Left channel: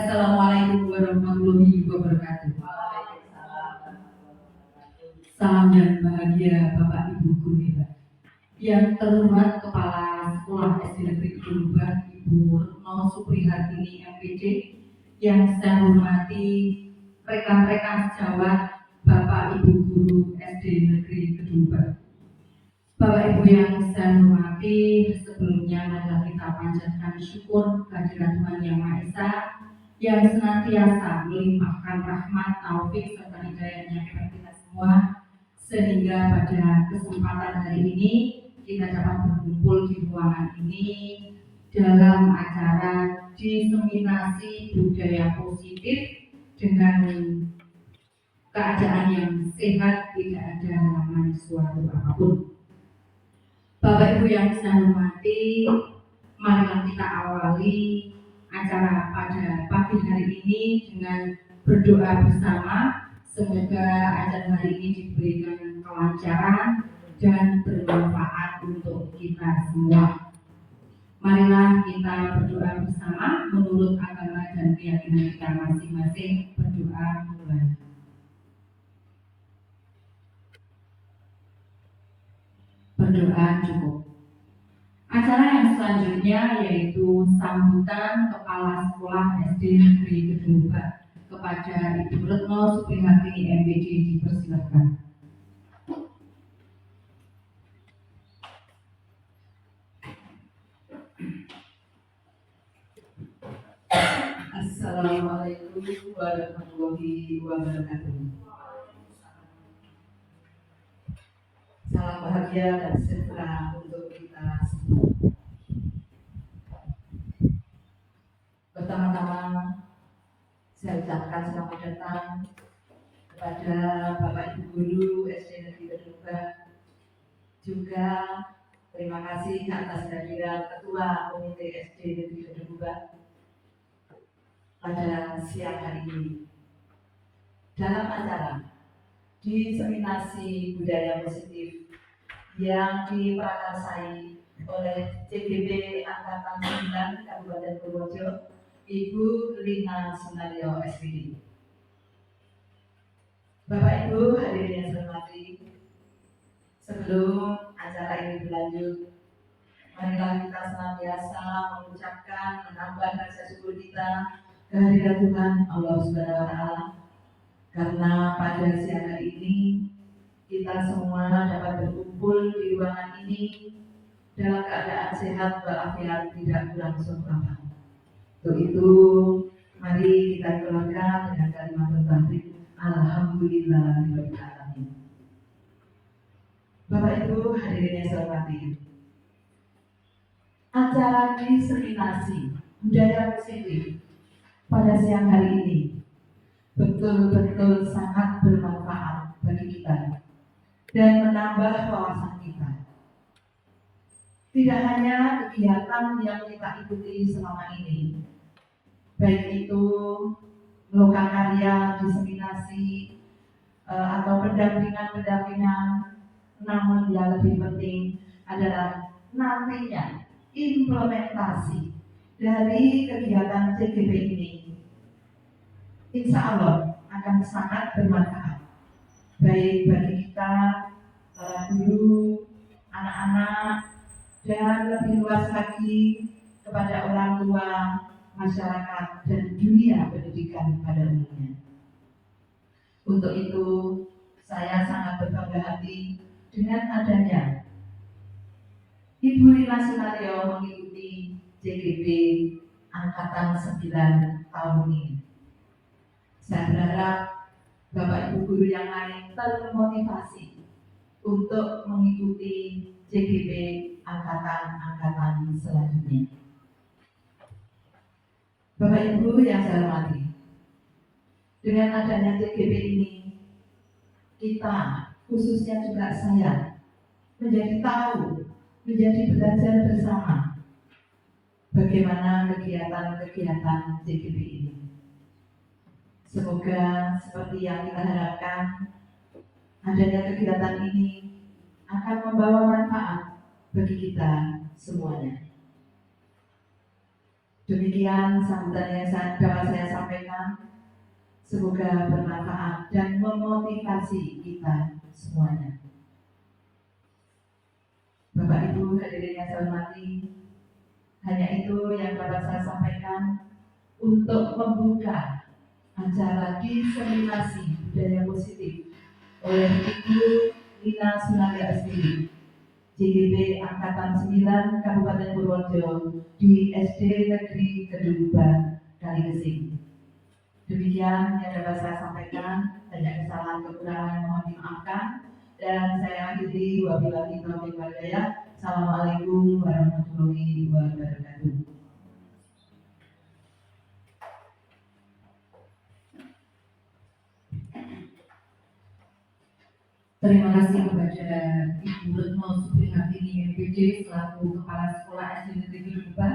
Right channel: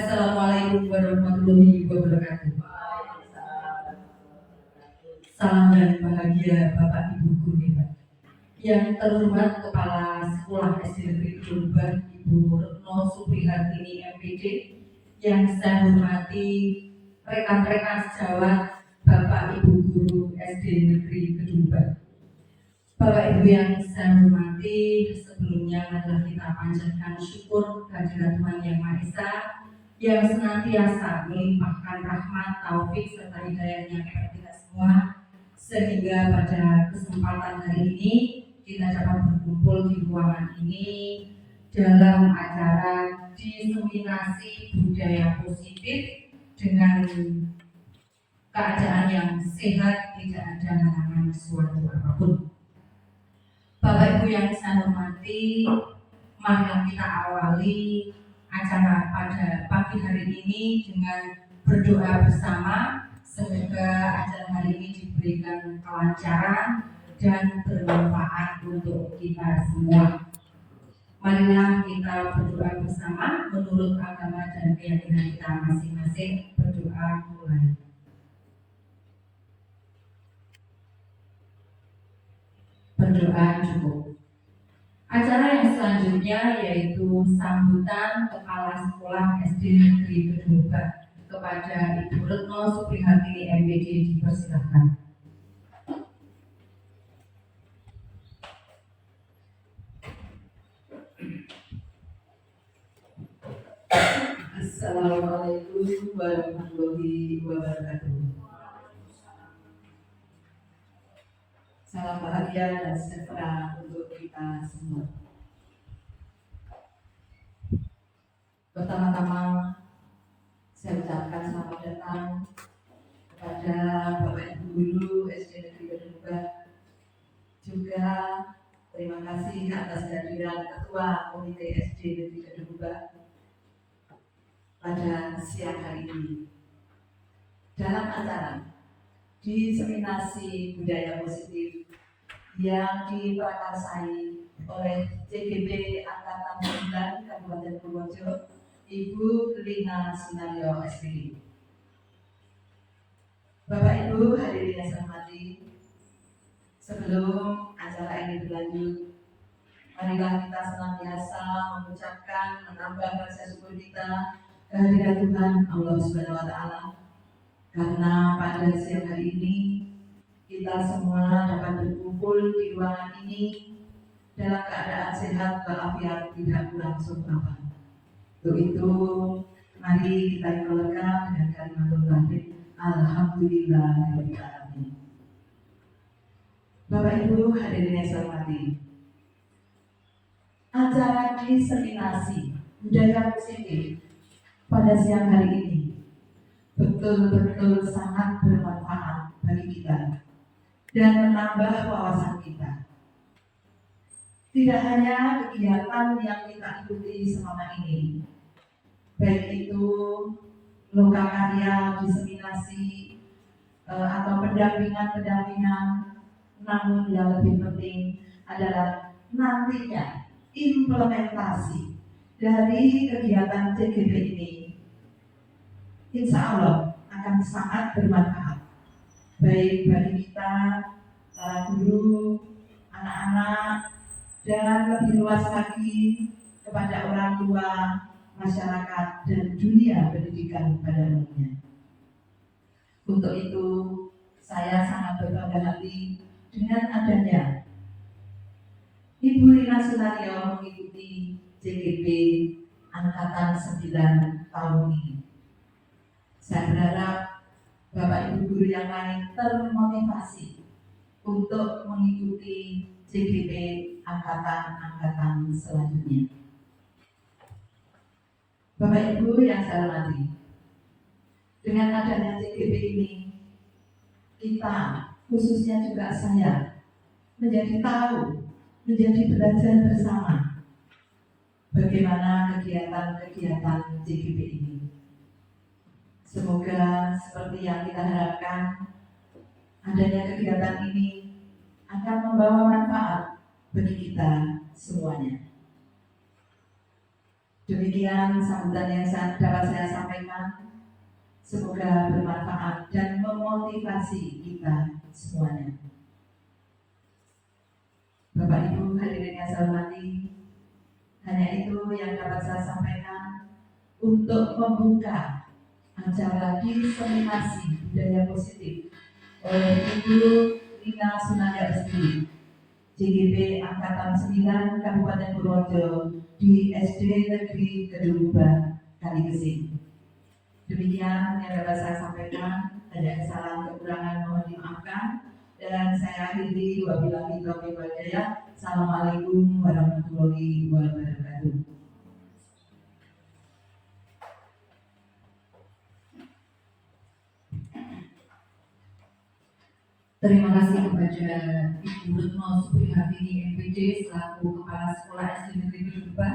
Assalamualaikum warahmatullahi wabarakatuh. Salam dan bahagia Bapak Ibu guru hebat. Yang terhormat Kepala Sekolah SD Negeri Kedua Ibu Retno Suprihartini MPD, yang saya hormati rekan-rekan sejawat Bapak Ibu guru SD Negeri Kedua. Bapak Ibu yang saya hormati, sebelumnya marilah kita panjatkan syukur kehadirat Tuhan Yang Maha Esa yang senantiasa melimpahkan rahmat, taufik serta hidayahnya kepada kita semua, sehingga pada kesempatan hari ini kita dapat berkumpul di ruangan ini dalam acara diseminasi budaya positif dengan keadaan yang sehat, tidak ada halangan suatu apapun. Bapak Ibu yang saya hormati, mari kita awali acara pada pagi hari ini dengan berdoa bersama. Semoga acara hari ini diberikan kelancaran dan bermanfaat untuk kita semua. Marilah kita berdoa bersama menurut agama dan keyakinan kita masing-masing. Berdoa mulai. Berdoa cukup. Acara yang selanjutnya yaitu sambutan Kepala Sekolah SD Negeri Kedua kepada Ibu Retno Suprihartini MPD, dipersilahkan. Assalamualaikum warahmatullahi wabarakatuh. Salam bahagia dan sejahtera untuk kita semua. Pertama-tama saya ucapkan selamat datang kepada Bapak Ibu Guru SD Negeri Kedua. Juga terima kasih atas kehadiran Ketua Komite SD Negeri Kedua pada siang hari ini dalam acara diseminasi budaya positif yang diprakarsai oleh CGB Angkatan 9 Kabupaten Purworejo, Ibu Lina Sunario SPD. Bapak Ibu hadirin yang saya hormati, sebelum acara ini berlanjut, marilah kita senantiasa mengucapkan, menambah rasa syukur kita kehadirat Tuhan Allah Subhanahu wa Ta'ala, karena pada siang hari ini kita semua dapat berkumpul di ruangan ini dalam keadaan sehat walafiat, tidak berlangsung apa. Untuk itu, mari kita keluarkan dengan kalimat tauhid. Alhamdulillahirabbil alamin. Bapak Ibu hadirin yang saya hormati, acara diseminasi budaya positif pada siang hari ini betul-betul sangat bermanfaat bagi kita dan menambah wawasan kita. Tidak hanya kegiatan yang kita ikuti selama ini, baik itu lokakarya, diseminasi, atau pendampingan, namun yang lebih penting adalah nantinya implementasi dari kegiatan CGB ini, insya Allah akan sangat bermanfaat, baik bagi kita, para guru, anak-anak, dan lebih luas lagi kepada orang tua, masyarakat, dan dunia pendidikan pada umumnya. Untuk itu, saya sangat berbangga hati dengan adanya Ibu Lina Sunario mengikuti CGB Angkatan 9 tahun ini. Saya berharap Bapak Ibu guru yang lain termotivasi untuk mengikuti CGB angkatan-angkatan selanjutnya. Bapak Ibu yang saya hormati, dengan adanya CGB ini, kita, khususnya juga saya, menjadi tahu, menjadi belajar bersama bagaimana kegiatan-kegiatan CGB ini. Semoga seperti yang kita harapkan, adanya kegiatan ini akan membawa manfaat bagi kita semuanya. Demikian sambutan yang dapat saya sampaikan. Semoga bermanfaat dan memotivasi kita semuanya. Bapak Ibu hadirin yang saya hormati, hanya itu yang dapat saya sampaikan untuk membuka acara diseminasi budaya positif oleh Ibu Ina Sunanda Estri, JGP Angkatan 9 Kabupaten Purworejo di SD Negeri Kedungban, Kaligesing. Demikian yang dapat saya sampaikan. Banyak kesalahan kekurangan mohon dimaafkan, dan saya akhiri wabillahi taufiq wal hidayah. Assalamualaikum warahmatullahi wabarakatuh. Terima kasih kepada Ibu Retno Suprihartini MPD selaku Kepala Sekolah SD Negeri Kedungban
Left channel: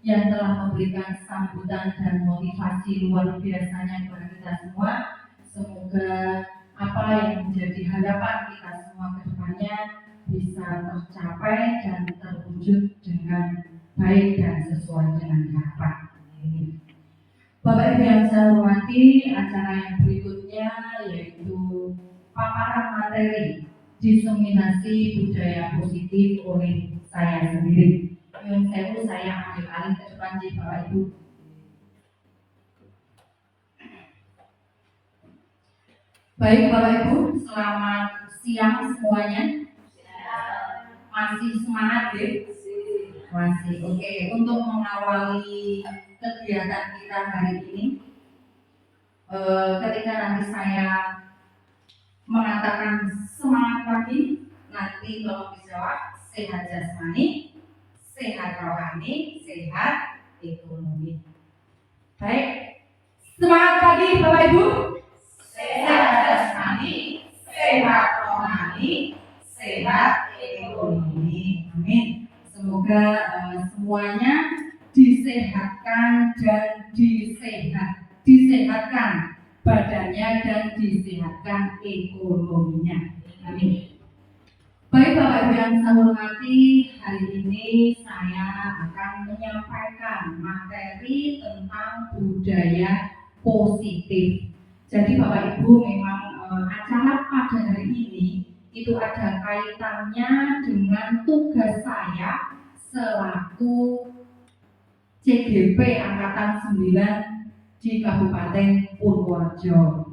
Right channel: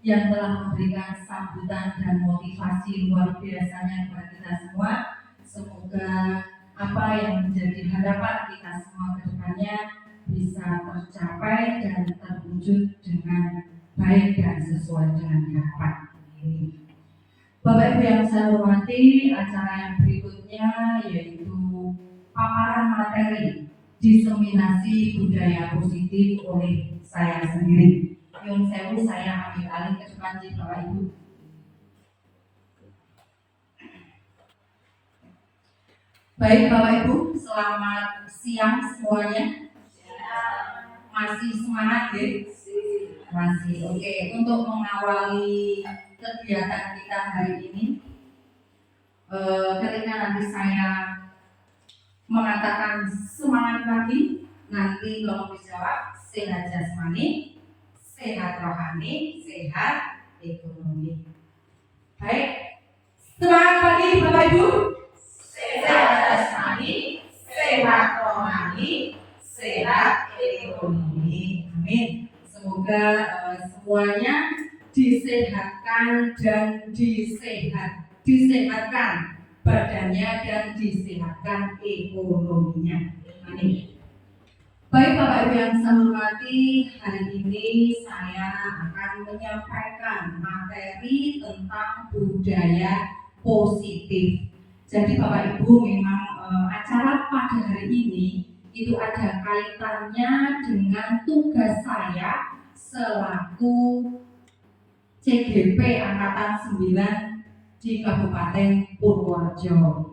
yang telah memberikan sambutan dan motivasi luar biasanya kepada kita semua. Semoga apa yang menjadi harapan kita semua ke depannya bisa tercapai dan terwujud dengan baik dan sesuai dengan harapan ini. Bapak Ibu yang saya hormati, acara yang berikutnya yaitu paparan materi diseminasi budaya positif oleh saya sendiri. Nyun sewu, saya ambil alih ke depan Bapak Ibu. Baik Bapak Ibu, selamat siang semuanya. Masih semangat ya? Masih. Oke. Untuk mengawali kegiatan kita hari ini, ketika nanti saya mengatakan semangat pagi, nanti tolong dijawab sehat jasmani, sehat rohani, sehat ekonomi. Baik, semangat pagi Bapak Ibu. Sehat jasmani, sehat rohani, sehat ekonomi. Amin. Semoga semuanya disehatkan dan disehatkan badannya dan disehatkan ekonominya. Amin. Baik Bapak Ibu yang saya hormati, hari ini saya akan menyampaikan materi tentang budaya positif. Jadi Bapak Ibu, memang acara pada hari ini itu ada kaitannya dengan tugas saya selaku CGP Angkatan 9 di Kabupaten Purworejo.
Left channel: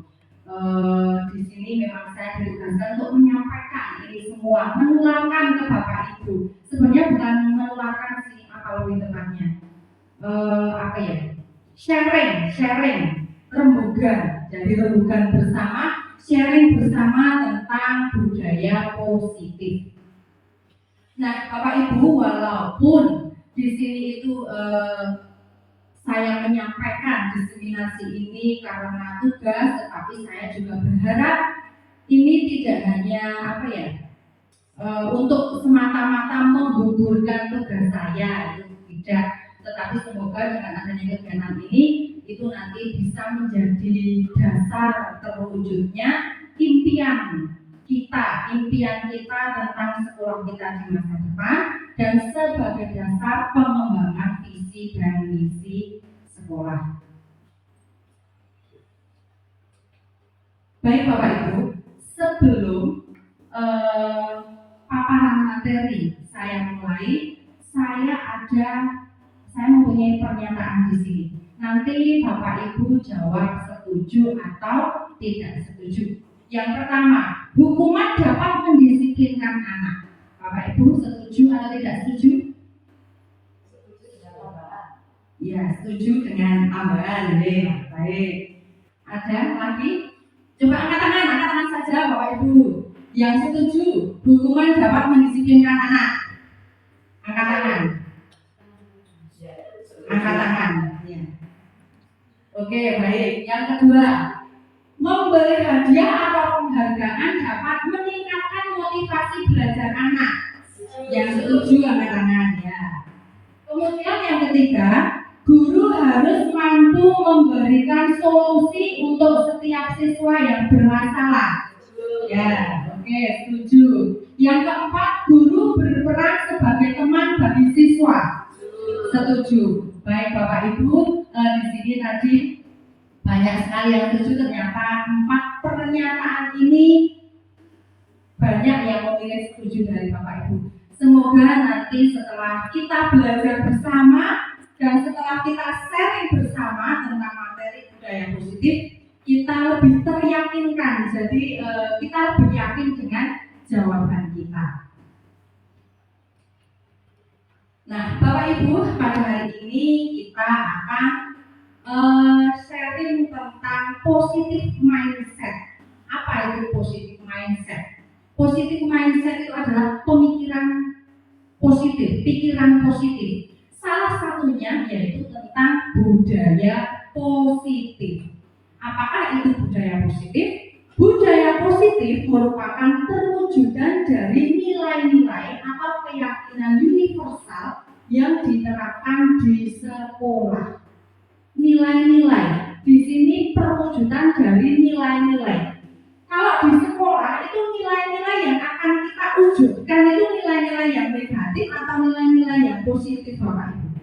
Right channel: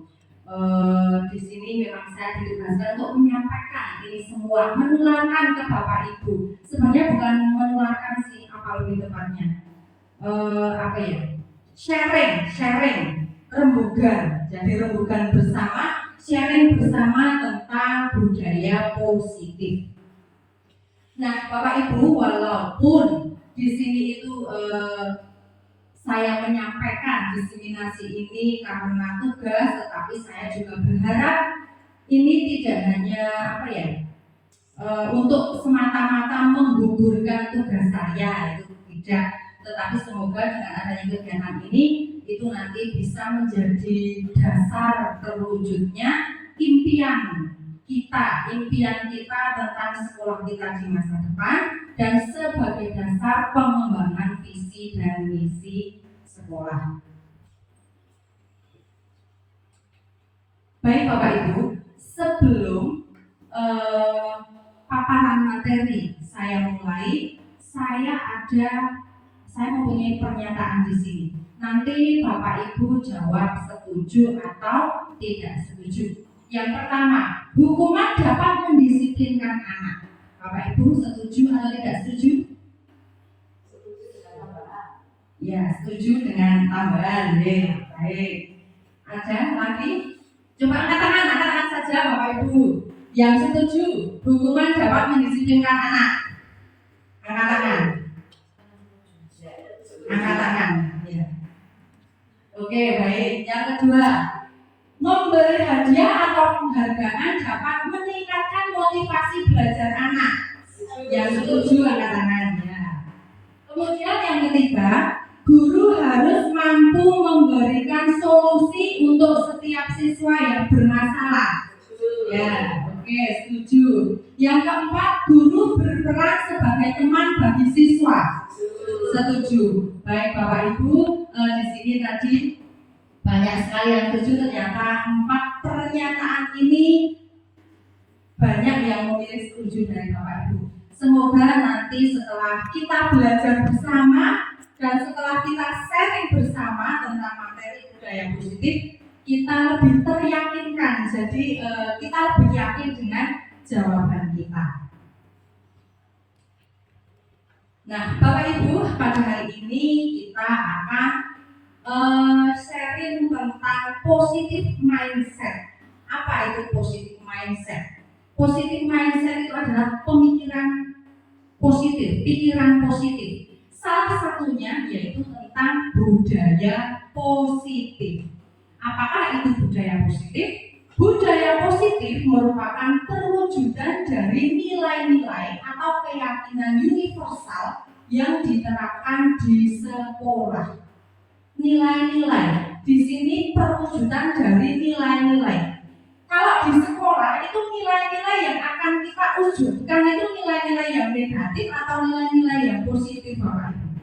Di sini memang saya ditugaskan untuk menyampaikan ini semua, menularkan ke Bapak Ibu. Sebenarnya bukan menularkan sih, apa lebih tepatnya, sharing, rembugan. Jadi rembugan bersama, sharing bersama tentang budaya positif. Nah, Bapak Ibu, walaupun di sini itu saya menyampaikan diseminasi ini karena tugas, tetapi saya juga berharap ini tidak hanya untuk semata-mata menggugurkan tugas saya, itu tidak, tetapi semoga dengan adanya kegiatan ini itu nanti bisa menjadi dasar terwujudnya impian kita tentang sekolah kita di masa depan, dan sebagai dasar pengembangan visi dan misi sekolah. Baik Bapak Ibu, sebelum paparan materi saya mulai, saya mempunyai pernyataan di sini. Nanti Bapak Ibu jawab setuju atau tidak setuju. Yang pertama, hukuman dapat mendisiplinkan anak. Bapak Ibu setuju atau tidak setuju? Setuju dengan tambahan. Ya, setuju dengan tambahan. Baik. Ada lagi? Coba angkat tangan saja Bapak Ibu. Yang setuju hukuman dapat mendisiplinkan anak. Angkat tangan. Angkat tangan. Ya. Oke, baik. Yang kedua, memberi hadiah atau penghargaan dapat meningkatkan motivasi belajar anak. Yang setuju angkat tangan ya. Kemudian yang ketiga, guru harus mampu memberikan solusi untuk setiap siswa yang bermasalah. Ya, oke, setuju. Yang keempat, guru berperan sebagai teman bagi siswa. Setuju setuju. Baik Bapak Ibu, di sini tadi banyak sekali yang setuju. Ternyata 4 pernyataan ini banyak yang memilih setuju dari Bapak Ibu. Semoga nanti setelah kita belajar bersama dan setelah kita sharing bersama tentang materi budaya positif, kita lebih teryakinkan. Jadi kita lebih yakin dengan jawaban kita. Nah, Bapak Ibu, pada hari ini kita akan sharing tentang positive mindset. Apa itu positive mindset? Positive mindset itu adalah pemikiran positif, pikiran positif. Salah satunya yaitu tentang budaya positif. Apakah itu budaya positif? Budaya positif merupakan perwujudan dari nilai-nilai atau keyakinan universal yang diterapkan di sekolah. Nilai-nilai di sini perwujudan dari nilai-nilai. Kalau di sekolah itu nilai-nilai yang akan kita wujudkan itu nilai-nilai yang negatif atau nilai-nilai yang positif, Bapak Ibu?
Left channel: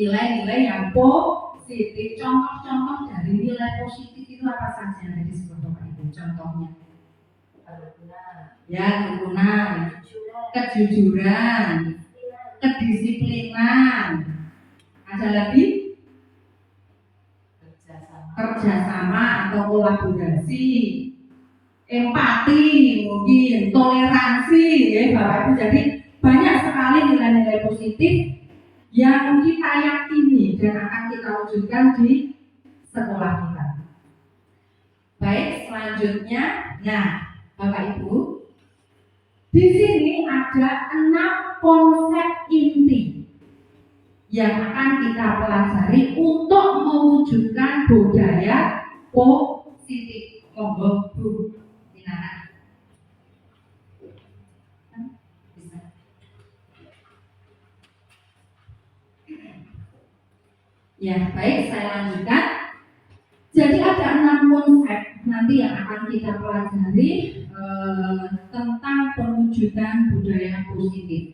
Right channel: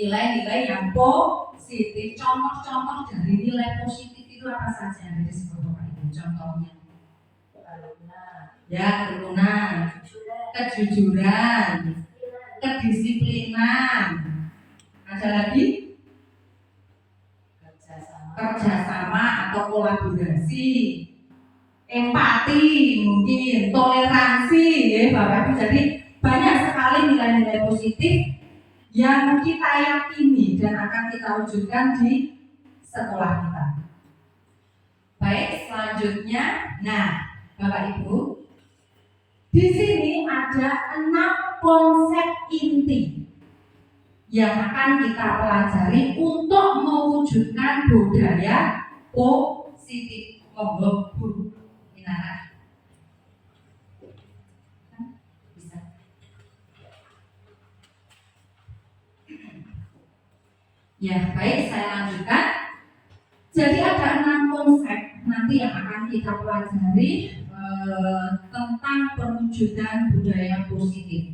Nilai-nilai yang positif. Contoh-contoh dari nilai positif itu apa saja yang ada di sekolah, Bapak Ibu? Contohnya? Ya, kerukunan, kejujuran, kedisiplinan. Ada lagi? Kerjasama atau kolaborasi, empati, mungkin toleransi, ya Bapak Ibu. Jadi banyak sekali nilai-nilai positif yang kita yakini dan akan kita wujudkan di sekolah kita. Baik, selanjutnya, nah Bapak Ibu, di sini ada 6 konsep inti yang akan kita pelajari untuk mewujudkan budaya positif. Monggo Bu Inara. Bisa. Ya, baik, saya lanjutkan. Jadi ada 6 konsep nanti yang akan kita pelajari tentang perwujudan budaya positif.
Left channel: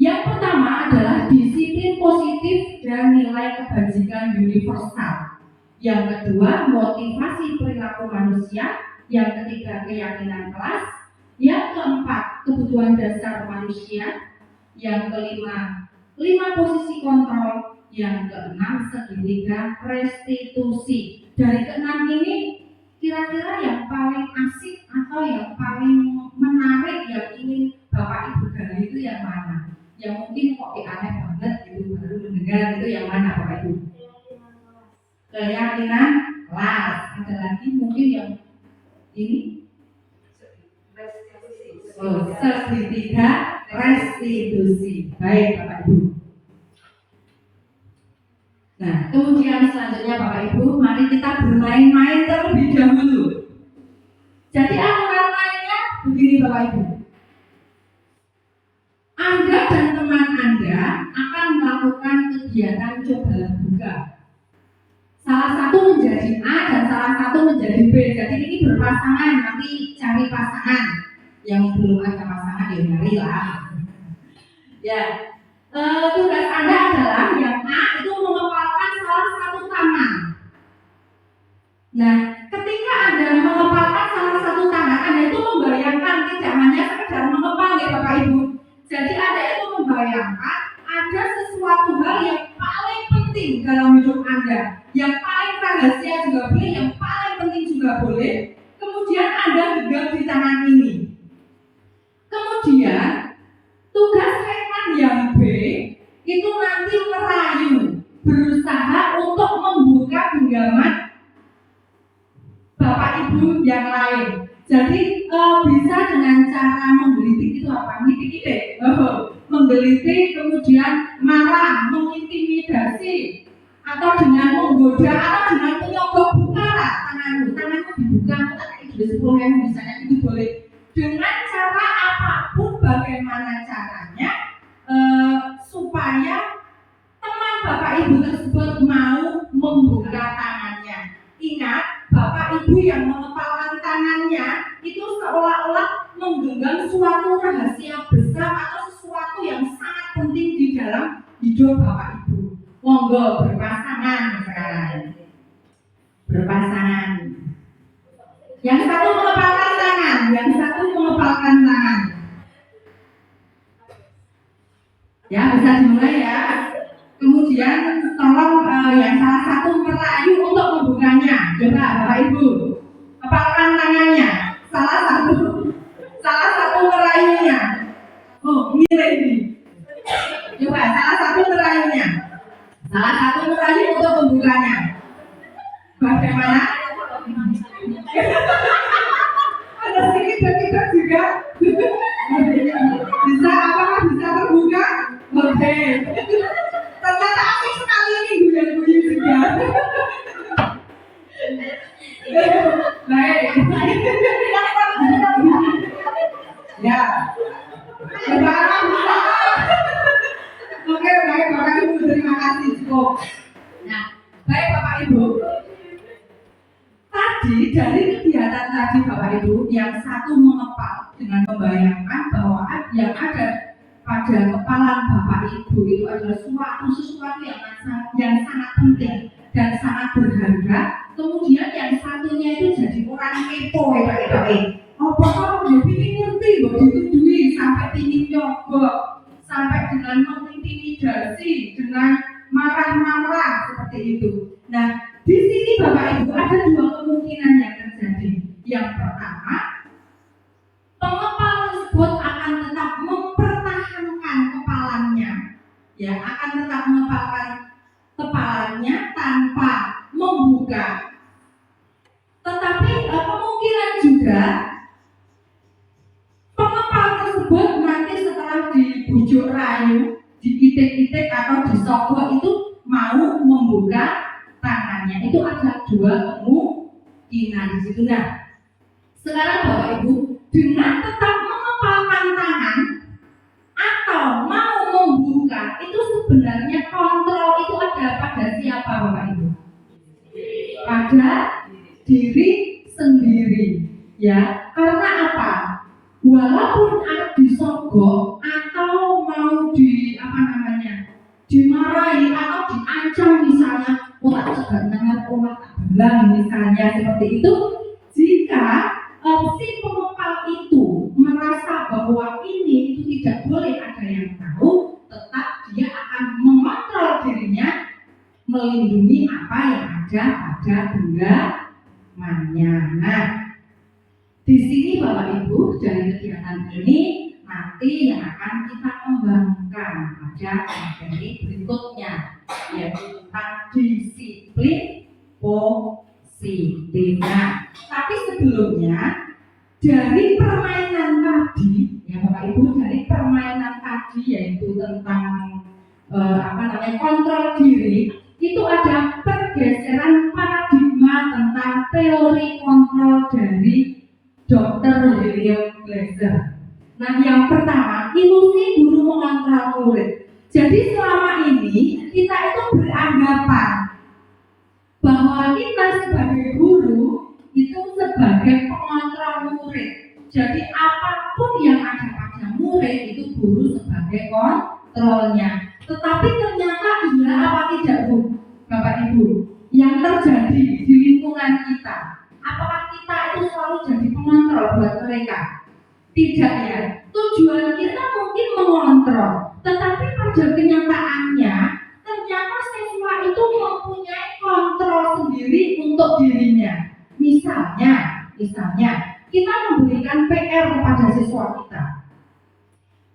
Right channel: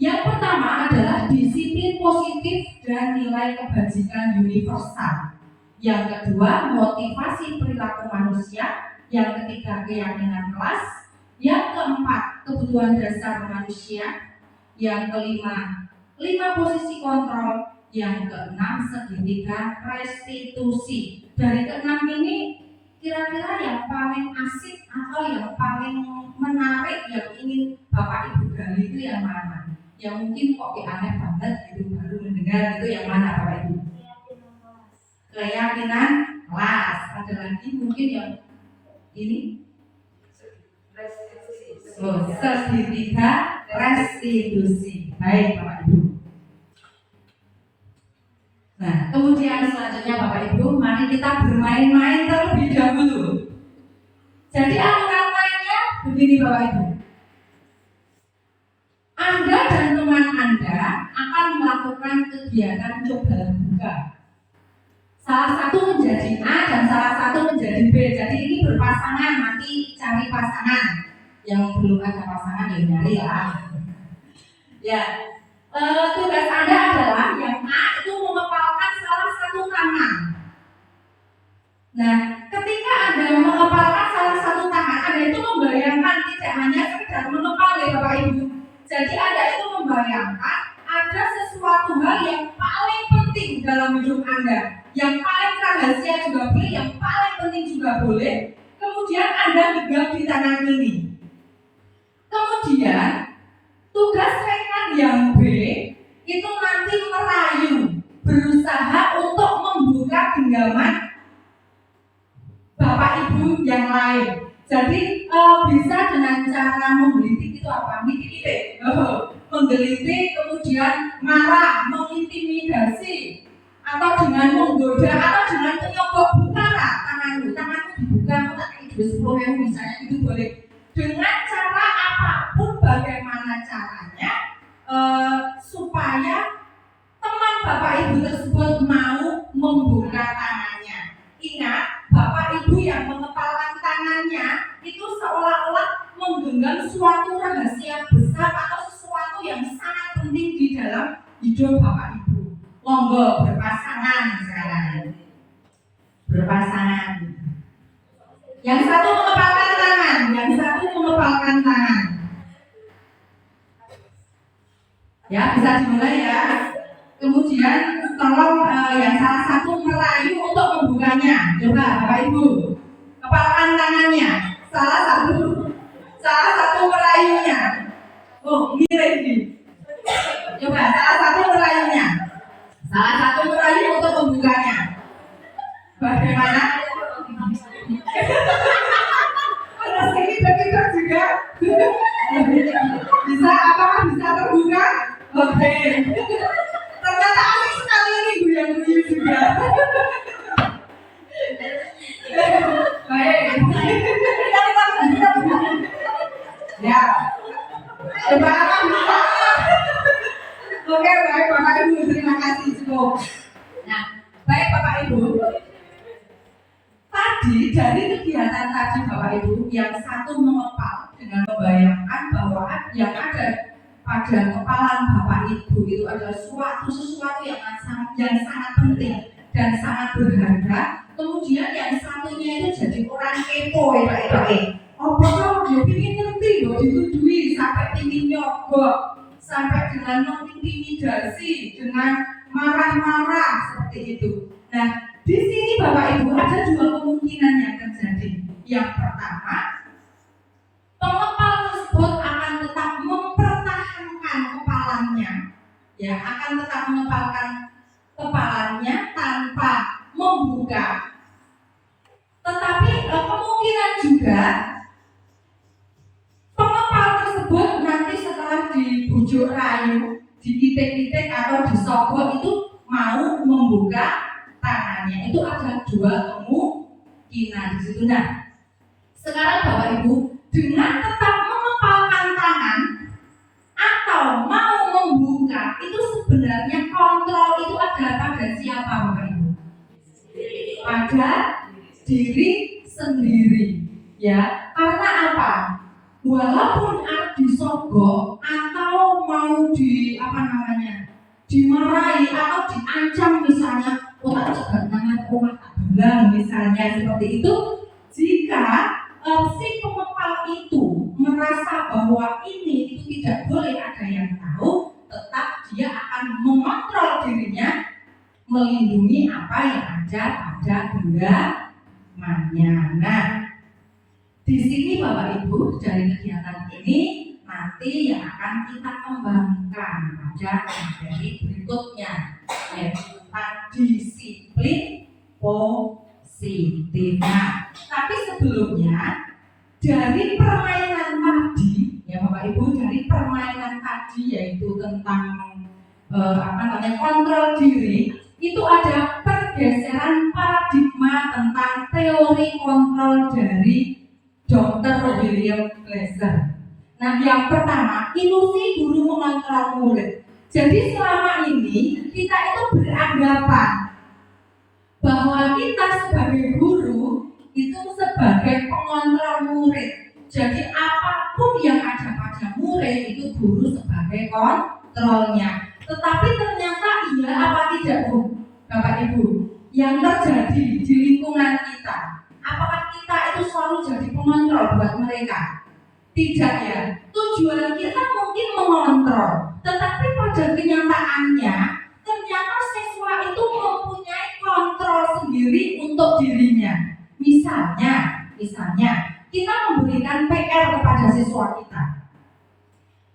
Yang pertama adalah disiplin positif dan nilai kebajikan universal. Yang kedua, motivasi perilaku manusia. Yang ketiga, keyakinan kelas. Yang keempat, kebutuhan dasar manusia. Yang kelima, 5 posisi kontrol. Yang keenam, segitiga restitusi. Dari keenam ini, kira-kira yang paling asik atau yang paling menarik yang ingin Bapak Ibu gali itu yang mana? Yang mungkin kok aneh banget gitu baru mendengar itu yang mana Bapak Ibu? Keyakinan kelas. Ada lagi mungkin yang ini? Segitiga restitusi. Baik Bapak Ibu. Nah, kemudian selanjutnya Bapak Ibu, mari kita bermain-main terlebih dahulu. Jadi aturan mainnya begini Bapak Ibu. Anda dan teman Anda akan melakukan kegiatan coba buka. Salah satu menjadi A dan salah satu menjadi B. Jadi ini berpasangan, nanti cari pasangan. Yang belum ada pasangan ya nyari lah. Ya, tugas Anda adalah yang A itu mengepalkan salah satu tangan. Nah, ketika Anda mengepalkan salah satu tangan, Anda itu membayangkan tidak hanya sekedar mengepal ya Bapak Ibu. Jadi Anda itu membayangkan ada sesuatu hal yang paling penting dalam hidup Anda, yang paling rahasia juga boleh, yang paling penting juga boleh. Kemudian Anda genggam di tangan ini. Kemudian tugas rekan yang B itu nanti merayu, berusaha untuk membuka genggaman Bapak Ibu yang lain. Jadi bisa dengan cara menggelitik itu apa? Ngitik-ngitik, menggelitik, kemudian marah, mengintimidasi, atau dengan menggoda, atau dengan menyogok. Buka lah tanganmu dibuka, tak kayak 10.000 misalnya, itu boleh. Dengan cara apapun, bagaimana caranya supaya teman Bapak Ibu tersebut mau membuka tangannya. Ingat, Bapak Ibu yang mengepalkan tangannya itu seolah-olah menggenggam suatu rahasia besar atau sesuatu yang sangat penting di dalam hidup Bapak Monggo berpasangan sekarang. Berpasangan. Yang satu mengepalkan tangan, yang satu mengepalkan tangan. Ya, bisa dimulai ya. Kemudian tolong yang salah satu merayu untuk membukanya. Coba Bapak Ibu, kepalkan tangannya. Salah satu merayunya. Oh, mirip ini. Coba salah satu merayunya. Salah satu merayu untuk membukanya. Bagaimana? Ada sedikit juga. Bisa apakah bisa terbuka? Oke. Ternyata asik sekali ini guyon-guyon juga. Baik. Ya. Coba bisa. Oke, baik Bapak Ibu, terima kasih cukup. Nah, baik Bapak Ibu. Tadi dari kegiatan tadi Bapak Ibu, yang satu mengepal dengan membayangkan bahwa yang ada pada kepalan Bapak Ibu itu adalah sesuatu yang sangat penting dan sangat berharga. Kemudian yang satunya itu jadi orang kepo ya Pak Ibu. Apa kamu ingin ngerti bahwa ditudui sampai ingin nyogok, sampai dengan mengintimidasi, dengan marah-marah seperti itu. Nah, di sini Bapak Ibu ada dua kemungkinan yang terjadi. Yang pertama, pengepal tersebut akan tetap mempertahankan kepalannya, ya, akan tetap mengepalkan kepalanya tanpa membuka. Tetapi kemungkinan juga pengepal tersebut nanti setelah dibujuk rayu, diitik-itik atau disogok itu mau membuka tangannya. Itu ada dua kemungkinan di situ. Nah, sekarang Bapak Ibu dengan tetap mengepalkan tangan atau mau membuka itu sebenarnya kontrol itu ada pada siapa Bapak Ibu? Pada diri sendiri, ya. Karena apa? Walaupun disogok atau mau dimarahi atau diancam misalnya, tak cegat nangan rumah bilang misalnya seperti itu, jika si pengepal itu merasa bahwa ini itu tidak boleh ada yang tahu, tetap dia akan mengontrol dirinya, melindungi apa yang ada pada genggamannya. Nah, di sini Bapak Ibu dari kegiatan ini nanti yang akan kita kembangkan pada materi berikutnya, yaitu tentang disiplin positif. Nah, tapi sebelumnya dari permainan tadi, ya Bapak Ibu, dari permainan tadi yaitu tentang kontrol diri, itu ada pergeseran paradigma tentang teori kontrol dari Dr. William Glasser. Nah, yang pertama, ilusi guru mengontrol murid. Jadi selama ini kita itu beranggapan bahwa kita sebagai guru itu sebagai pengontrol murid. Jadi apapun yang ada pada murid itu guru sebagai kontrolnya. Tetapi ternyata iya apa tidak Bu, Bapak Ibu, yang terjadi di lingkungan kita, apakah kita itu selalu jadi pengontrol buat mereka? Tidak ya. Tujuan kita mungkin mengontrol, tetapi pada kenyataannya ternyata siswa itu mempunyai kontrol sendiri untuk dirinya. Misalnya kita memberikan PR kepada siswa kita,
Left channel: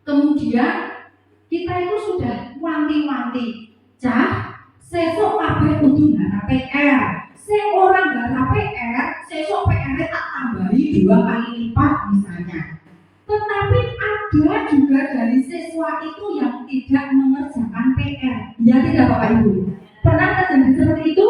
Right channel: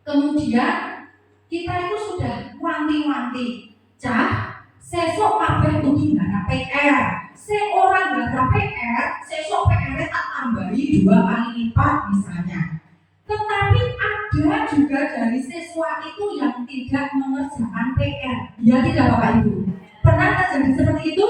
kemudian kita itu sudah wanti-wanti, cah, sesok kabeh kudu nggarap PR. Sing ora nggarap PR, sesok PR-nya tak tambahi 2 kali lipat misalnya. Tetapi ada juga dari siswa itu yang tidak mengerjakan PR. Ya tidak Bapak Ibu? Pernah terjadi seperti itu?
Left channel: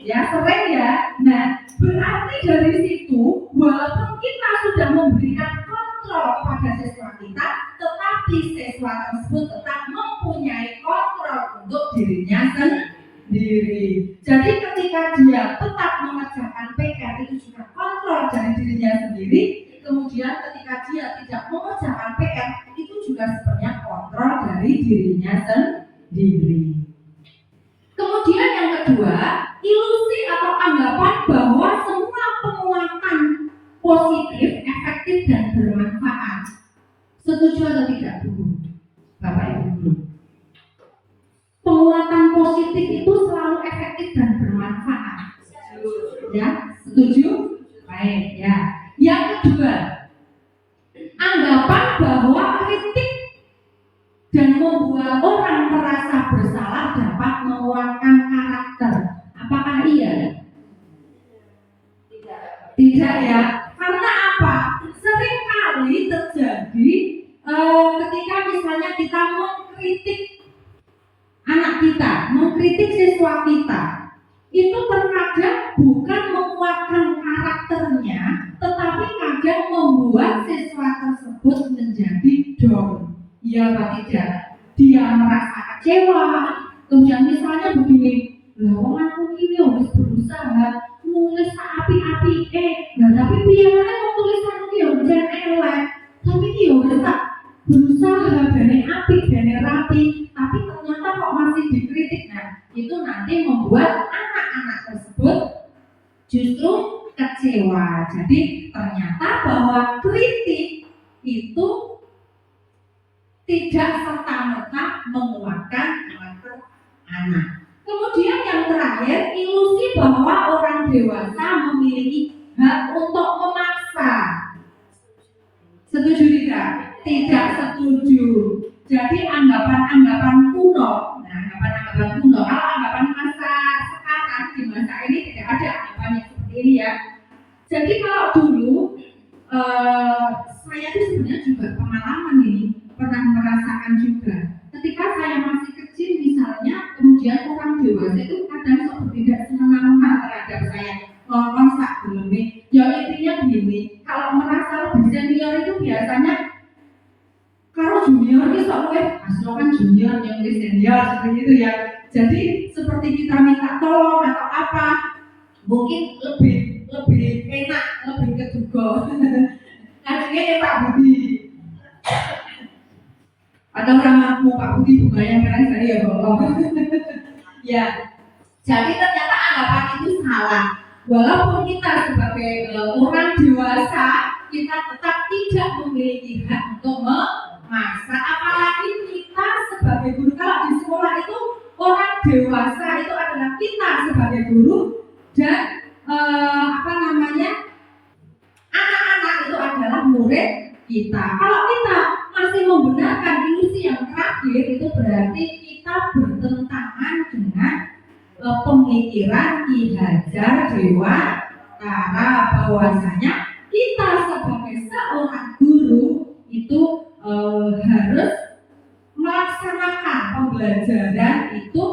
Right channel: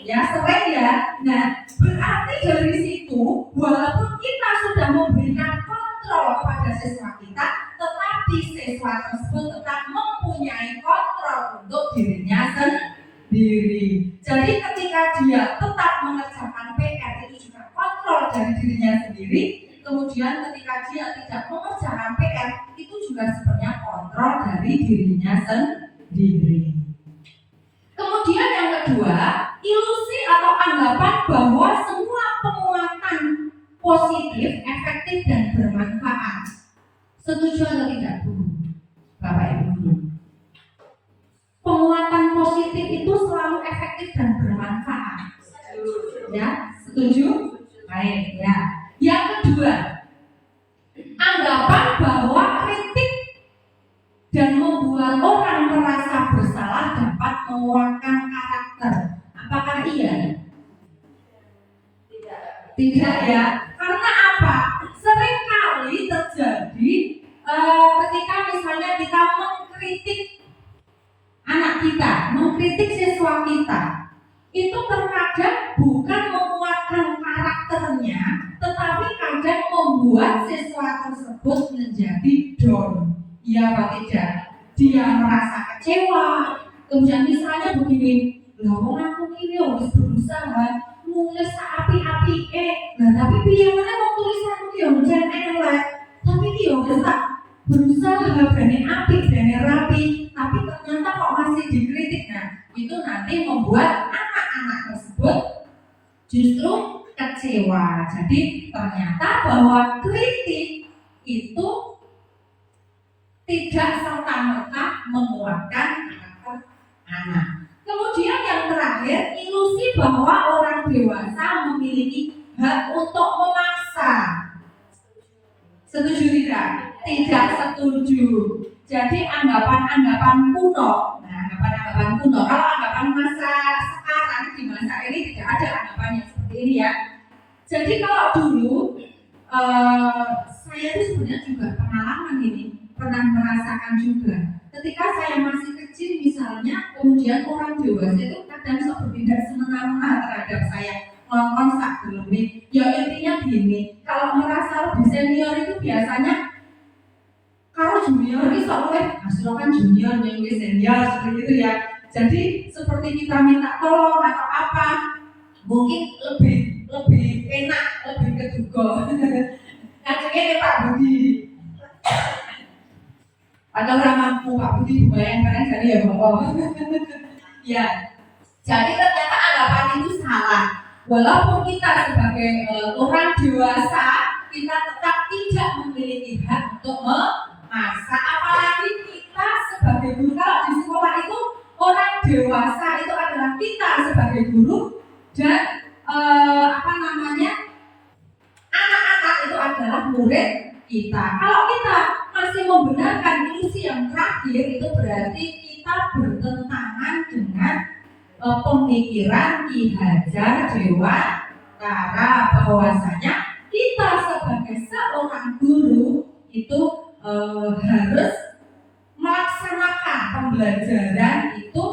Ya sering ya. Nah, berarti dari situ walaupun kita sudah memberikan kontrol kepada siswa kita, tetapi siswa tersebut tetap mempunyai kontrol untuk dirinya sendiri. Jadi ketika dia tetap mengerjakan PR itu juga kontrol dari dirinya sendiri. Kemudian ketika dia tidak mengerjakan PR itu juga sebenarnya kontrol dari dirinya sendiri. anggapan bahwa semua penguatan positif, efektif dan bermanfaat. Setuju atau tidak, Bu? Bapak Ibu guru. Penguatan positif itu selalu efektif dan bermanfaat. Ya, setuju? Baik, ya. Yang kedua, anggapan bahwa kritik dan membuat orang merasa bersalah dapat menguatkan karakter. Apakah iya? Tidak ya. Karena apa? Seringkali terjadi ketika misalnya kita mengkritik anak kita, mengkritik siswa kita, itu terkadang bukan menguatkan karakternya, tetapi kadang membuat siswa tersebut menjadi down. Iya apa tidak? Dia merasa kecewa. Kemudian misalnya begini, lah wong aku iki wis berusaha nulis api-api nah tapi piye meneh wong tulisan iki yo jan elek. Tapi iki yo wis tak berusaha bene apik, bene rapi, tapi ternyata kok masih dikritik. Nah, itu nanti membuat anak-anak tersebut justru kecewa. Jadi ternyata bahwa kritik itu tidak serta-merta menguatkan karakter anak. Kemudian yang terakhir, ilusi bahwa orang dewasa memiliki hak untuk memaksa. Setuju tidak? Tidak setuju. Jadi anggapan-anggapan kuno. Nah, anggapan-anggapan kuno. Kalau anggapan masa sekarang, di masa ini tidak ada anggapan yang seperti ini ya. Jadi kalau dulu saya itu sebenarnya juga pengalaman ini, pernah merasakan juga. Ketika saya masih kecil misalnya, kemudian orang dewasa itu kadang sok bertindak semena-mena terhadap saya, ngomong sak geleme. Ya intinya gini, kalau merasa lebih senior itu biasanya kalau junior itu sok hasil kan junior yang senior seperti itu ya. Jadi seperti kita minta tolong atau apa, mungkin lebih enak, lebih keduga. Ngajengnya Pak Budi. Atau ramahmu Pak Budi bukan keren sekali ya bohong. Ya, jadi ternyata anggapan itu salah. Walaupun kita sebagai orang dewasa, kita tetap tidak memiliki hak untuk memaksa. Apalagi kita sebagai guru. Kalau di sekolah itu orang dewasa itu adalah kita sebagai guru dan anak-anak itu adalah murid kita. Kalau kita masih membenarkan ilusi yang terakhir, itu berarti kita bertentangan dengan pemikiran Ki Hajar Dewantara, bahwasanya kita sebagai seorang guru itu harus melaksanakan pembelajaran itu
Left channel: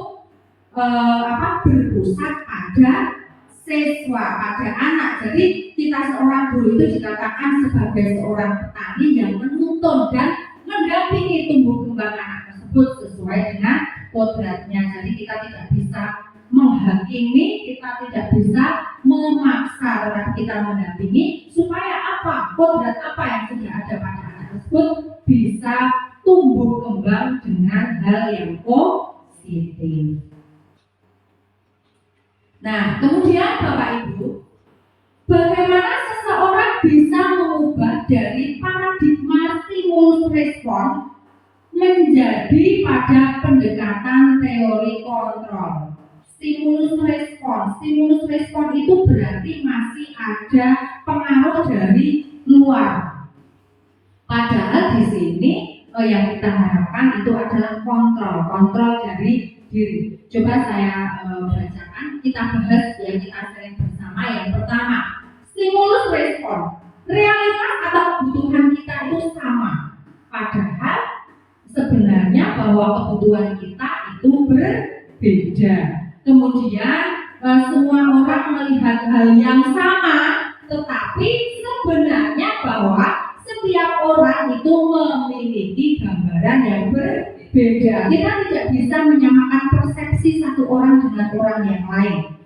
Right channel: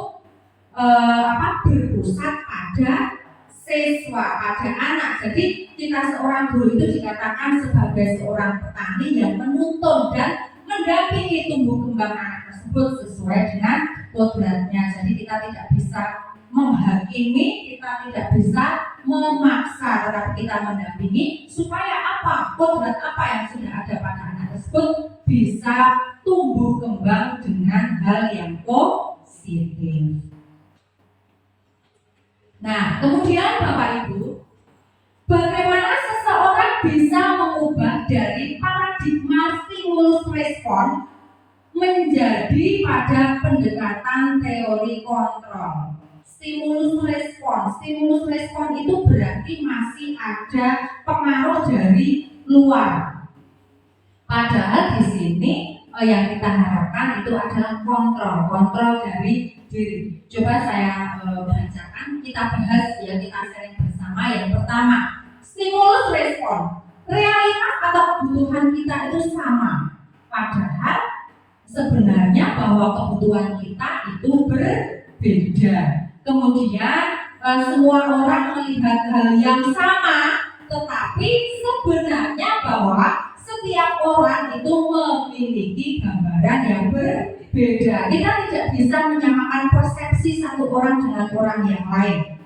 berpusat pada siswa, pada anak. Jadi kita seorang guru itu dikatakan sebagai seorang petani yang menuntun dan mendampingi tumbuh kembang anak tersebut sesuai dengan kodratnya. Jadi kita tidak bisa menghakimi, kita tidak bisa memaksa, tetapi kita mendampingi supaya apa? Kodrat apa yang sudah ada pada anak tersebut bisa tumbuh kembang dengan hal yang positif. Nah, kemudian Bapak Ibu, bagaimana seseorang bisa mengubah dari paradigma stimulus respon menjadi pada pendekatan teori kontrol? Stimulus respon itu berarti masih ada pengaruh dari luar. Padahal di sini yang kita harapkan itu adalah kontrol dari diri. Coba saya bacakan, kita bahas ya, kita sharing bersama. Yang pertama, stimulus respon. Realitas atau kebutuhan kita itu sama. Padahal sebenarnya bahwa kebutuhan kita itu berbeda. Kemudian semua orang melihat hal yang sama, tetapi sebenarnya bahwa setiap orang itu memiliki gambaran yang berbeda. Kita tidak bisa menyamakan persepsi satu orang dengan orang yang lain.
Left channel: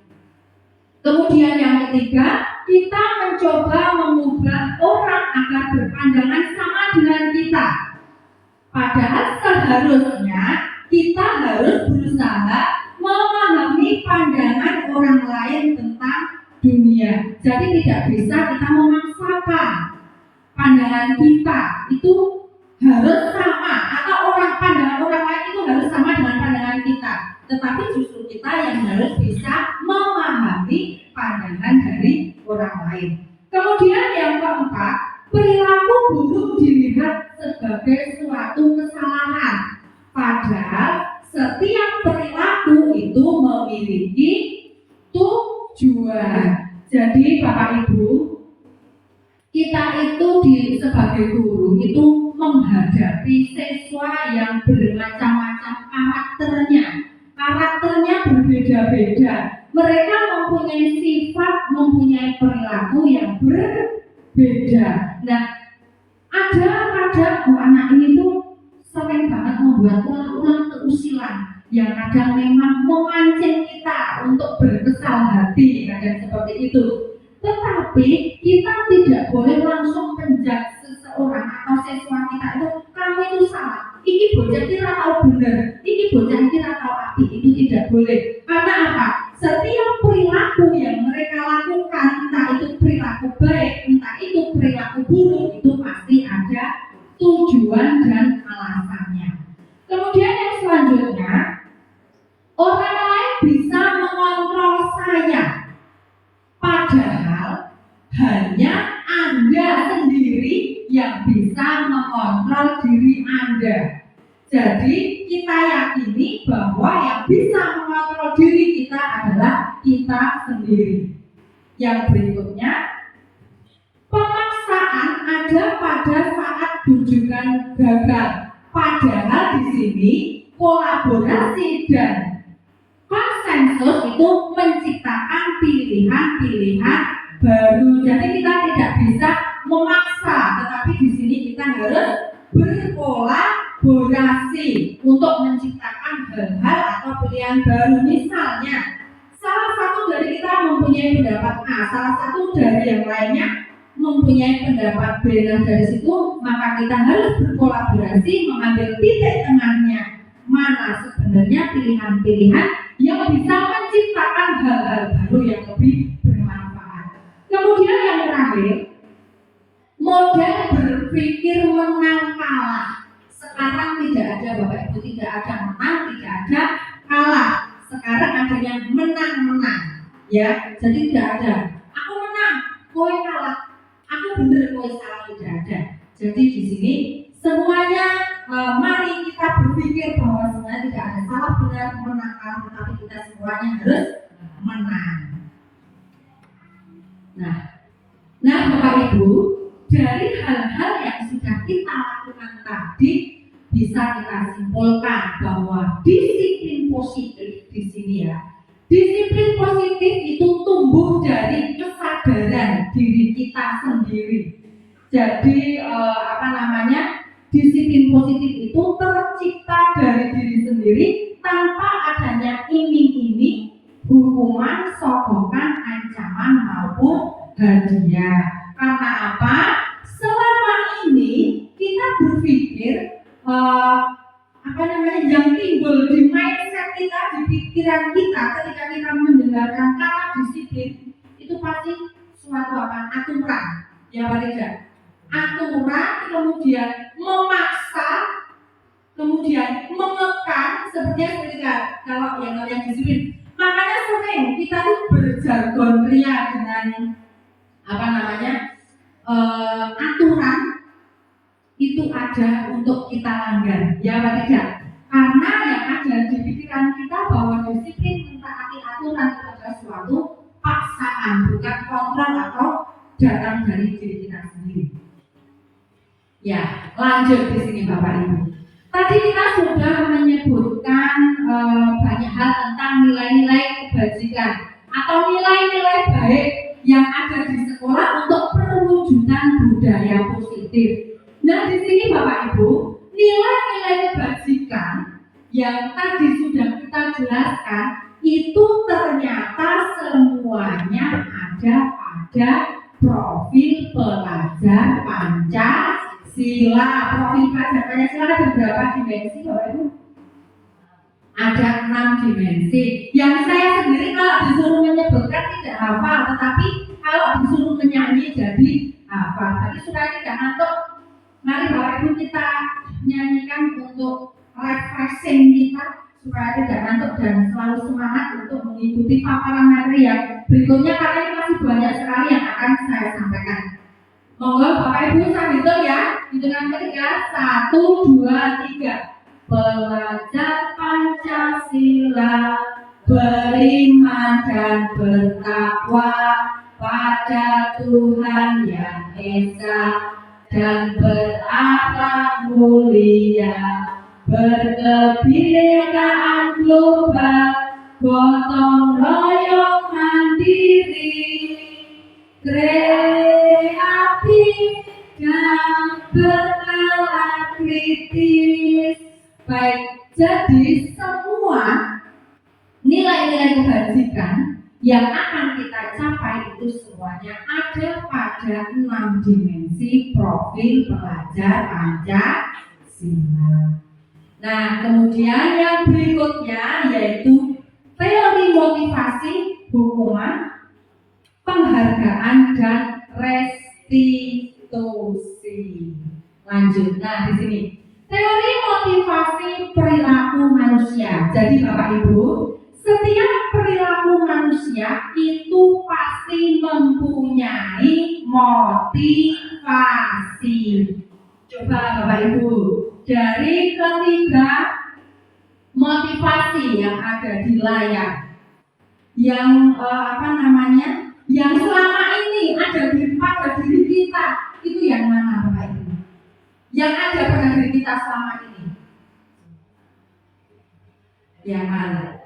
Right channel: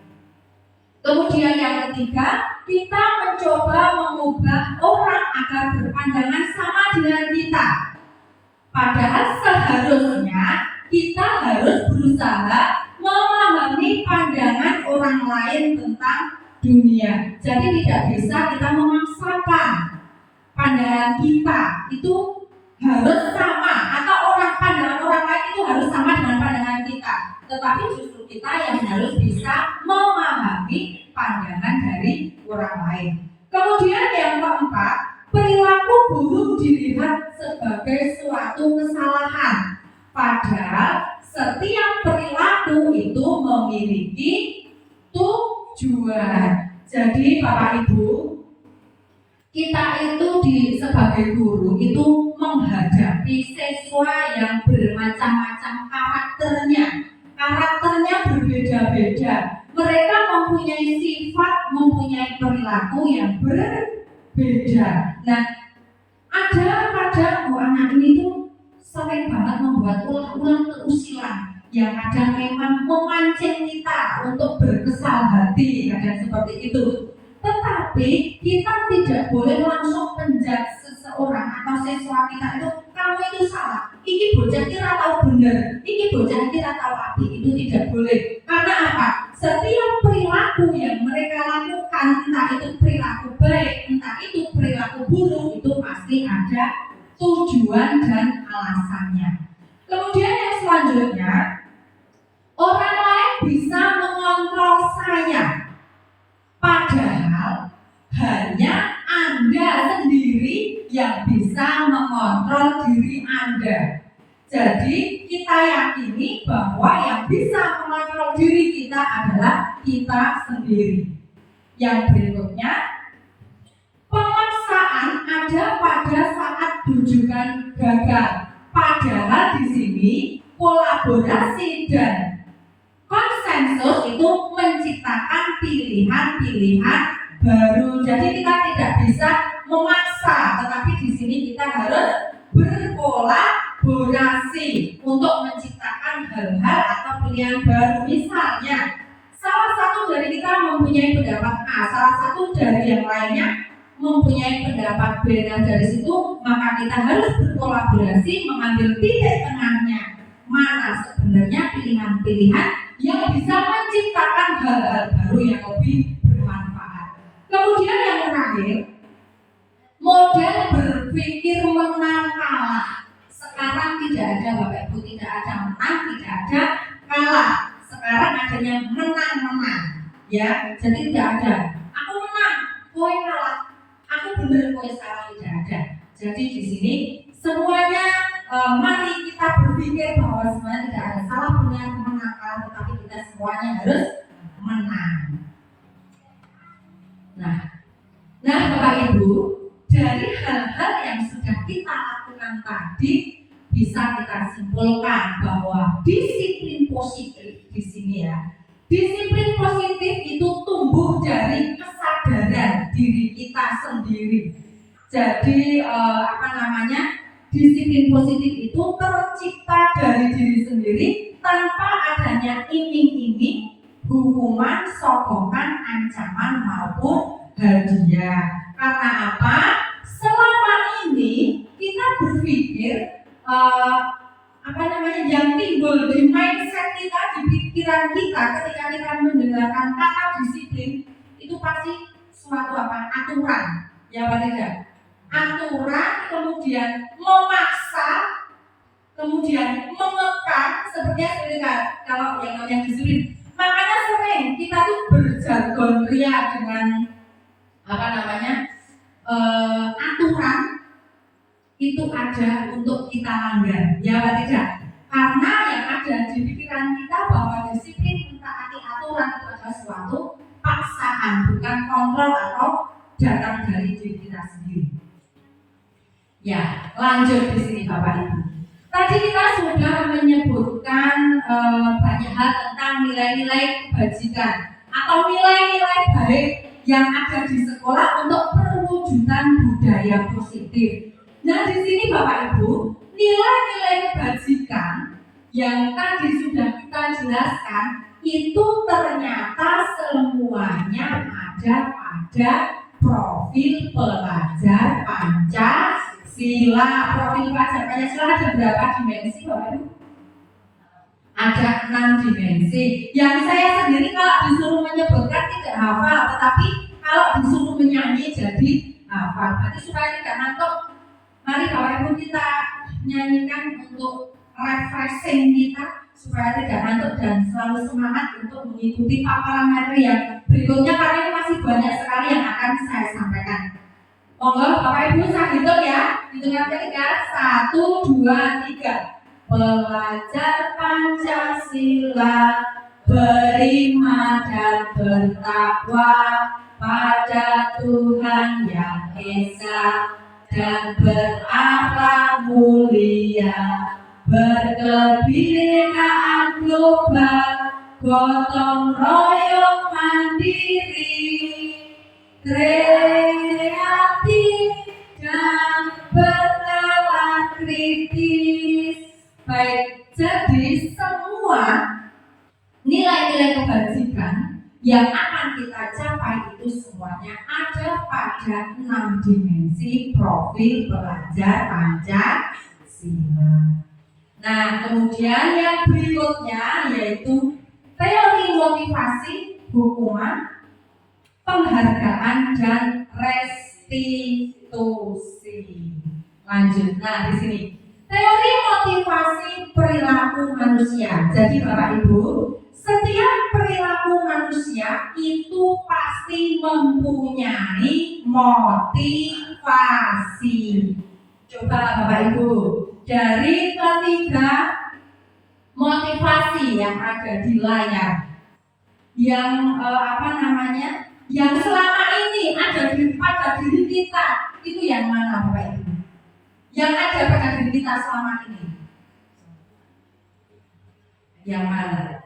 Kemudian yang ketiga, kita mencoba mengubah orang agar berpandangan sama dengan kita. Padahal seharusnya kita harus berusaha memahami pandangan orang lain tentang dunia. Jadi tidak bisa kita memaksakan pandangan kita itu harus sama, atau pandangan orang lain itu harus sama dengan pandangan kita. Tetapi justru kita yang harus bisa memahami pandangan dari orang lain. Kemudian yang keempat, perilaku buruk dilihat sebagai suatu kesalahan. Padahal setiap perilaku itu memiliki tujuan. Jadi Bapak Ibu, kita itu sebagai guru itu menghadapi siswa yang bermacam-macam karakternya berbeda-beda. Mereka mempunyai sifat, mempunyai perilaku yang berbeda. Nah, ada kadang anak ini tuh sering banget membuat ulah-ulah keusilan yang kadang memang memancing kita untuk berkesal hati, kadang seperti itu. Tetapi kita tidak boleh langsung menjudge seseorang atau siswa kita itu, kamu itu salah, ini bocah kira tahu benar, ini bocah kira tahu api, itu tidak boleh. Karena apa? Setiap perilaku yang mereka lakukan, entah itu perilaku baik, entah itu perilaku buruk, itu pasti ada tujuan dan alasannya. Kemudian yang selanjutnya, orang lain bisa mengontrol saya, padahal hanya Anda sendiri yang bisa mengontrol diri Anda. Jadi kita yakini bahwa yang bisa mengontrol diri kita adalah kita sendiri. Yang berikutnya, pemaksaan ada pada saat tujuan gagal. Padahal di sini kolaborasi dan konsensus itu menciptakan pilihan-pilihan baru. Jadi kita tidak bisa memaksa, tetapi di sini kita harus berkolaborasi untuk menciptakan hal-hal atau pilihan baru. Misalnya, salah satu dari kita mempunyai pendapat A, salah satu dari yang lainnya mempunyai pendapat B. Nah, dari situ maka kita harus berkolaborasi mengambil titik tengahnya. Mana sebenarnya pilihan-pilihan yang bisa menciptakan hal-hal baru yang lebih bermanfaat. Kemudian yang terakhir, model berpikir menang kalah. Sekarang tidak ada Bapak Ibu, tidak ada menang, tidak ada kalah. Sekarang adanya menang-menang. Ya, jadi tidak ada aku menang, kowe kalah, aku benar, kowe salah, tidak ada. Jadi di sini semuanya mari kita berpikir bahwa semuanya tidak ada salah benar menang kalah, tetapi kita semuanya harus menang. Nah Bapak Ibu, dari hal-hal yang sudah kita lakukan tadi bisa kita simpulkan bahwa disiplin positif di sini ya. Disiplin positif itu tumbuh dari kesadaran diri kita sendiri. Jadi disiplin positif itu tercipta dari diri sendiri tanpa adanya iming-iming, hukuman, sokongan, ancaman maupun hadiah. Karena apa? Selama ini kita berpikir yang timbul di mindset kita, di pikiran kita ketika kita mendengarkan kata disiplin itu pasti suatu aturan, ya Pak tidak? Aturan, kemudian memaksa, kemudian mengekang, seperti kalau yang namanya disiplin. Makanya sering kita tuh berjargon ria dengan aturan itu ada untuk kita langgar, ya Pak tidak? Karena yang ada di pikiran kita bahwa disiplin mentaati aturan itu adalah suatu paksaan, bukan kontrol atau datang dari diri kita sendiri. Ya, lanjut di sini Bapak Ibu. Tadi kita sudah menyebutkan banyak hal tentang nilai-nilai kebajikan atau nilai-nilai baik yang ada di sekolah untuk perwujudan budaya positif. Nah, di sini Bapak Ibu, nilai-nilai kebajikan yang tadi sudah kita jelaskan itu ternyata semuanya ada pada profil pelajar Pancasila. Profil pelajar Pancasila ada berapa dimensi Bapak Ibu? Ada 6 dimensi. Yang saya sendiri kalau disuruh menyebutkan tidak hafal, tetapi kalau disuruh menyanyi jadi hafal. Berarti supaya tidak ngantuk, mari Bapak Ibu kita nyanyikan untuk refreshing kita supaya tidak ngantuk dan selalu semangat untuk mengikuti paparan materi yang berikutnya, karena ini masih banyak sekali yang akan saya sampaikan. Monggo Bapak Ibu saya hitung ya. Hitungan ketiga, 1, 2, 3. Belajar Pancasila, beriman dan bertakwa pada Tuhan Yang Esa, dan berakhlak mulia, berkebinekaan global, gotong royong mandiri, kreatif dan bernalar kritis. Baik, jadi semua nilai-nilai kebajikan yang akan kita capai itu semuanya ada pada 6 dimensi profil pelajar Pancasila. Nah, kemudian yang berikutnya yaitu teori motivasi, hukuman, penghargaan, dan restitusi. Lanjut, nah di sini teori motivasi perilaku manusia. Jadi Bapak Ibu, setiap perilaku manusia itu pasti mempunyai motivasi. Coba Bapak Ibu, dari ketiga motivasi yang ada di layar, yang yang selama ini ada pada diri kita, itu yang mana Bapak Ibu? Yang ada pada diri kita selama ini, yang mana?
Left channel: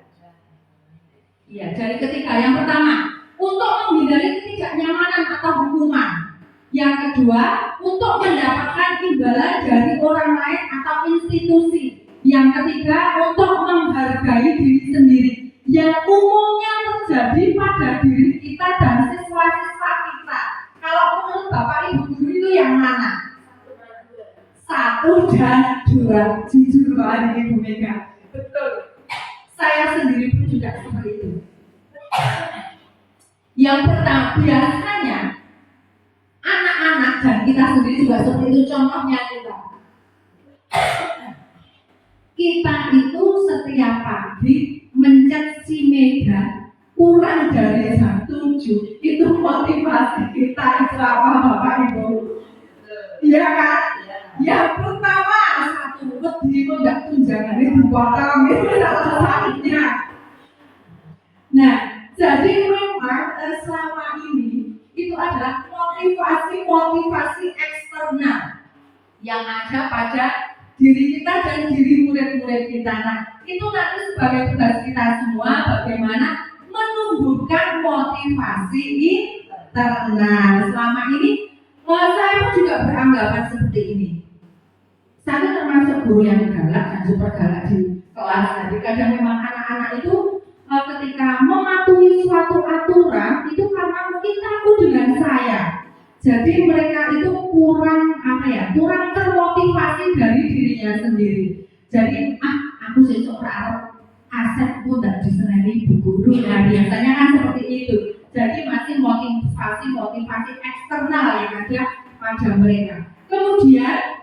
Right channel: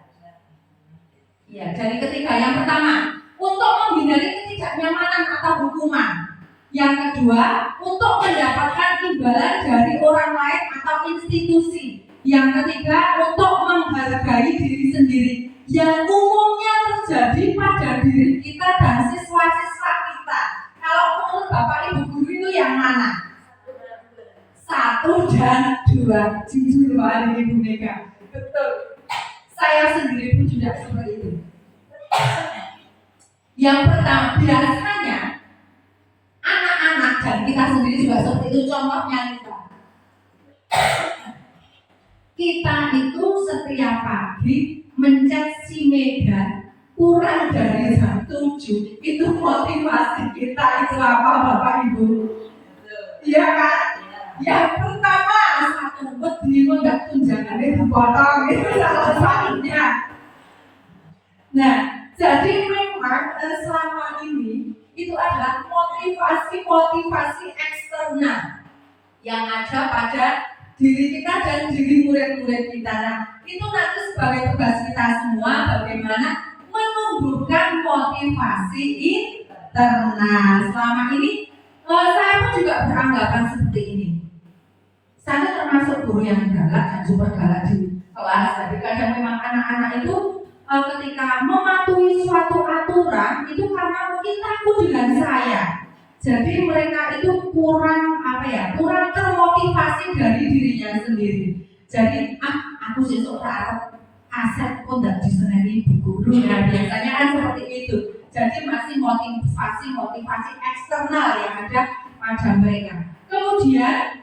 Ya, dari ketiga. Yang pertama, untuk menghindari ketidaknyamanan atau hukuman. Yang kedua, untuk mendapatkan imbalan dari orang lain atau institusi. Yang ketiga, untuk menghargai diri sendiri, yang umumnya terjadi pada diri kita dan siswa-siswa kita. Kalau menurut Bapak Ibu guru itu yang mana? 1 dan 2. Jujur Pak Ibu Mega, betul. Saya sendiri pun juga seperti itu. Yang pertama, biasanya anak-anak dan kita sendiri juga seperti itu. Contohnya kita itu setiap pagi mencet si Mega kurang dari jam 7. Itu motivasi kita itu apa Bapak Ibu? Iya kan? Yang pertama, 1 wedi enggak tunjangan itu potong, itu salah satunya. Nah, jadi memang selama ini itu adalah motivasi eksternal yang ada pada diri kita dan diri murid-murid kita. Nah, itu nanti sebagai tugas kita semua bagaimana menumbuhkan motivasi internal. Selama ini saya pun juga beranggapan seperti ini. Saya termasuk guru yang galak dan super galak di kelas. Jadi kadang memang anak-anak itu ketika mematuhi suatu aturan itu karena mungkin takut dengan saya. Jadi mereka itu kurang termotivasi dari dirinya sendiri. Jadi aku sesuk harap aset pun tidak diseneni ibu guru. Nah, biasanya kan seperti itu. Jadi masih motivasi eksternal yang ada pada mereka. Kemudian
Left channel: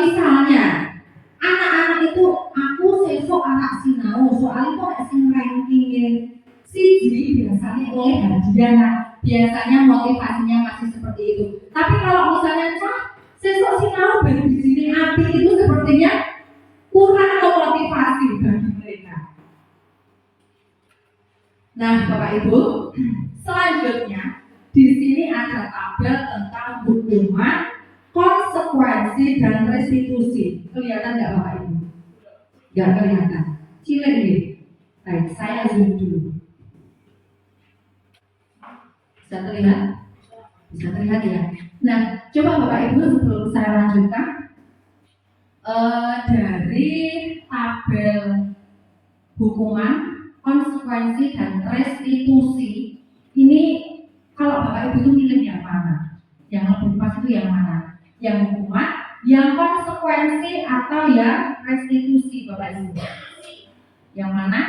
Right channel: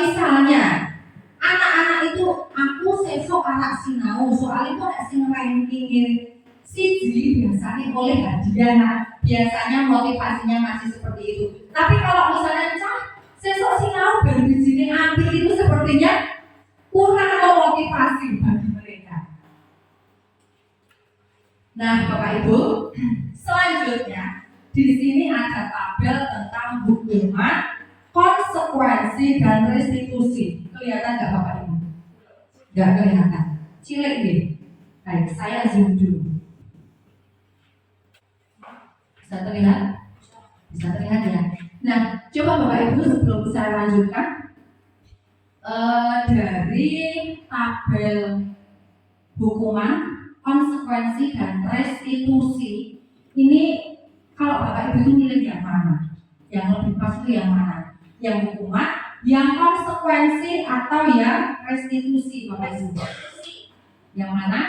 misalnya anak-anak itu aku sesuk anak sinau soal itu ada sing ranking siji biasanya oleh hadiah. Nah, biasanya motivasinya masih seperti itu. Tapi kalau misalnya sesuk sinau ben bijine api, itu sepertinya kurang motivasi bagi mereka. Nah, Bapak Ibu, selanjutnya di sini ada tabel tentang hukuman, konsekuensi, dan restitusi. Kelihatan nggak Bapak Ibu? Nggak kelihatan. Cilik nih. Baik, saya zoom dulu. Bisa terlihat? Bisa terlihat ya. Nah, coba Bapak Ibu sebelum saya lanjutkan, dari tabel hukuman, konsekuensi, dan restitusi ini, kalau Bapak Ibu itu milih yang mana? Yang lebih pas itu yang mana? Yang hukuman, yang konsekuensi, atau yang restitusi? Bapak Ibu? Yang mana?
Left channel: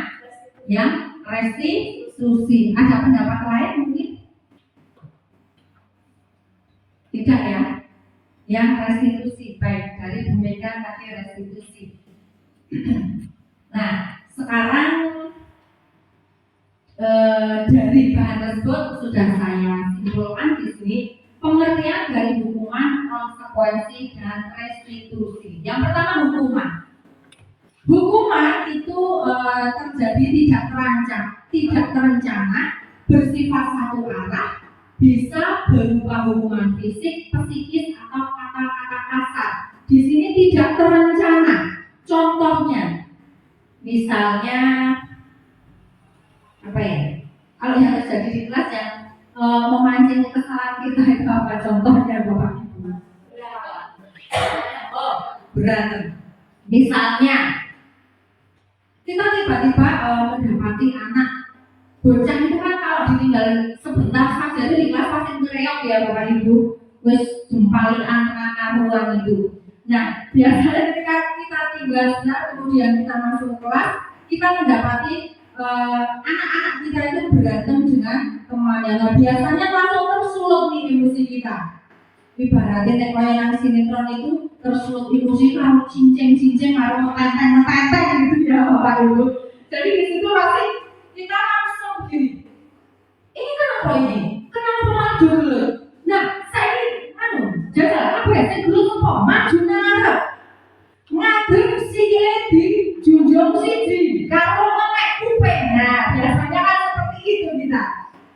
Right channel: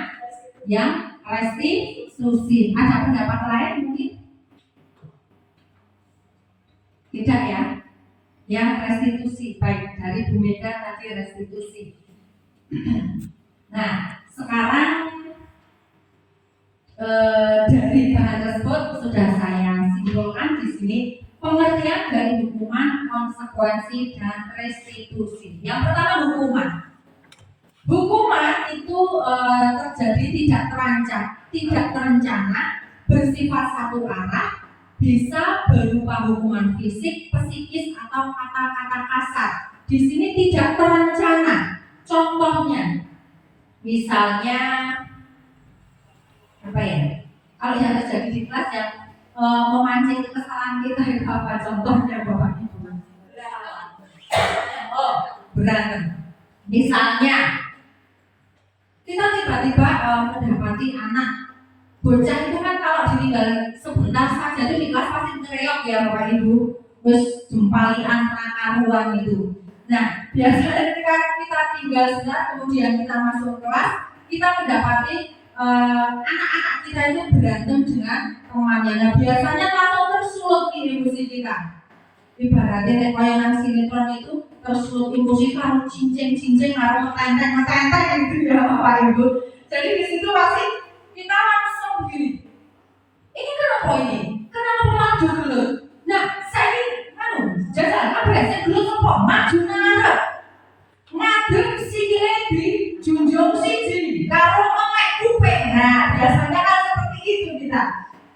Yang restitusi. Ada pendapat lain mungkin? Tidak ya? Yang restitusi. Baik, dari Bu Mega tadi restitusi. Nah, sekarang dari bahan tersebut sudah saya simpulkan di sini pengertian dari hukuman, konsekuensi, dan restitusi. Yang pertama hukuman. Hukuman itu terjadi tidak terancam, tidak terencana, bersifat satu arah, bisa berupa hukuman fisik, psikis, atau kata-kata kasar. Di sini tidak terencana. Contohnya, misalnya apa ya? Kalau yang terjadi di kelas yang memancing kesalahan kita itu apa? Contohnya Bapak Ibu? Oh, berantem. Misalnya kita tiba-tiba mendapati anak bocah itu kan kalau ditinggal sebentar saja itu di kelas pasti ngereok ya Bapak Ibu, wis jempalian nakaruan itu. Nah, biasanya ketika kita tinggal sebentar kemudian kita masuk kelas, kita mendapati anak-anak kita itu berantem dengan temannya. Nah, biasanya langsung tersulut nih emosi kita. Ibaratnya kayak yang sinetron itu tersulut emosi kalau cincin-cincin harus ngetenteng gitu ya Bapak Ibu. Jadi di situ pasti kita langsung begini. Ini kenapa ini? Kenapa malah dulu? Nah, saya ini jajal apa ya? Saya dulu apa? Maju ngarep. Ngadep sikile di junjung siji. Karo ngelek kuping. Nah, biasanya kan seperti itu kita.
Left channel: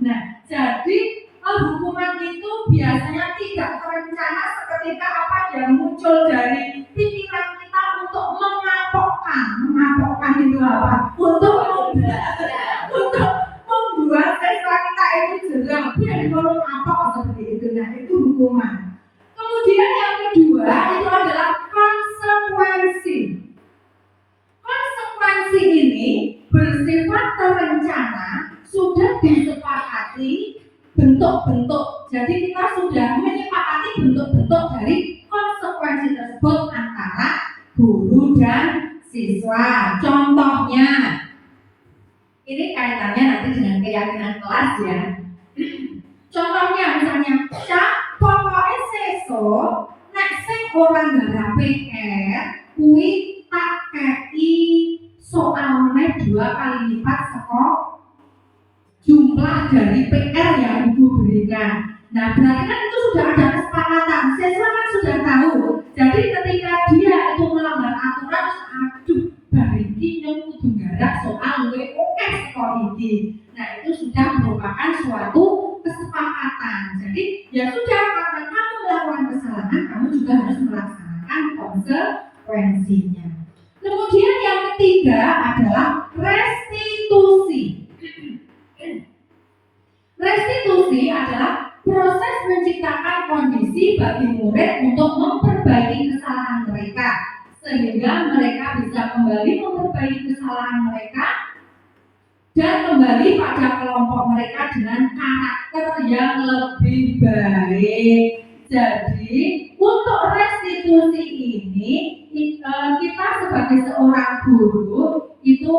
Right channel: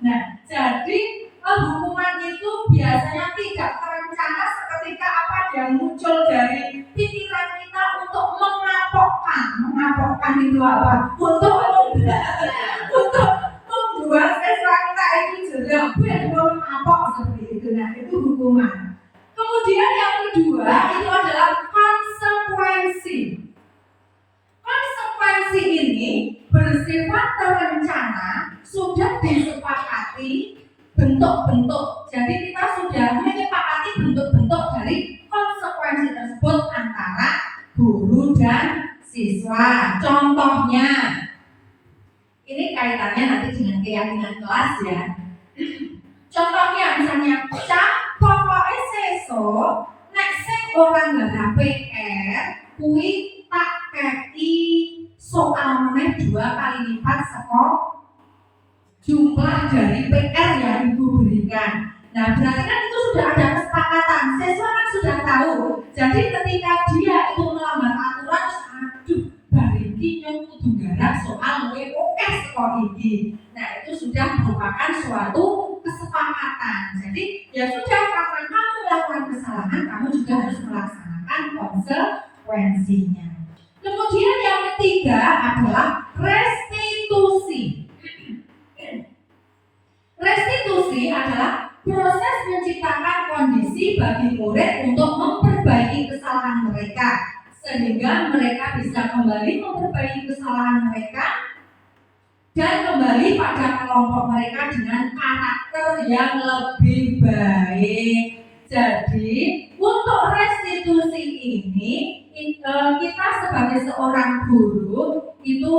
Nah, jadi hukuman itu biasanya tidak terencana seketika apa yang muncul dari pikiran kita untuk mengapokkan itu apa? Untuk membuat sesra kita itu jerah, dan mengapok seperti itu. Nah, itu hukuman. Kemudian yang kedua itu adalah konsekuensi. Konsekuensi ini bersifat terencana, sudah disepakati bentuk-bentuk. Jadi kita sudah menyepakati bentuk-bentuk dari konsekuensi tersebut antara guru dan siswa. Contohnya, ini kaitannya nanti dengan keyakinan kelas ya. Contohnya misalnya, cak pokoknya sesuk nek sing ora nggarap PR kuwi tak kei soal meneh 2 kali lipat saka jumlah dari PR yang Ibu berikan. Nah, berarti kan itu sudah ada kesepakatan. Siswa kan sudah tahu. Jadi ketika dia itu melanggar aturan, aduh, bariki yang kudu garap soal luwih akeh saka iki. Nah, itu sudah merupakan suatu kesepakatan. Jadi, ya sudah, karena kamu melakukan kesalahan, kamu juga harus melaksanakan konsekuensinya. Kemudian yang ketiga adalah restitusi. Restitusi adalah proses menciptakan kondisi bagi murid untuk memperbaiki kesalahan mereka sehingga mereka bisa kembali memperbaiki kesalahan mereka dan kembali pada kelompok mereka dengan karakter yang lebih baik. Jadi untuk restitusi ini kita sebagai seorang guru itu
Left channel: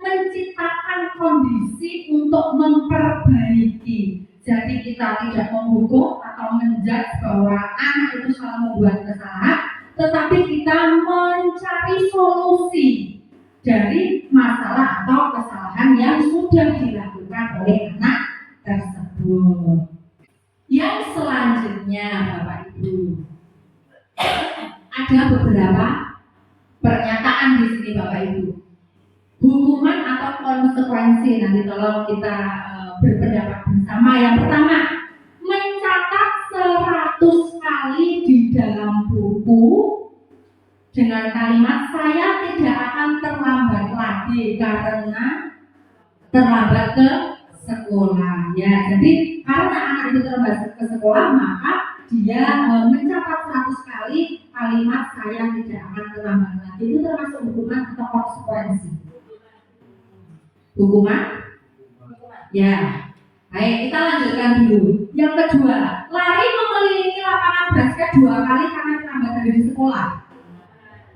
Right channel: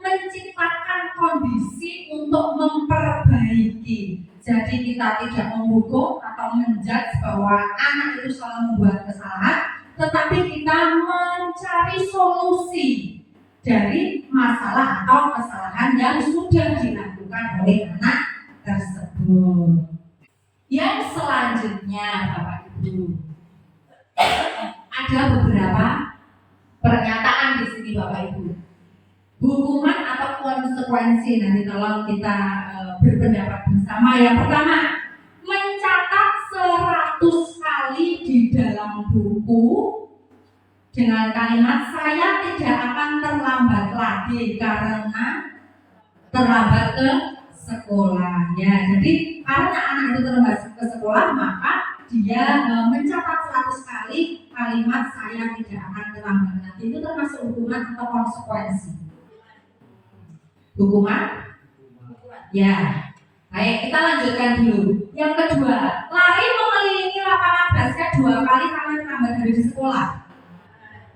menciptakan kondisi untuk memperbaiki. Jadi kita tidak menghukum atau menjudge bahwa anak itu selalu membuat kesalahan, tetapi kita mencari solusi dari masalah atau kesalahan yang sudah dilakukan oleh anak tersebut. Yang selanjutnya Bapak Ibu, ada beberapa pernyataan di sini Bapak Ibu. Hukuman atau konsekuensi, nanti tolong kita berpendapat bersama. Yang pertama, mencatat 100 kali di dalam buku dengan kalimat saya tidak akan terlambat lagi karena terlambat ke sekolah. Ya, jadi karena anak itu terlambat ke sekolah, maka dia mencatat 100 kali kalimat saya tidak akan terlambat lagi. Itu termasuk hukuman atau konsekuensi? Hukuman? Ya. Baik, kita lanjutkan dulu. Yang kedua, lari mengelilingi lapangan basket 2 kali karena terlambat dari di sekolah.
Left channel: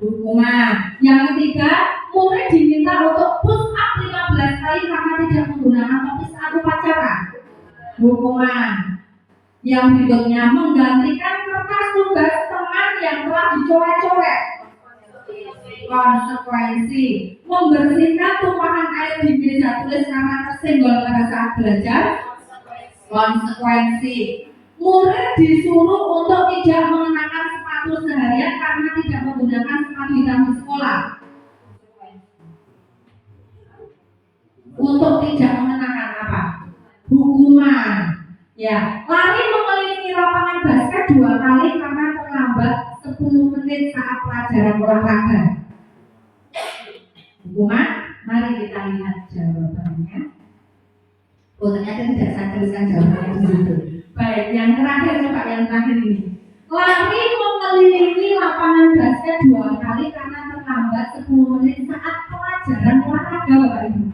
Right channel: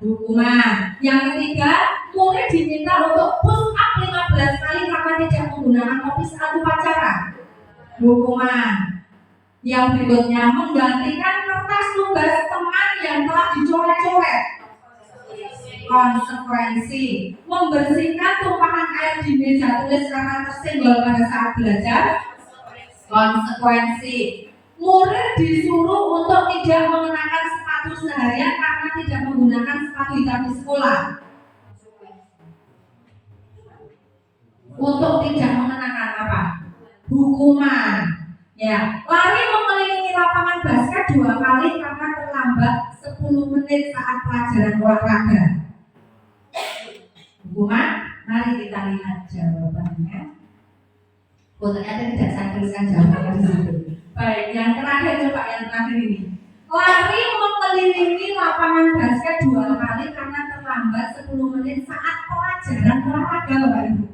hukuman. Yang ketiga, murid diminta untuk push up 15 kali karena tidak menggunakan topi saat upacara, hukuman. Yang berikutnya, menggantikan kertas tugas teman yang telah dicoret-coret, konsekuensi. Membersihkan tumpahan air di meja tulis karena tersenggol pada saat belajar, konsekuensi. Murid disuruh untuk tidak mengenakan sepatu seharian karena tidak menggunakan sepatu hitam di sekolah, untuk tidak mengenakan apa? Hukuman. Ya, lari mengelilingi lapangan basket 2 kali karena terlambat 10 menit saat pelajaran olahraga, hukuman. Mari kita lihat jawabannya. Oh, ternyata tidak saya tuliskan jawabannya di situ. Baik, yang terakhir, coba yang terakhir ini. Lari mengelilingi lapangan basket 2 kali karena terlambat 10 menit saat pelajaran olahraga, Bapak Ibu.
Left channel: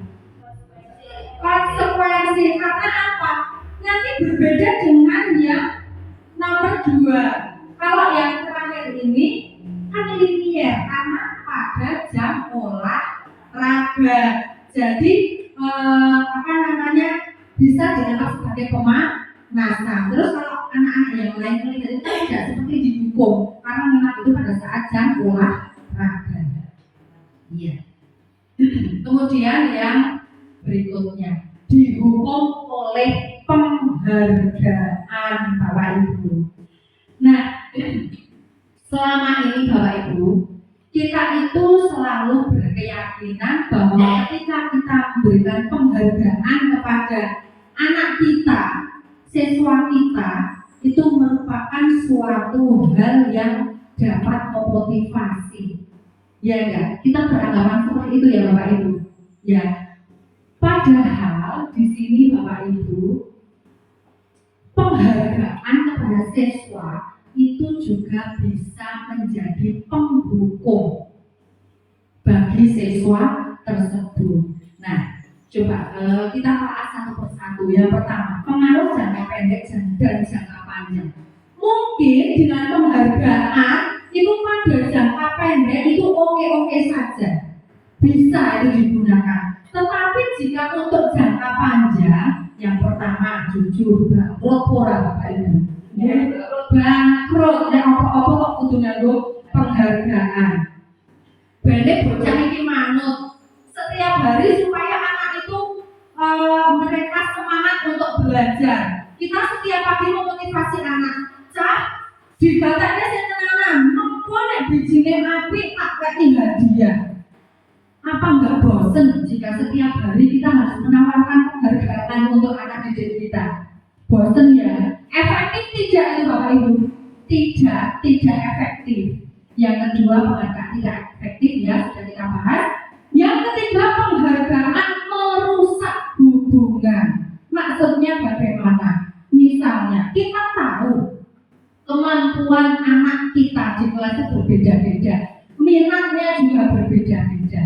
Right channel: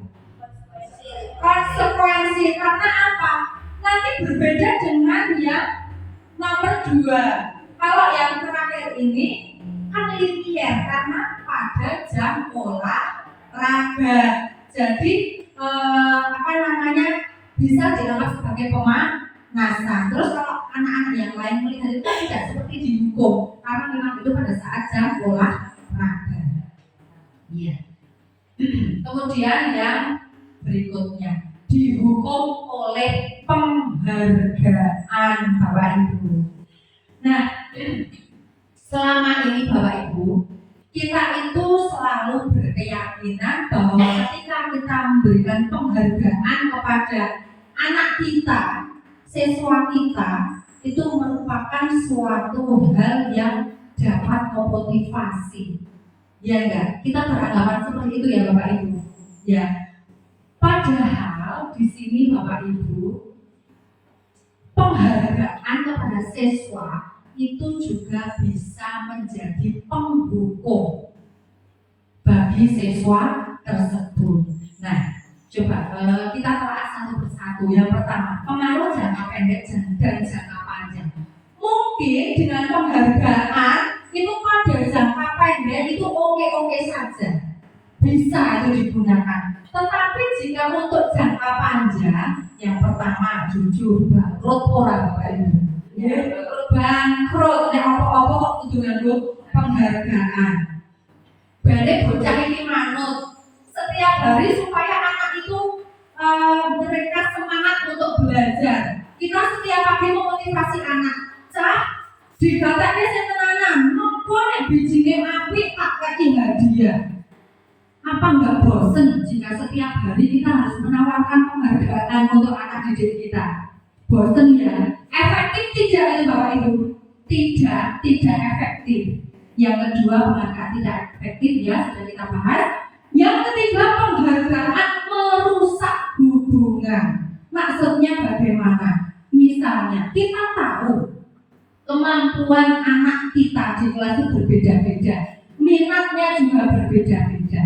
Konsekuensi, karena apa? Nanti berbeda dengan yang nomor 2. Kalau yang terakhir ini kan linier karena pada jam olahraga. Jadi bisa dianggap sebagai pemanasan. Terus kalau anak-anak yang lain melihat itu tidak seperti dihukum karena memang itu pada saat jam olahraga. Iya. Kemudian yang berikutnya, dihukum oleh penghargaan, Bapak Ibu. Nah, selama ini Bapak Ibu, kita itu selalu berkeyakinan bahwa ketika kita memberikan penghargaan kepada anak kita, siswa kita, itu merupakan suatu hal yang dapat memotivasi. Ya enggak? Kita beranggapan seperti itu ya Bapak Ibu. Ya. Padahal di sini Bapak Ibu, penghargaan kepada siswa itu juga bisa menjadi penghukum bagi siswa tersebut. Nah, coba kita telah satu persatu. Yang pertama, pengaruh jangka pendek dan jangka panjang. Mungkin dengan penghargaan itu pada jangka pendek itu oke-oke saja, bisa itu digunakan. Tetapi jika untuk jangka panjang, yang pertama jujur bangkrut ora Bapak Ibu. Ya, bangkrut nek apa-apa kok kudu nganggo penghargaan. Bane bocah iki manut setiap hari supaya anak itu mereka semangat untuk belajar. Kita setiap pagi memotivasi anak, cah dibataknya sing tenanan, mengko nek bijine apik tak kei hadiah. Apa enggak bosen jika setiap hari kita harus menawarkan penghargaan untuk anak didik kita? Bosen ya? Efektif tidak itu Bapak Ibu? Tidak efektif. Yang kedua, penghargaan tidak efektif ya, sudah kita bahas. Yang ketiga, penghargaan merusak hubungan. Maksudnya bagaimana? Misalnya kita tahu kemampuan anak kita di kelas itu berbeda-beda, minatnya juga berbeda-beda.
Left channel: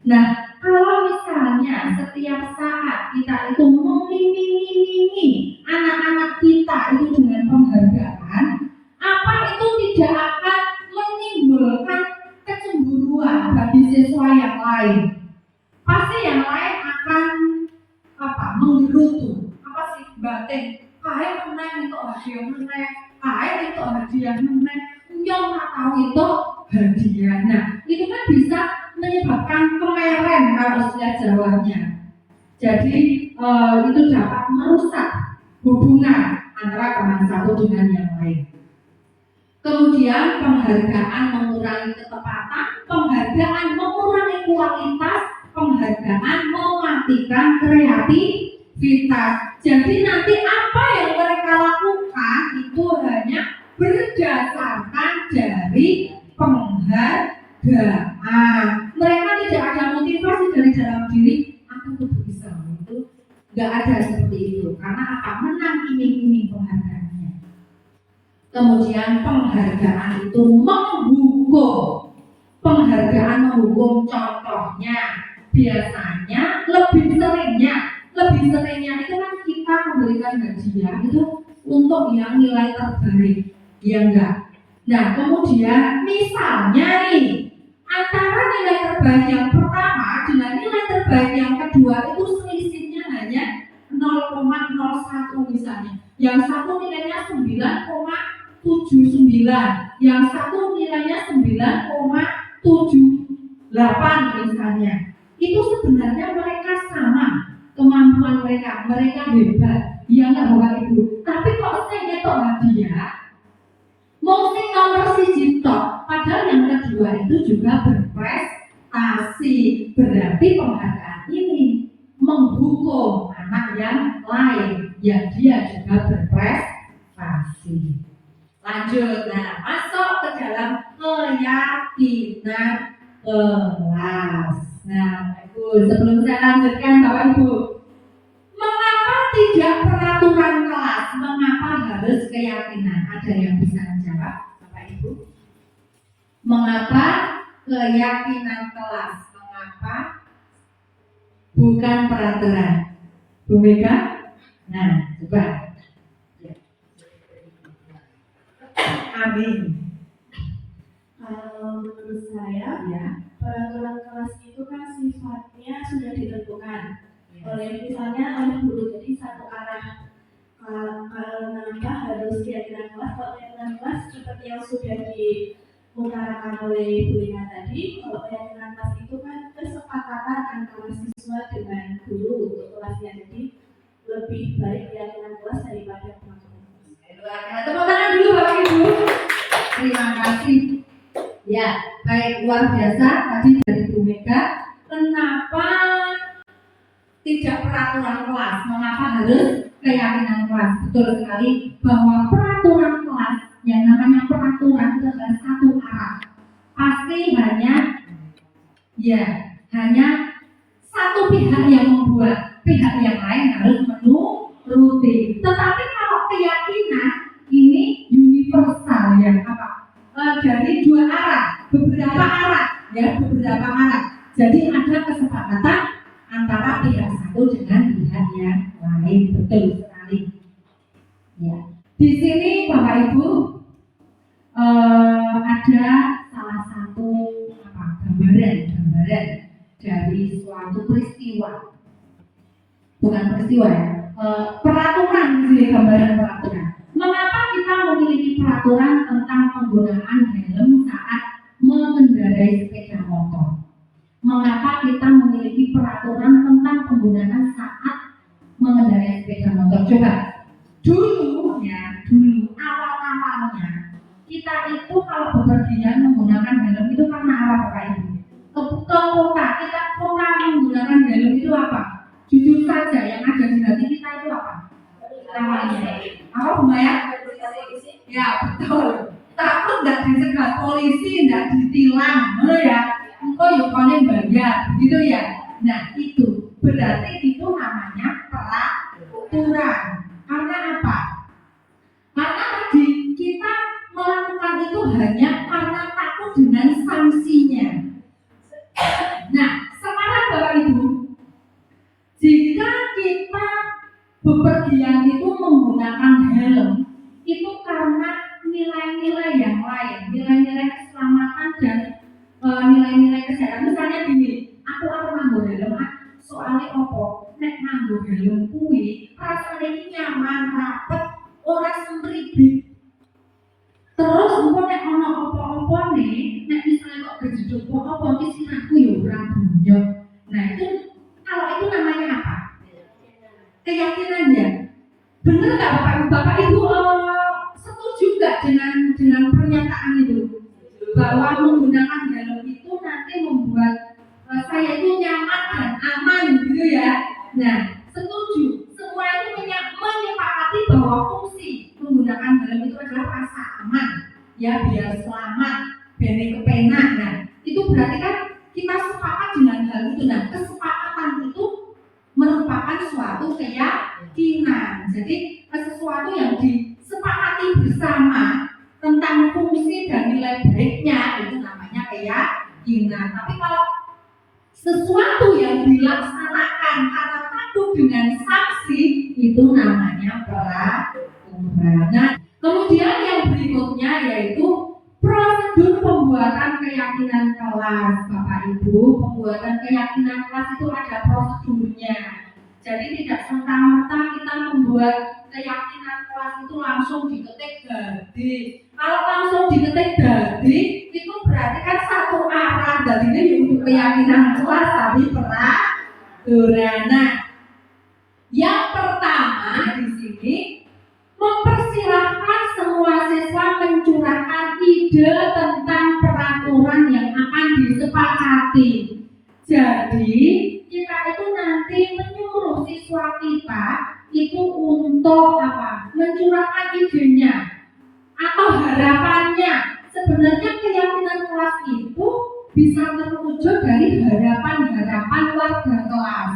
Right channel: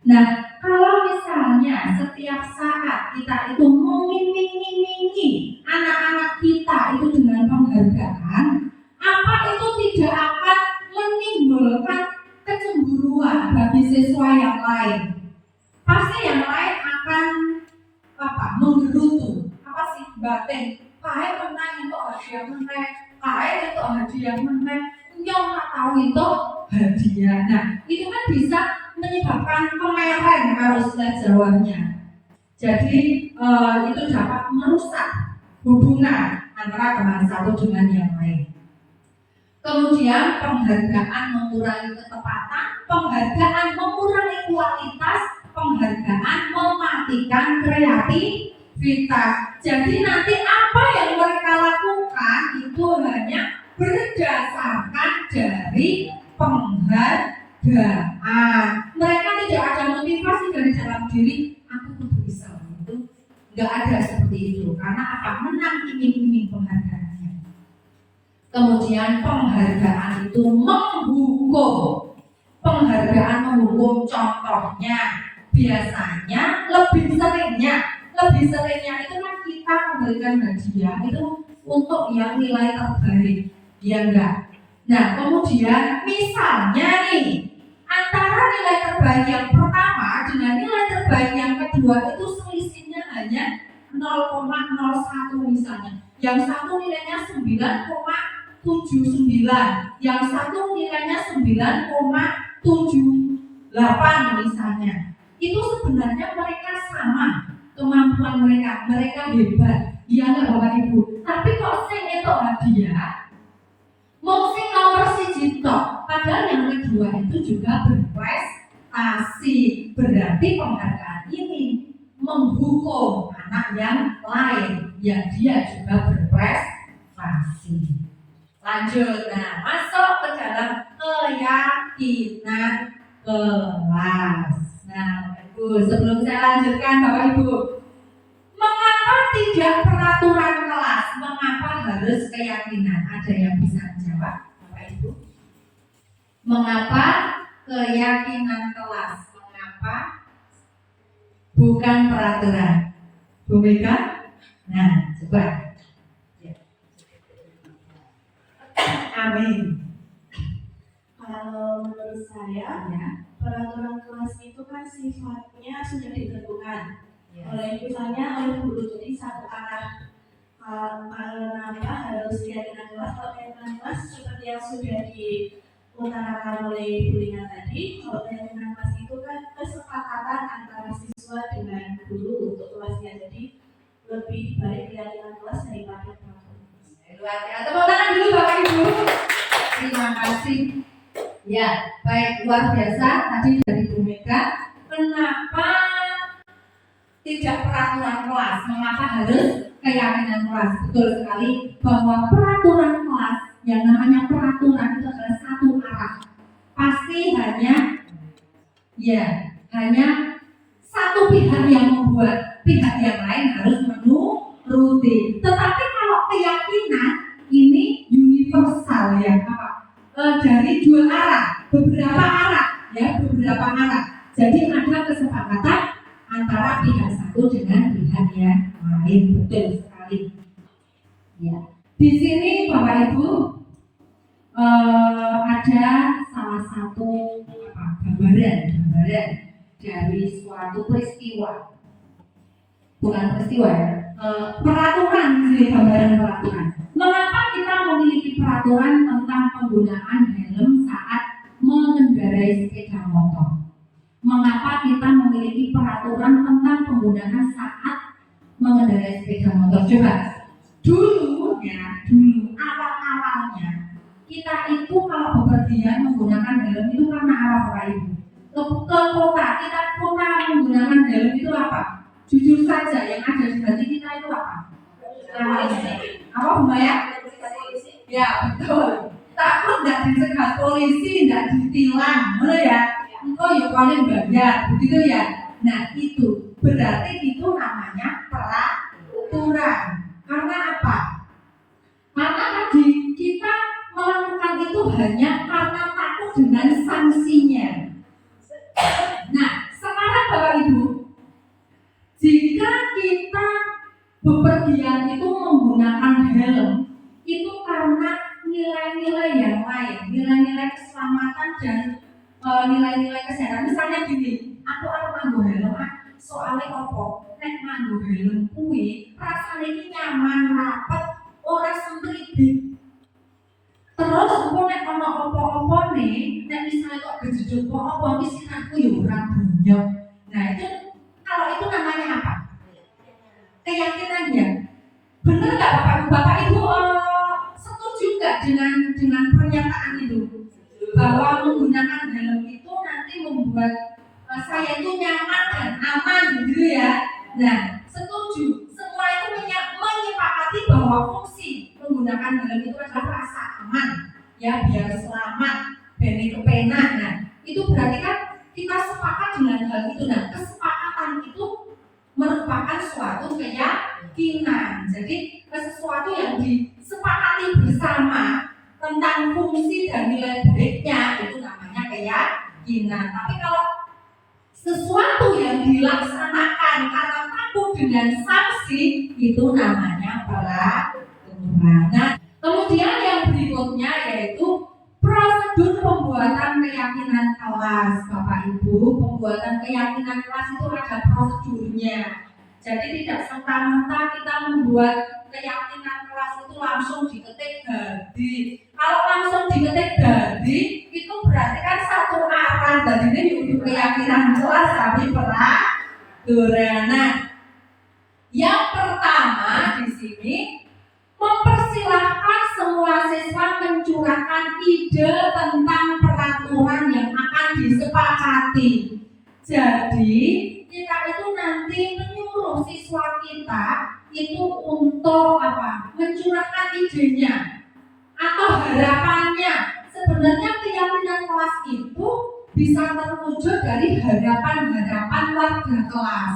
Nah, kalau misalnya setiap saat kita itu mengiming-imingi anak-anak kita itu dengan penghargaan, apa itu tidak akan menimbulkan kecemburuan bagi siswa yang lain? Pasti yang lain akan menggerutu. Apa sih batin? Kae menang itu hadiah menang, kae itu hadiah menang, nyong tak tahu itu hadiah. Nah, itu kan bisa menyebabkan kemeren kalau istilah Jawanya. Jadi itu dapat merusak hubungan antara teman satu dengan yang lain. Kemudian penghargaan mengurangi ketepatan, penghargaan mengurangi kualitas, penghargaan mematikan kreativitas. Jadi nanti apa yang mereka lakukan itu hanya berdasarkan dari penghargaan. Mereka tidak ada motivasi dari dalam diri, aku tuh bisa itu. Nggak ada seperti itu. Karena apa? Menang iming-iming penghargaannya. Kemudian penghargaan itu menghukum. Penghargaan menghukum, contohnya biasanya lebih seringnya itu kan kita memberikan hadiah itu untuk yang nilai terbaik, ya enggak? Nah kemudian misalnya nih antara nilai terbaik yang pertama dengan nilai terbaik yang kedua itu selisihnya hanya 0,01 misalnya. Yang satu nilainya 9,79, yang satu nilainya 9,78 misalnya. Itu sebenarnya mereka sama kemampuan mereka hebat, iya nggak Bapak Ibu? Tapi kok sing itu hadiah, mau sing nomor siji tok, padahal yang kedua itu juga berprestasi. Berarti penghargaan ini menghukum anak yang lain yang dia juga berprestasi. Lanjut, nah masuk ke dalam keyakinan kelas. Nah, Ibu, sebelum saya lanjutkan Bapak Ibu, mengapa tidak peraturan kelas? Mengapa harus keyakinan? Ada yang bisa menjawab, Bapak Ibu? Mengapa keyakinan kelas? Mengapa bukan peraturan? Bu Mega? Nah, coba. Ya. Amin. Kalau menurut saya, Ya. peraturan kelas itu kan sifatnya sudah ditentukan Ya. oleh guru, jadi satu arah. Kenapa harus keyakinan kelas? Kalau keyakinan kelas seperti yang sudah diutarakan oleh Bu Lina tadi, kalau keyakinan kelas itu kan kesepakatan antara siswa dengan guru untuk kelasnya, jadi lebih baik keyakinan kelas daripada peraturan kelas. Luar biasa. Tepuk tangan dulu Bapak Ibu. Terima kasih. Ya, baik, luar biasa tadi dari Bu Mega. Kenapa tidak peraturan kelas? Mengapa harus keyakinan kelas? Betul sekali bahwa peraturan kelas, yang namanya peraturan itu adalah satu arah. Pasti hanya satu pihak yang membuat, pihak yang lain harus menuruti. Tetapi kalau keyakinan ini universal ya, dari dua arah, beberapa arah. Jadi ada kesepakatan antara pihak satu dengan pihak yang lain. Betul sekali. Ya. Di sini Bapak Ibu ada salah satu gambaran dari suatu peristiwa. Bukan peristiwa ya. Peraturan di sini, gambaran peraturan. Mengapa kita memiliki peraturan tentang penggunaan helm saat mengendarai sepeda motor? Mengapa kita memiliki peraturan tentang penggunaan saat mengendarai sepeda motor? Coba dulu awalnya kita itu kalau bepergian menggunakan helm itu karena apa Bapak Ibu? Ke kota, kita menggunakan helm itu apa? Jujur saja yang ada di hati kita itu apa? Apa Bu Maya? Ya betul. Takut nggak dicegat polisi, nggak ditilang, mana ya? Engkau yukannya bayar, begitu ya? Nah itu berarti itu namanya peraturan. Karena apa? Karena tadi kita melakukan itu hanya karena takut dengan sanksinya. Nah sekarang Bapak Ibu, jika kita bepergian itu menggunakan helm, itu karena nilai-nilai yang lain, nilai-nilai keselamatan dan nilai-nilai kesehatan. Misalnya gini, aku harus nganggo helm, soalnya opo? Nek nganggo helm kuwi rasane iki nyaman, rapet, ora semribit. Terus engko nek ana apa-apa nih, nek misalnya kok kejedot apa iki sirahku ya ora bonyok. Nah, itu kalau itu namanya apa? Keyakinan ya. Benar nggak Bapak Ibu setuju nggak dengan pernyataan itu bahwa menggunakan helm itu nanti membuat saya itu nyaman dan aman gitu ya? Nah setuju. Semua itu menyepakati bahwa fungsi menggunakan helm itu adalah rasa aman ya, biar selamat, bene kepenak. Nah itu berarti kan kita sepakat dengan hal itu. Nah kesepakatan itu merupakan suatu keyakinan. Jadi sesuatu yang disepakati bersama tentang fungsi dan nilai baiknya itu namanya keyakinan. Tapi kalau sesuatu yang dilaksanakan karena takut dengan sanksi itu namanya peraturan. Nah, kemudian yang berikutnya yaitu prosedur pembuatan keyakinan kelas. pembuatan keyakinan kelas itu ada prosedurnya. Jadi tidak serta-merta kita membuat keyakinan kelas itu langsung diketik dadi. Kalau langsung diketik dadi, itu berarti kan satu arah. Jadi ini untuk keyakinan kelas tapi peraturan. Yang pertama di sini mempersilahkan semua siswa mencurahkan ide tentang peraturan yang akan disepakati. Jadi kita itu nanti menyuruh siswa kita itu untuk apa? Mencurahkan idenya atau harapannya. Sebenarnya keyakinan kelas itu bisa terwujud dari harapan-harapan warga kelas.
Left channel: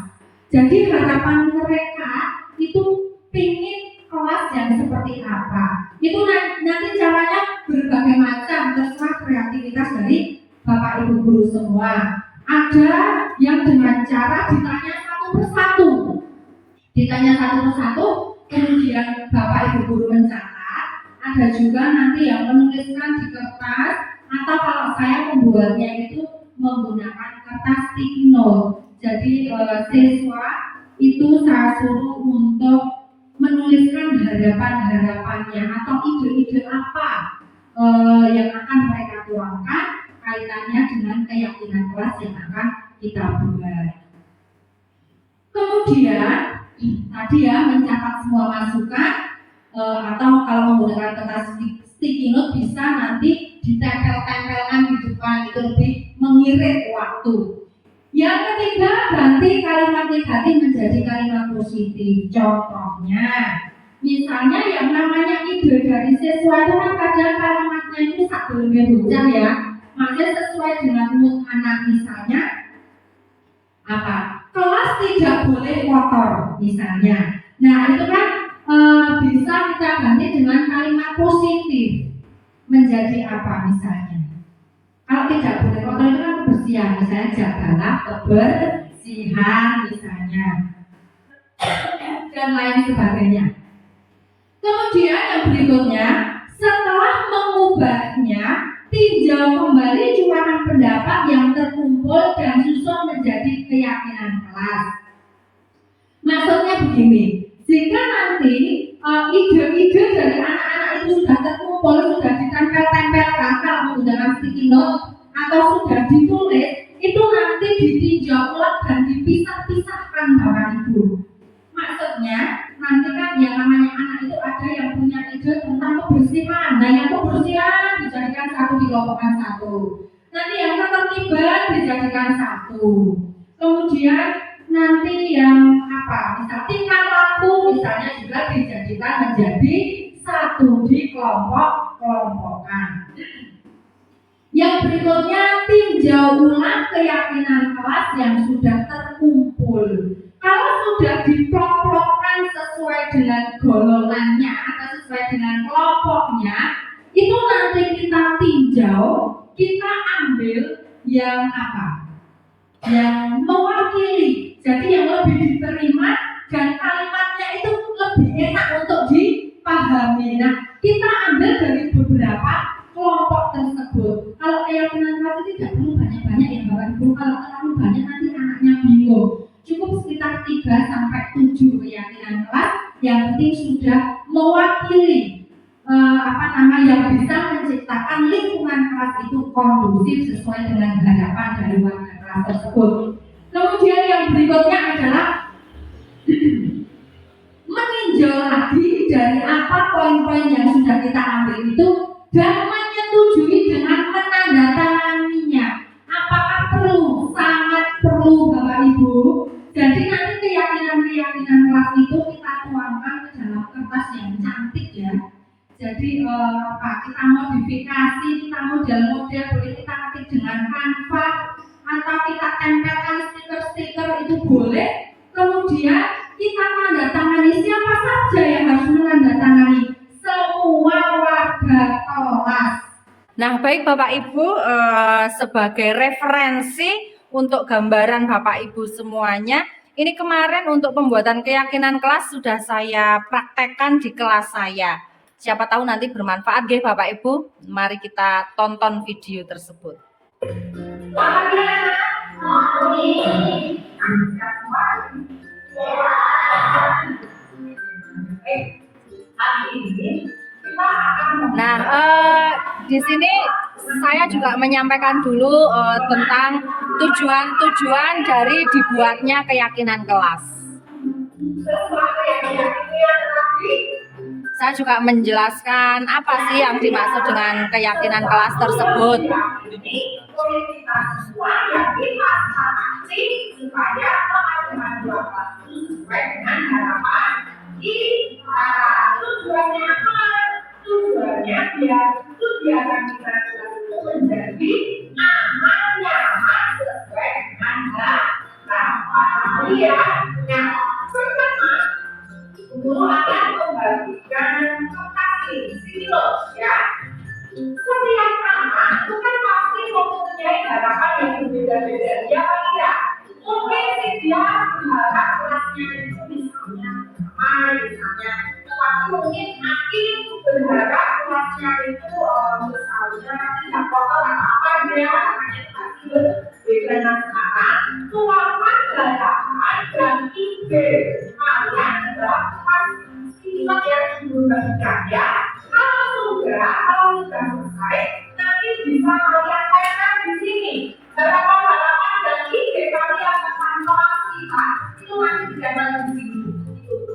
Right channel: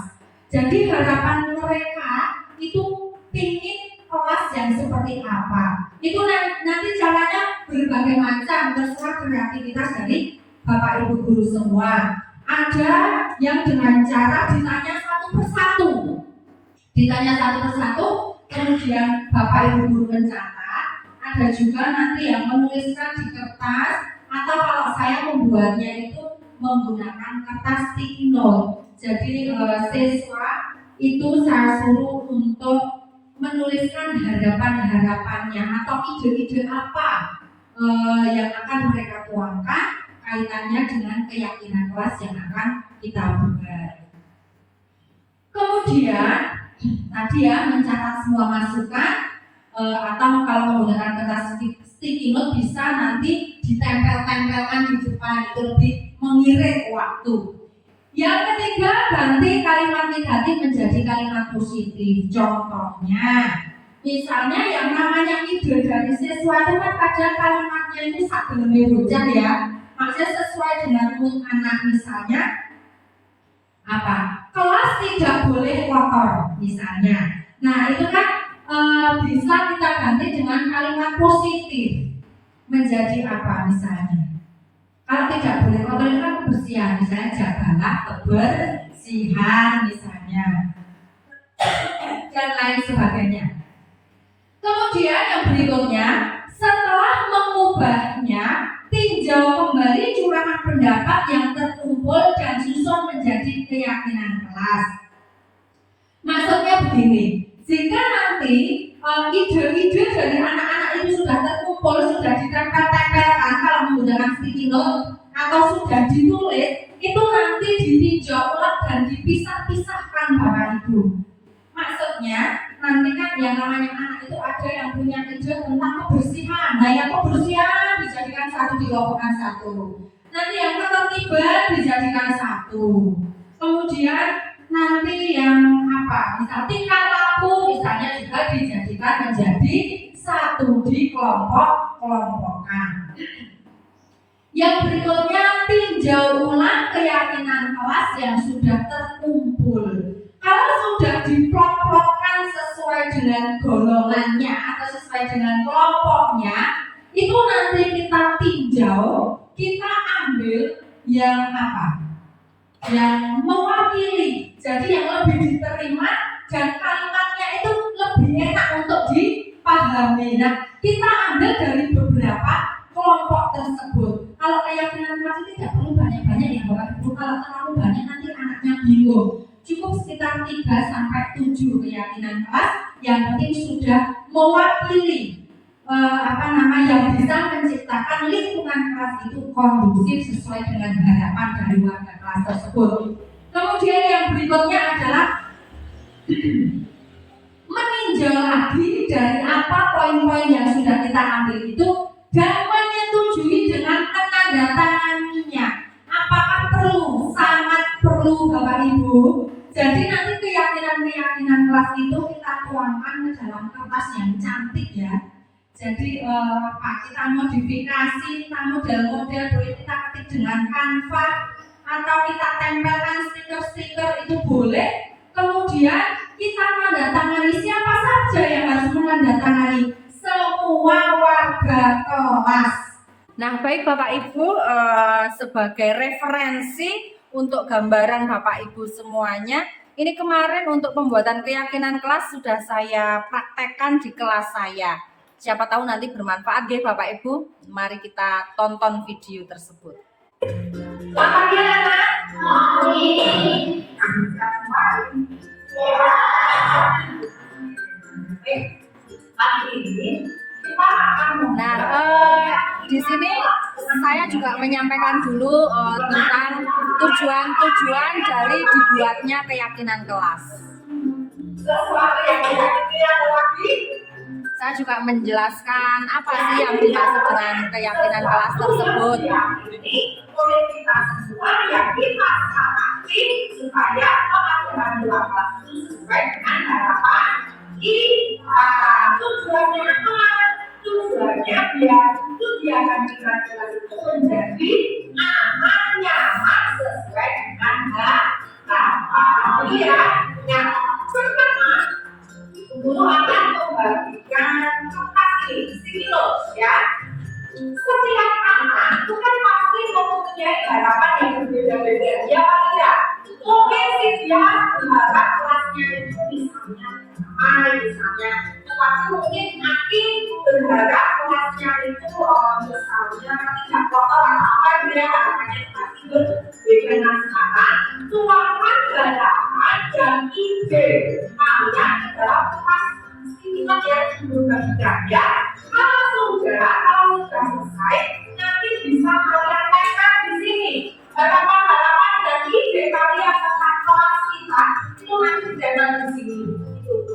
Jadi harapan mereka itu pingin kelas yang seperti apa. Itu nanti caranya berbagai macam, terserah kreativitas dari Bapak Ibu guru semua. Ada yang dengan cara ditanya satu persatu, kemudian Bapak Ibu guru mencatat. Ada juga nanti yang menuliskan di kertas, atau kalau saya membuatnya itu menggunakan kertas sticky note. Jadi siswa itu saya suruh untuk menuliskan harapan-harapannya atau ide-ide apa yang akan mereka tuangkan kaitannya dengan keyakinan kelas yang akan kita buat. Kemudian tadi ya mencatat semua masukan atau kalau menggunakan kertas sticky note bisa nanti ditempel-tempelkan di depan, itu lebih mengirit waktu. Yang ketiga, ganti kalimat negatif menjadi kalimat positif. Contohnya, misalnya yang namanya ide dari siswa itu kan kadang kalimatnya itu sakdeleme bocah ya. Maksudnya sesuai dengan mood anak, misalnya apa? Kelas tidak boleh kotor misalnya. Nah itu kan bisa kita ganti dengan kalimat positif menjadi apa misalnya? Kalau tidak boleh kotor itu kan kebersihan, misalnya jagalah kebersihan misalnya, dan lain sebagainya. Kemudian yang berikutnya, setelah mengubahnya, tinjau kembali curahan pendapat yang terkumpul dan susun menjadi keyakinan kelas. Maksudnya begini, jika nanti ide-ide dari anak-anak itu sudah terkumpul, sudah ditempel-tempelkan kalau menggunakan sticky note atau sudah ditulis, itu nanti ditinjau ulang dan dipisah-pisahkan Bapak Ibu. Maksudnya nanti kan yang namanya anak itu ada yang punya ide tentang kebersihan. Nah yang kebersihan dijadikan satu, dikelompokkan satu. Nanti yang ketertiban dijadikan satu. Kemudian nanti yang apa? Misal tingkah laku misalnya juga dijadikan menjadi satu, dikelompok-kelompokkan. Yang berikutnya, tinjau ulang keyakinan kelas yang sudah terkumpul. Kalau sudah diplok-plokkan sesuai dengan golongannya atau sesuai dengan kelompoknya, itu nanti kita tinjau, kita ambil yang apa? Yang mewakili. Jadi yang lebih diterima dan kalimatnya itu lebih enak untuk dipahami. Nah, kita ambil dari beberapa kelompok tersebut. Kalau keyakinan kelas itu tidak perlu banyak-banyak ya Bapak Ibu. Kalau terlalu banyak nanti anaknya bingung. Cukup sekitar 3-7 keyakinan kelas yang penting sudah mewakili yang bisa menciptakan lingkungan kelas itu kondusif sesuai dengan harapan dari warga kelas tersebut. Kemudian yang berikutnya adalah meninjau lagi dari apa poin-poin yang sudah kita ambil itu dan menyetujui dengan menandatanganinya. Apakah perlu? Sangat perlu Bapak Ibu. Jadi nanti keyakinan-keyakinan kelas itu kita tuangkan ke dalam kertas yang cantik ya. Jadi kita modifikasi, kita model-model, boleh kita ketik dengan Canva atau kita tempelkan stiker-stiker itu boleh. Kemudian kita menandatangani, siapa saja yang harus menandatangani? Semua warga kelas. Nah, baik Bapak Ibu, sebagai referensi untuk gambaran Bapak Ibu semuanya, ini kemarin untuk pembuatan keyakinan kelas sudah saya praktekkan di kelas saya. Siapa tahu nanti bermanfaat ya Bapak Ibu. Mari kita tonton video tersebut. Apabila Nah, di sini saya juga menyampaikan dulu tentang tujuan-tujuan dari dibuatnya keyakinan kelas. Saya juga menjelaskan apa sih yang dimaksud dengan keyakinan kelas tersebut. Supaya pengaturan dua kelas itu sesuai dengan harapan kita. Tujuannya apa? Tujuannya biar kegiatan kita itu menjadi aman, nyaman, sesuai dengan harapan. Iya. Nah, pertama, guru akan membagikan isi notes ya. Setiap anak itu kan pasti mempunyai harapan yang berbeda-beda. Ya tidak? Mungkin sih dia berharap kelasnya itu misalnya tetapi mungkin Aki berharap kelasnya itu misalnya tidak kotor atau apa dia harapannya pasti berbeda. Nah sekarang tuangkan harapan dan ide kalian dalam kelas kita yang berbeda ya. Kalau sudah selesai, nanti bisa kalian tekan di sini. Harapan-harapan dan ide kalian tentang kelas kita itu nanti jangan di sini. Itu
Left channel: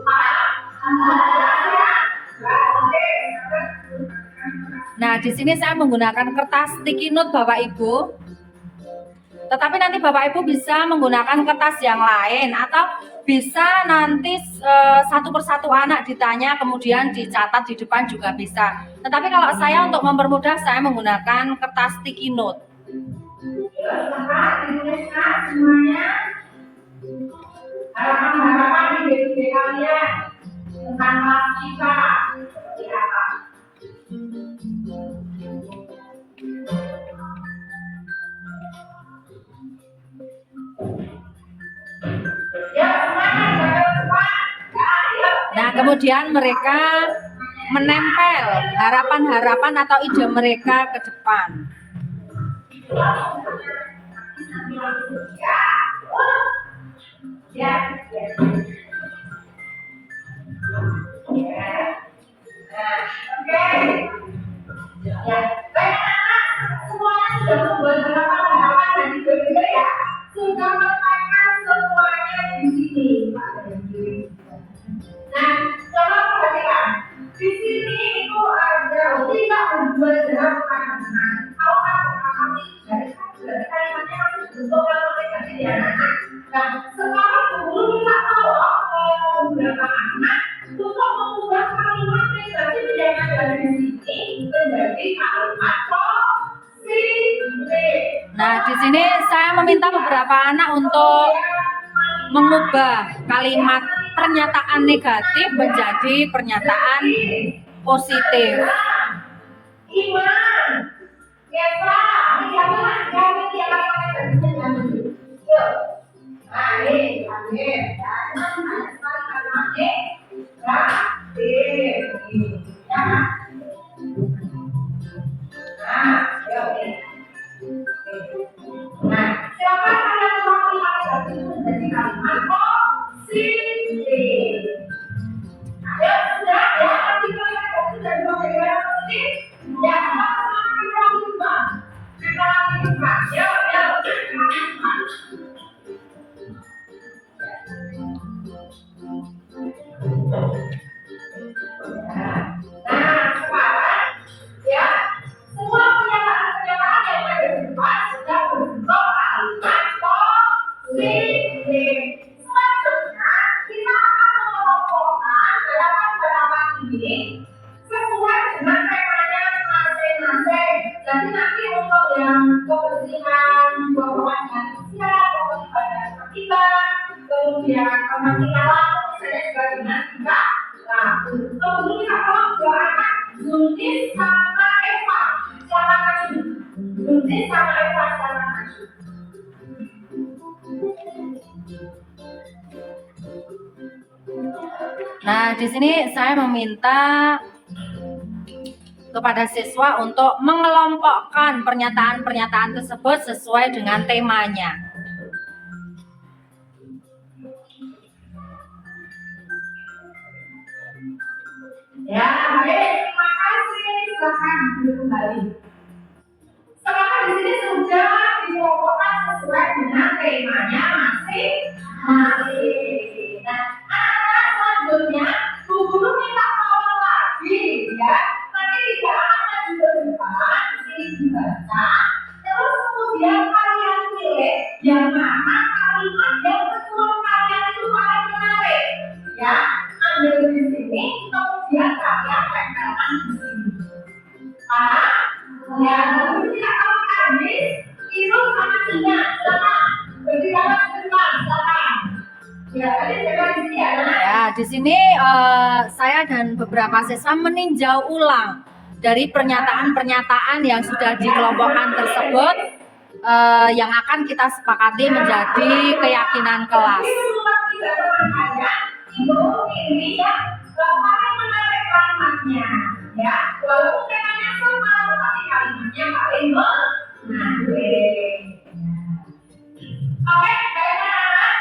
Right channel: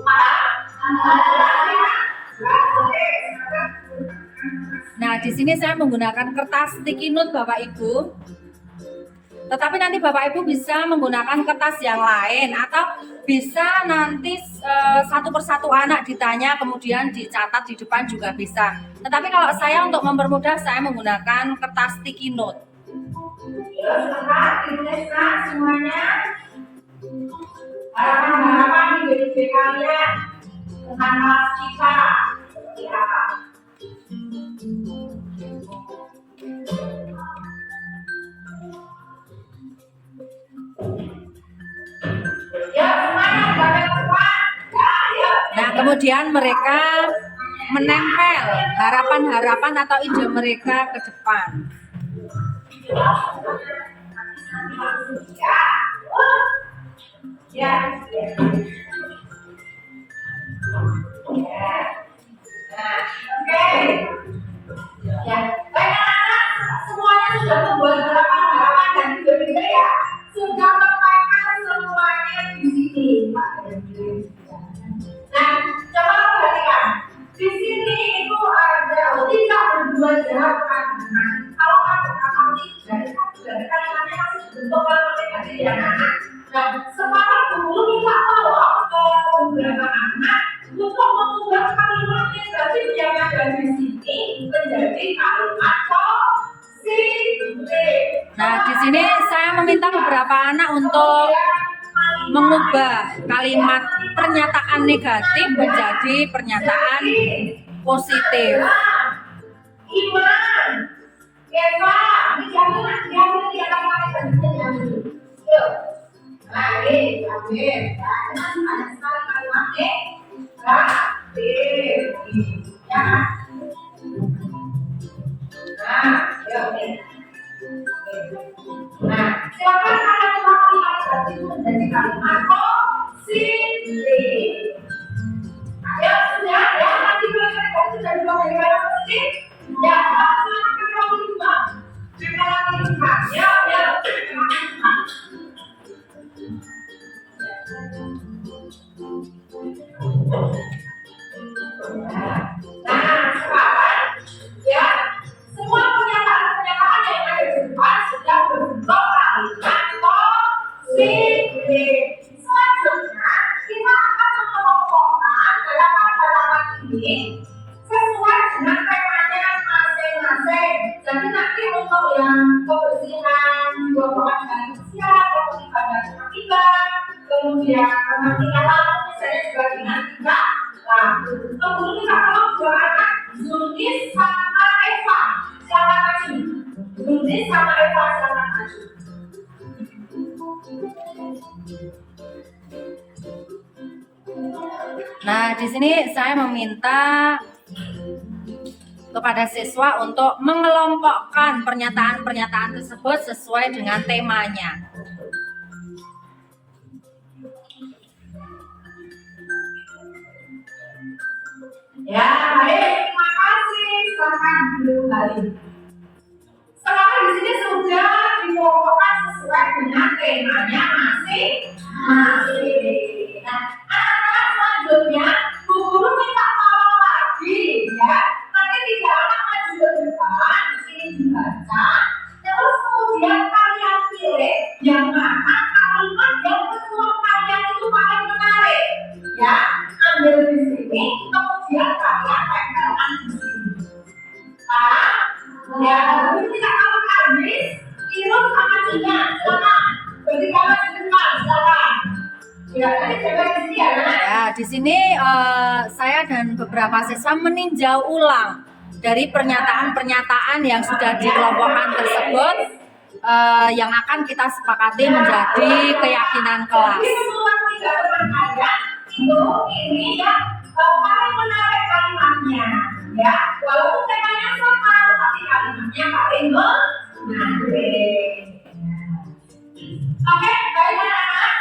Nah, di sini saya menggunakan kertas sticky note Bapak Ibu. Tetapi nanti Bapak Ibu bisa menggunakan kertas yang lain atau bisa nanti satu persatu anak ditanya kemudian dicatat di depan juga bisa. Tetapi kalau saya untuk mempermudah saya menggunakan kertas sticky note. Semuanya harapan-harapan ide-ide kalian tentang kelas kita seperti apa? Nah, kemudian mereka menempel harapan-harapan atau ide mereka ke depan. Semuanya sudah membuat harapan-harapan dan ide-ide ya. Sudah meletakkan semuanya di sini. Nah, coba perhatikan. Di sini itu ada tidak berdua jawaban. Kalau ada kata dari kalimatnya masih bentuk kalimat negatif ya. Nah, sekarang dulu kita tolong ke beberapa anak untuk mengubah kalimat negatif yang ada di sini menjadi kalimat positif. Nah, di sini saya meminta beberapa anak untuk mengubah kalimat pernyataan negatif menjadi pernyataan positif. Iman, Eva, Nah, silakan kalian kalimat negatif itu menjadi kalimat positif. Ayo sudah ya, nanti kalian sudah dua kalimat positif. Ya, langsung kita lima. Kita lima. Yuk, kita lima. Nah, sekarang ya, semua pernyataan yang ada di depan sudah berbentuk kalimat positif. Selanjutnya, kita akan mengelompokkan harapan-harapan ini sesuai dengan temanya masing-masing. Jadi nanti untuk yang kebersihan, buah-buahan dan siap, kemudian dan ketiban, kemudian ketika lalu misalnya juga dengan tiga. Nah, kemudian kita kalau dua anak Zulkis sama Eva, silakan maju. Zulkis sama Eva, silakan maju. Nah, di sini saya meminta kepada siswa untuk mengelompokkan pernyataan-pernyataan tersebut sesuai dengan temanya. Ya, baik. Terima kasih. Silakan duduk kembali. Sekarang di sini sudah dikelompokkan sesuai dengan temanya masing-masing. Nah, anak-anak selanjutnya, Bu Guru minta tolong lagi ya. Nanti 3 anak maju ke depan, di sini dibaca. Terus kemudian kalian pilih yang mana kalimat yang menurut kalian itu paling menarik. Ya, ambil di sini, kemudian kalian tempelkan di sini. Ya, tidak kamu habis, Irul sama Tina, silakan. Berarti kamu depan, silakan. Ya, tadi saya di sini ya. Ya, di sini saya dan beberapa siswa meninjau ulang dari pernyataan-pernyataan yang sudah dikelompokkan tersebut yang akan kita sepakati menjadi keyakinan kelas. Ini ya paling menarik kalimatnya, ya. Walaupun temanya sama, tapi kalimatnya paling menarik. Oke, baik anak-anak.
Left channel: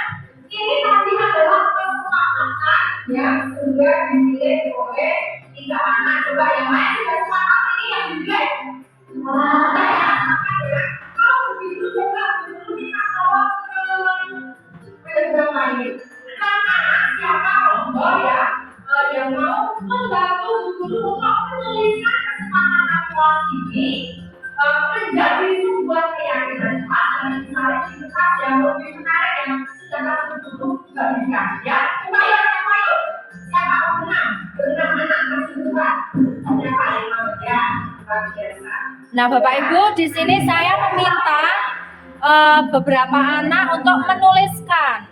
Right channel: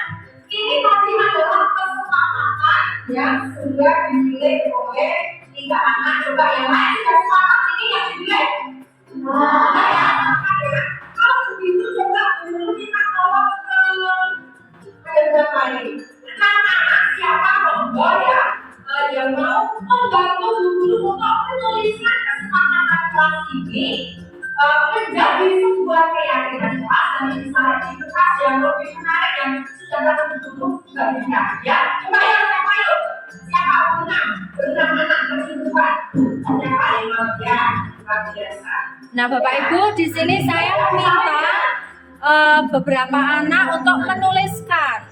Ini tadi adalah kesepakatan yang sudah dipilih oleh 3 anak. Coba yang lain sudah sepakat ini yang dipilih. Kalau begitu coba dulu kita tolong ke yang lain. Anak-anak siapa kelompok ya yang mau membantu guru untuk menuliskan kesepakatan kelas ini menjadi sebuah keyakinan kelas dan misalnya di kertas yang lebih menarik yang sudah dapat guru juga bisa ya. Coba ya siapa yuk? Siapa menang? Berenang anak tersebut. Siapa yang mau ya? Biasa. Nah, Bapak Ibu, di sini saya meminta beberapa anak untuk menuliskan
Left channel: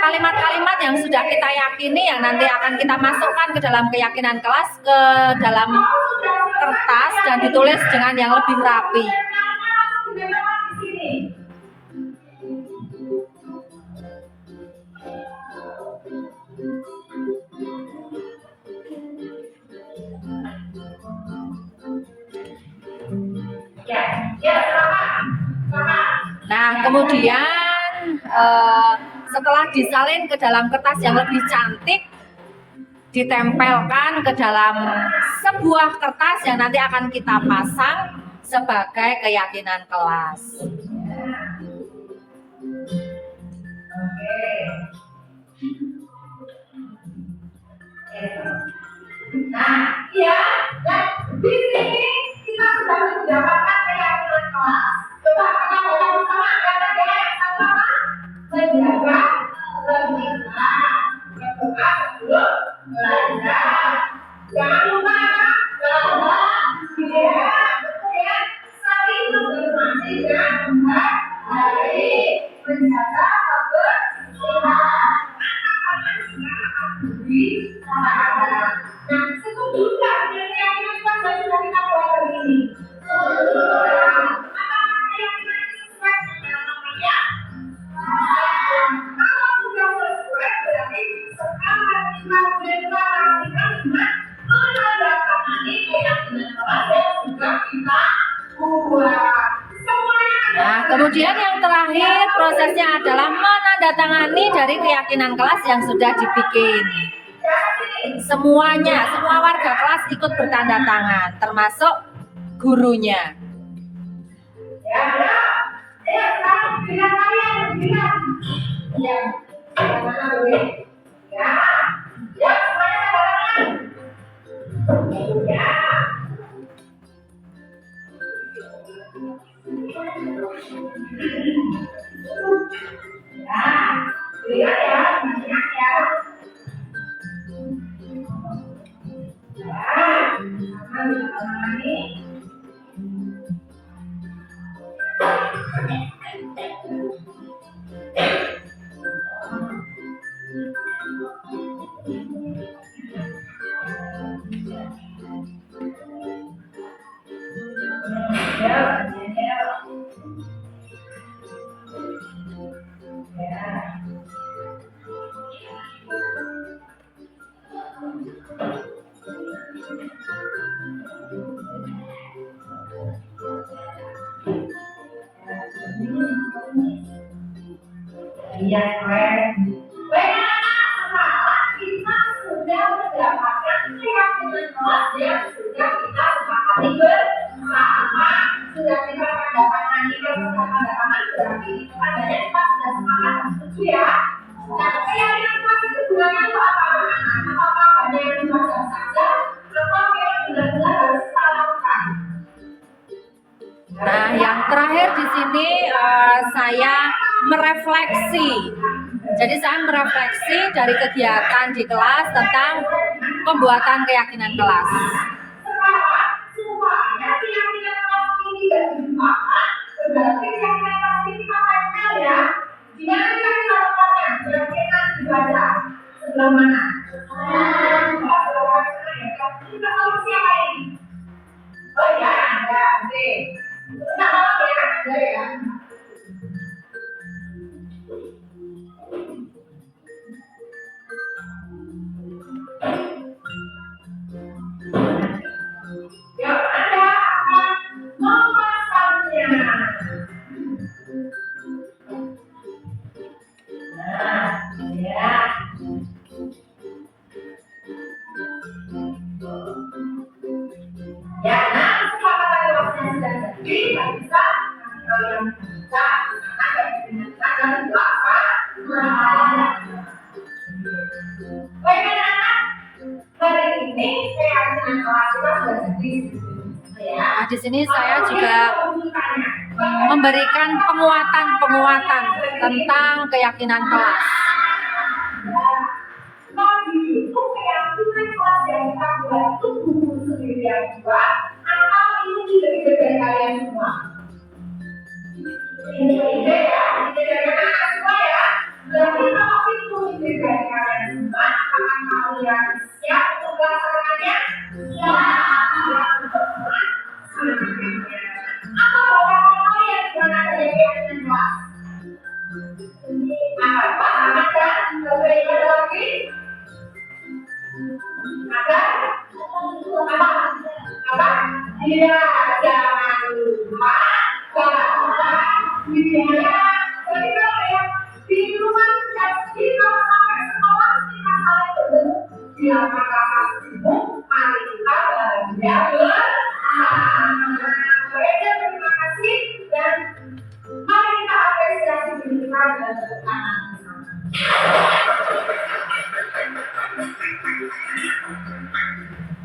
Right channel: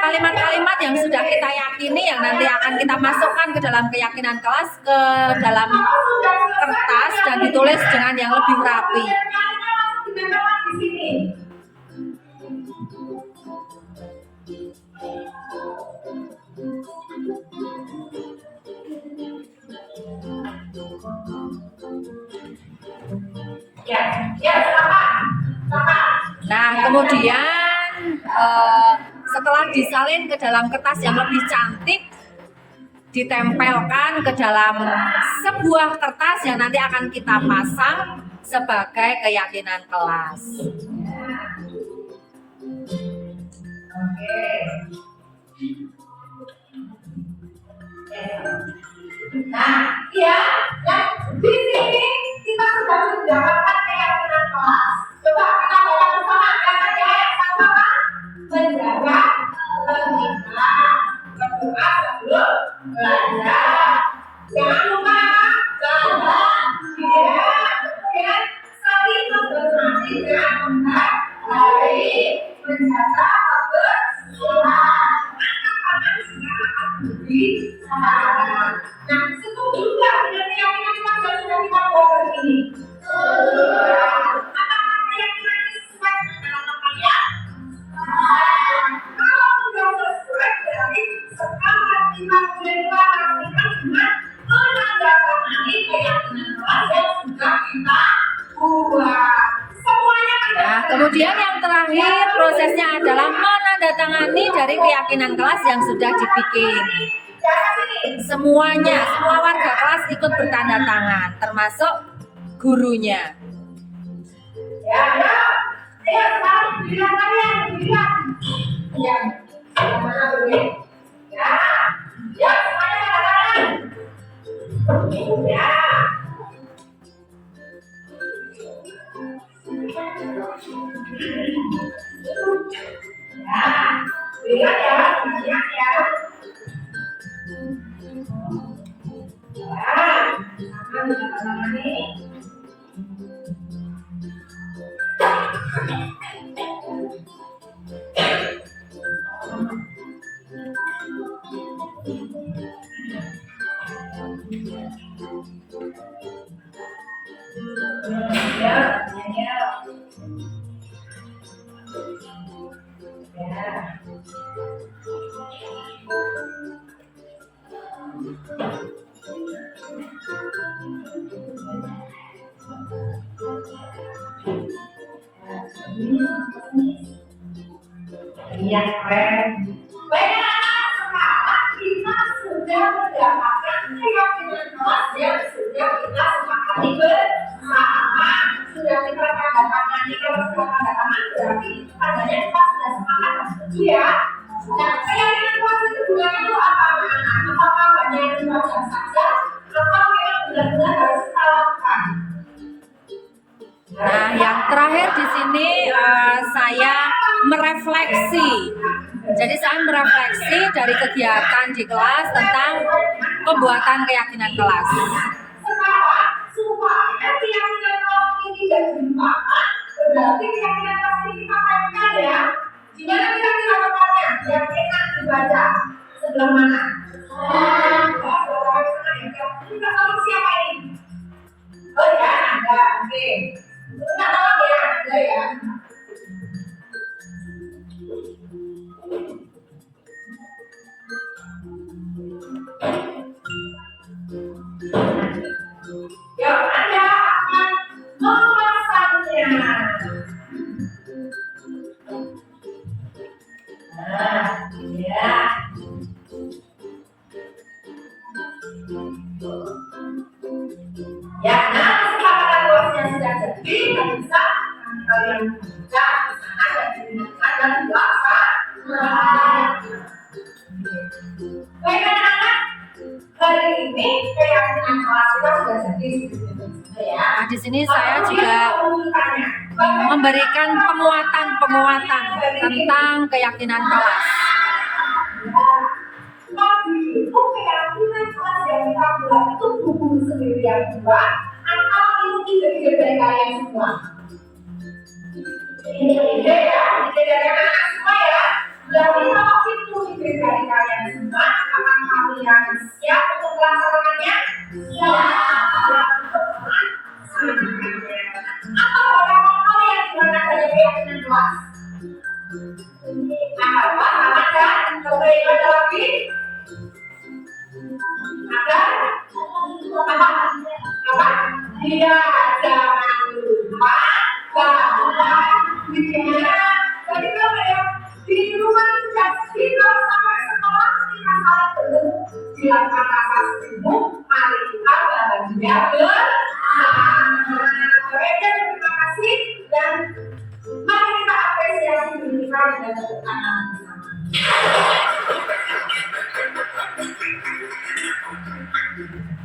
kalimat-kalimat yang sudah kita yakini yang nanti akan kita masukkan ke dalam keyakinan kelas ke dalam kertas dan ditulis dengan yang lebih rapi. Nah, kemudian setelah disalin ke dalam kertas yang lebih cantik, ditempelkan ke dalam sebuah kertas yang nanti akan kita pasang sebagai keyakinan kelas. Nah, ya, dan di sini kita sudah mendapatkan keyakinan kelas. Coba kita baca bersama kata-kata yang sama apa? Menjaga ketika berdoa sebelum belajar. Jangan lupa bahwa dia kemudian saling menghormati dan menghargai, menjaga kebersihan. Anak-anak sekarang beri saran. Nah, setuju nggak dengan keyakinan yang sudah kita bawa ini? Nah, kemudian yang terakhir prosesnya adalah menandatangani dari keyakinan kelas yang sudah dibikin. Semuanya, semua warga kelas ikut bertanda tangan, termasuk gurunya. Ya, sekarang bilang kalian, bilang. Ya, mana begini? Ya, semuanya katakan. Ya. Lihat ya, lihat ya. Iya, keren. Baik anak-anak, sekarang kita sudah mendapatkan yang sudah kita sepakati bersama, sudah kita tanda tangani. Kalau sudah tanda tangan berarti tandanya kita sudah sepakat dan setuju ya. Nah, keyakinan kelas itu gunanya untuk apa? Apakah hanya yang dibaca saja atau memang benar-benar harus kita lakukan? Nah, yang terakhir di sini saya merefleksi. Jadi saya merefleksi dari kegiatan di kelas tentang pembuatan keyakinan kelas. Sekarang, supaya keyakinan kelas ini tidak dilupakan, berarti keyakinan kelas ini kita tempel ya. Gimana kira-kira tempelnya? Keyakinan dibaca sebelah mana? Sebelah sana ya. Kita tahu siapa ini? Oh ya, ada. Oke. Enggak tahu ya, ada ya. Yang Anda akan memasangnya. Nah, ya. Ya, nah setelah luasnya sudah jadi, kita bisa kalian buka sana dan digunakan dan puasa. Baik anak-anak, hari ini keyakinan kelas kita sudah jadi. Nah, di sini saya juga memberikan penguatan tentang keyakinan kelas. Itu keyakinan kelas yang kita buat itu buku sendiri yang buat atau ini ide dari kalian semua? Ide ya, ide dari anak-anak semua ya. Berarti kalau itu ide dari kalian semua, apakah kalian siap untuk melaksanakannya? Atau orang-orang kalian yang ada keyakinan kelas? Apa? Anak kan? Coba ada lagi? Ada? Apa? Iya, jangan lupa bahwa dia. Jadi kalau ya di rumah jadi kalau sampai sekolah kita saling bertemu silakan rasa semu, mari kita bahagia bersama. Terima kasih dan mari kita apresiasi bersama dan tepuk tangan bersama.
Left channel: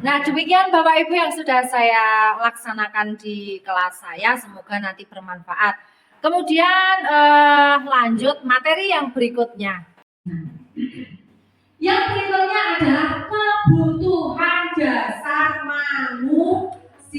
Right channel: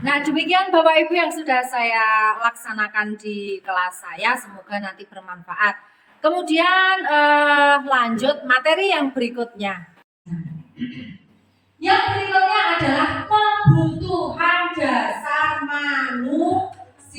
Nah, demikian Bapak Ibu yang sudah saya laksanakan di kelas saya, semoga nanti bermanfaat. Kemudian lanjut materi yang berikutnya. Yang berikutnya adalah kebutuhan dasar manusia.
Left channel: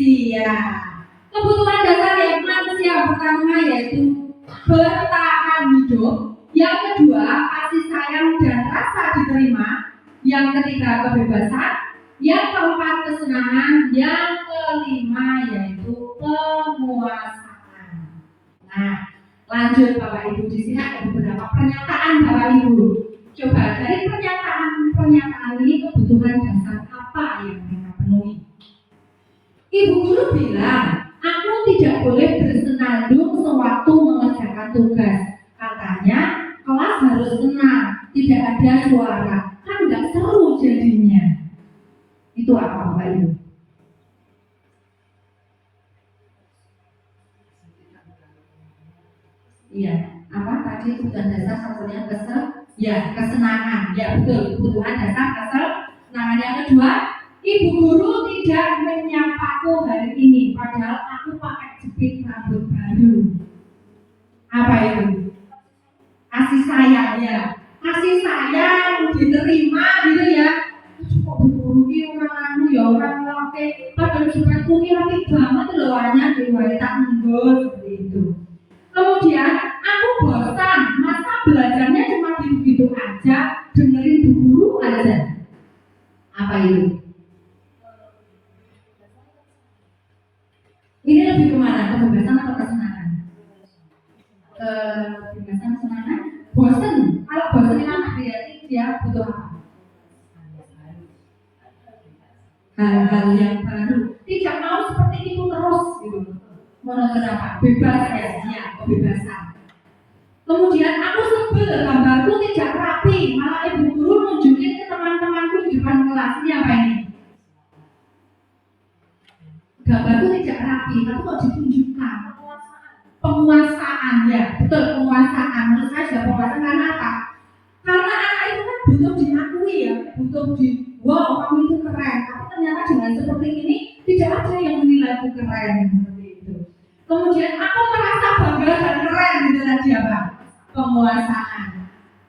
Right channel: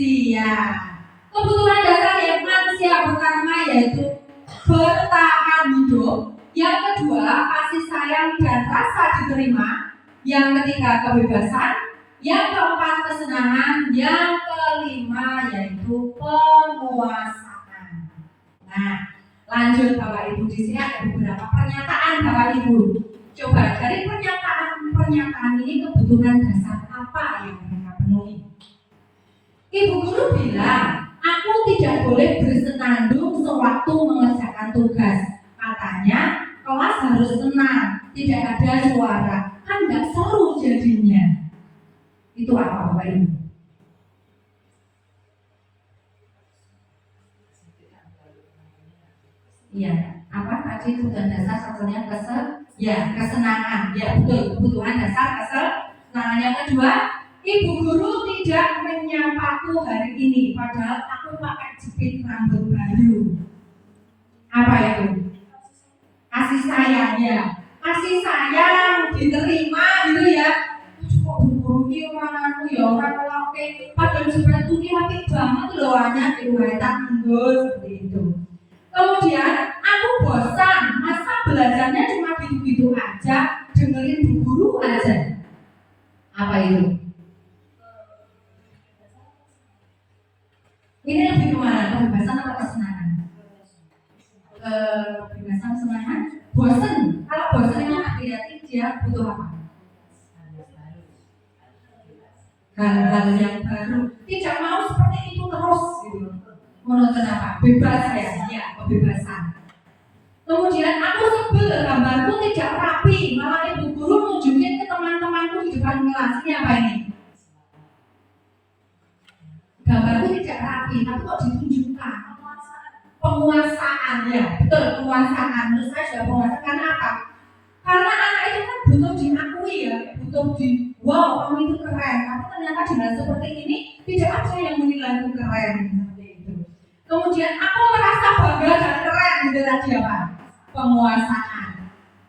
Kebutuhan dasar yang manusia pertama yaitu bertahan hidup. Yang kedua, kasih sayang dan rasa diterima. Yang ketiga, kebebasan. Yang keempat, kesenangan. Yang kelima yaitu penguasaan. Nah, lanjut Bapak Ibu, di sini ada beberapa pernyataan Bapak Ibu. Coba dari pernyataan ini kebutuhan dasar apa yang mereka penuhi? Ibu guru bilang, aku tidak boleh bersenandung sewaktu mengerjakan tugas. Katanya kelas harus tenang, tidak ada suara, kan nggak seru jadinya. Itu apa Bapak Ibu? Iya, apa tadi kebutuhan dasar satunya kesenangan. Ya betul, kebutuhan dasar kesenangan. Yang kedua, ibu guru tidak menyapaku hari ini, padahal aku pakai jepit rambut baru. Apa itu? Kasih sayang ya, kasih sayang diterima gitu ya. Kok guru ki orang anu ya orang laki, padahal jepitku ki apik banget loh, hanya diwaitak menggo seperti itu. Kemudian aku bosan, masa belajarnya cuma gitu-gitu aja, dengerin bu guru aja. Apa itu? Ini lebih kemana? Kebebasan atau kesenangan? Kebebasan, kesenangan? Bosan. Kalau bosan itu berarti dia butuh apa? Hal-hal yang baru. Tidak mau seperti itu terus gitu. Monoton apa? Bebas ya, kebebasan. Kemudian aku sebel gambarku tidak rapi, malah ibu guru nunjukin ke teman-temanku di depan kelas. Ini apa ini? gambarku tidak rapi, tapi kok ditunjukkan penguasaan ya, betul penguasaan. Menurut saya juga penguasaan karena apa? Karena anak itu kan butuh diakui ya, butuh di wow kamu itu keren. Tapi ternyata dengan seperti ini tidak ada yang menilaiku keren seperti itu. Kemudian aku merasa bangga dan keren gitu tadi apa? Penguasaan.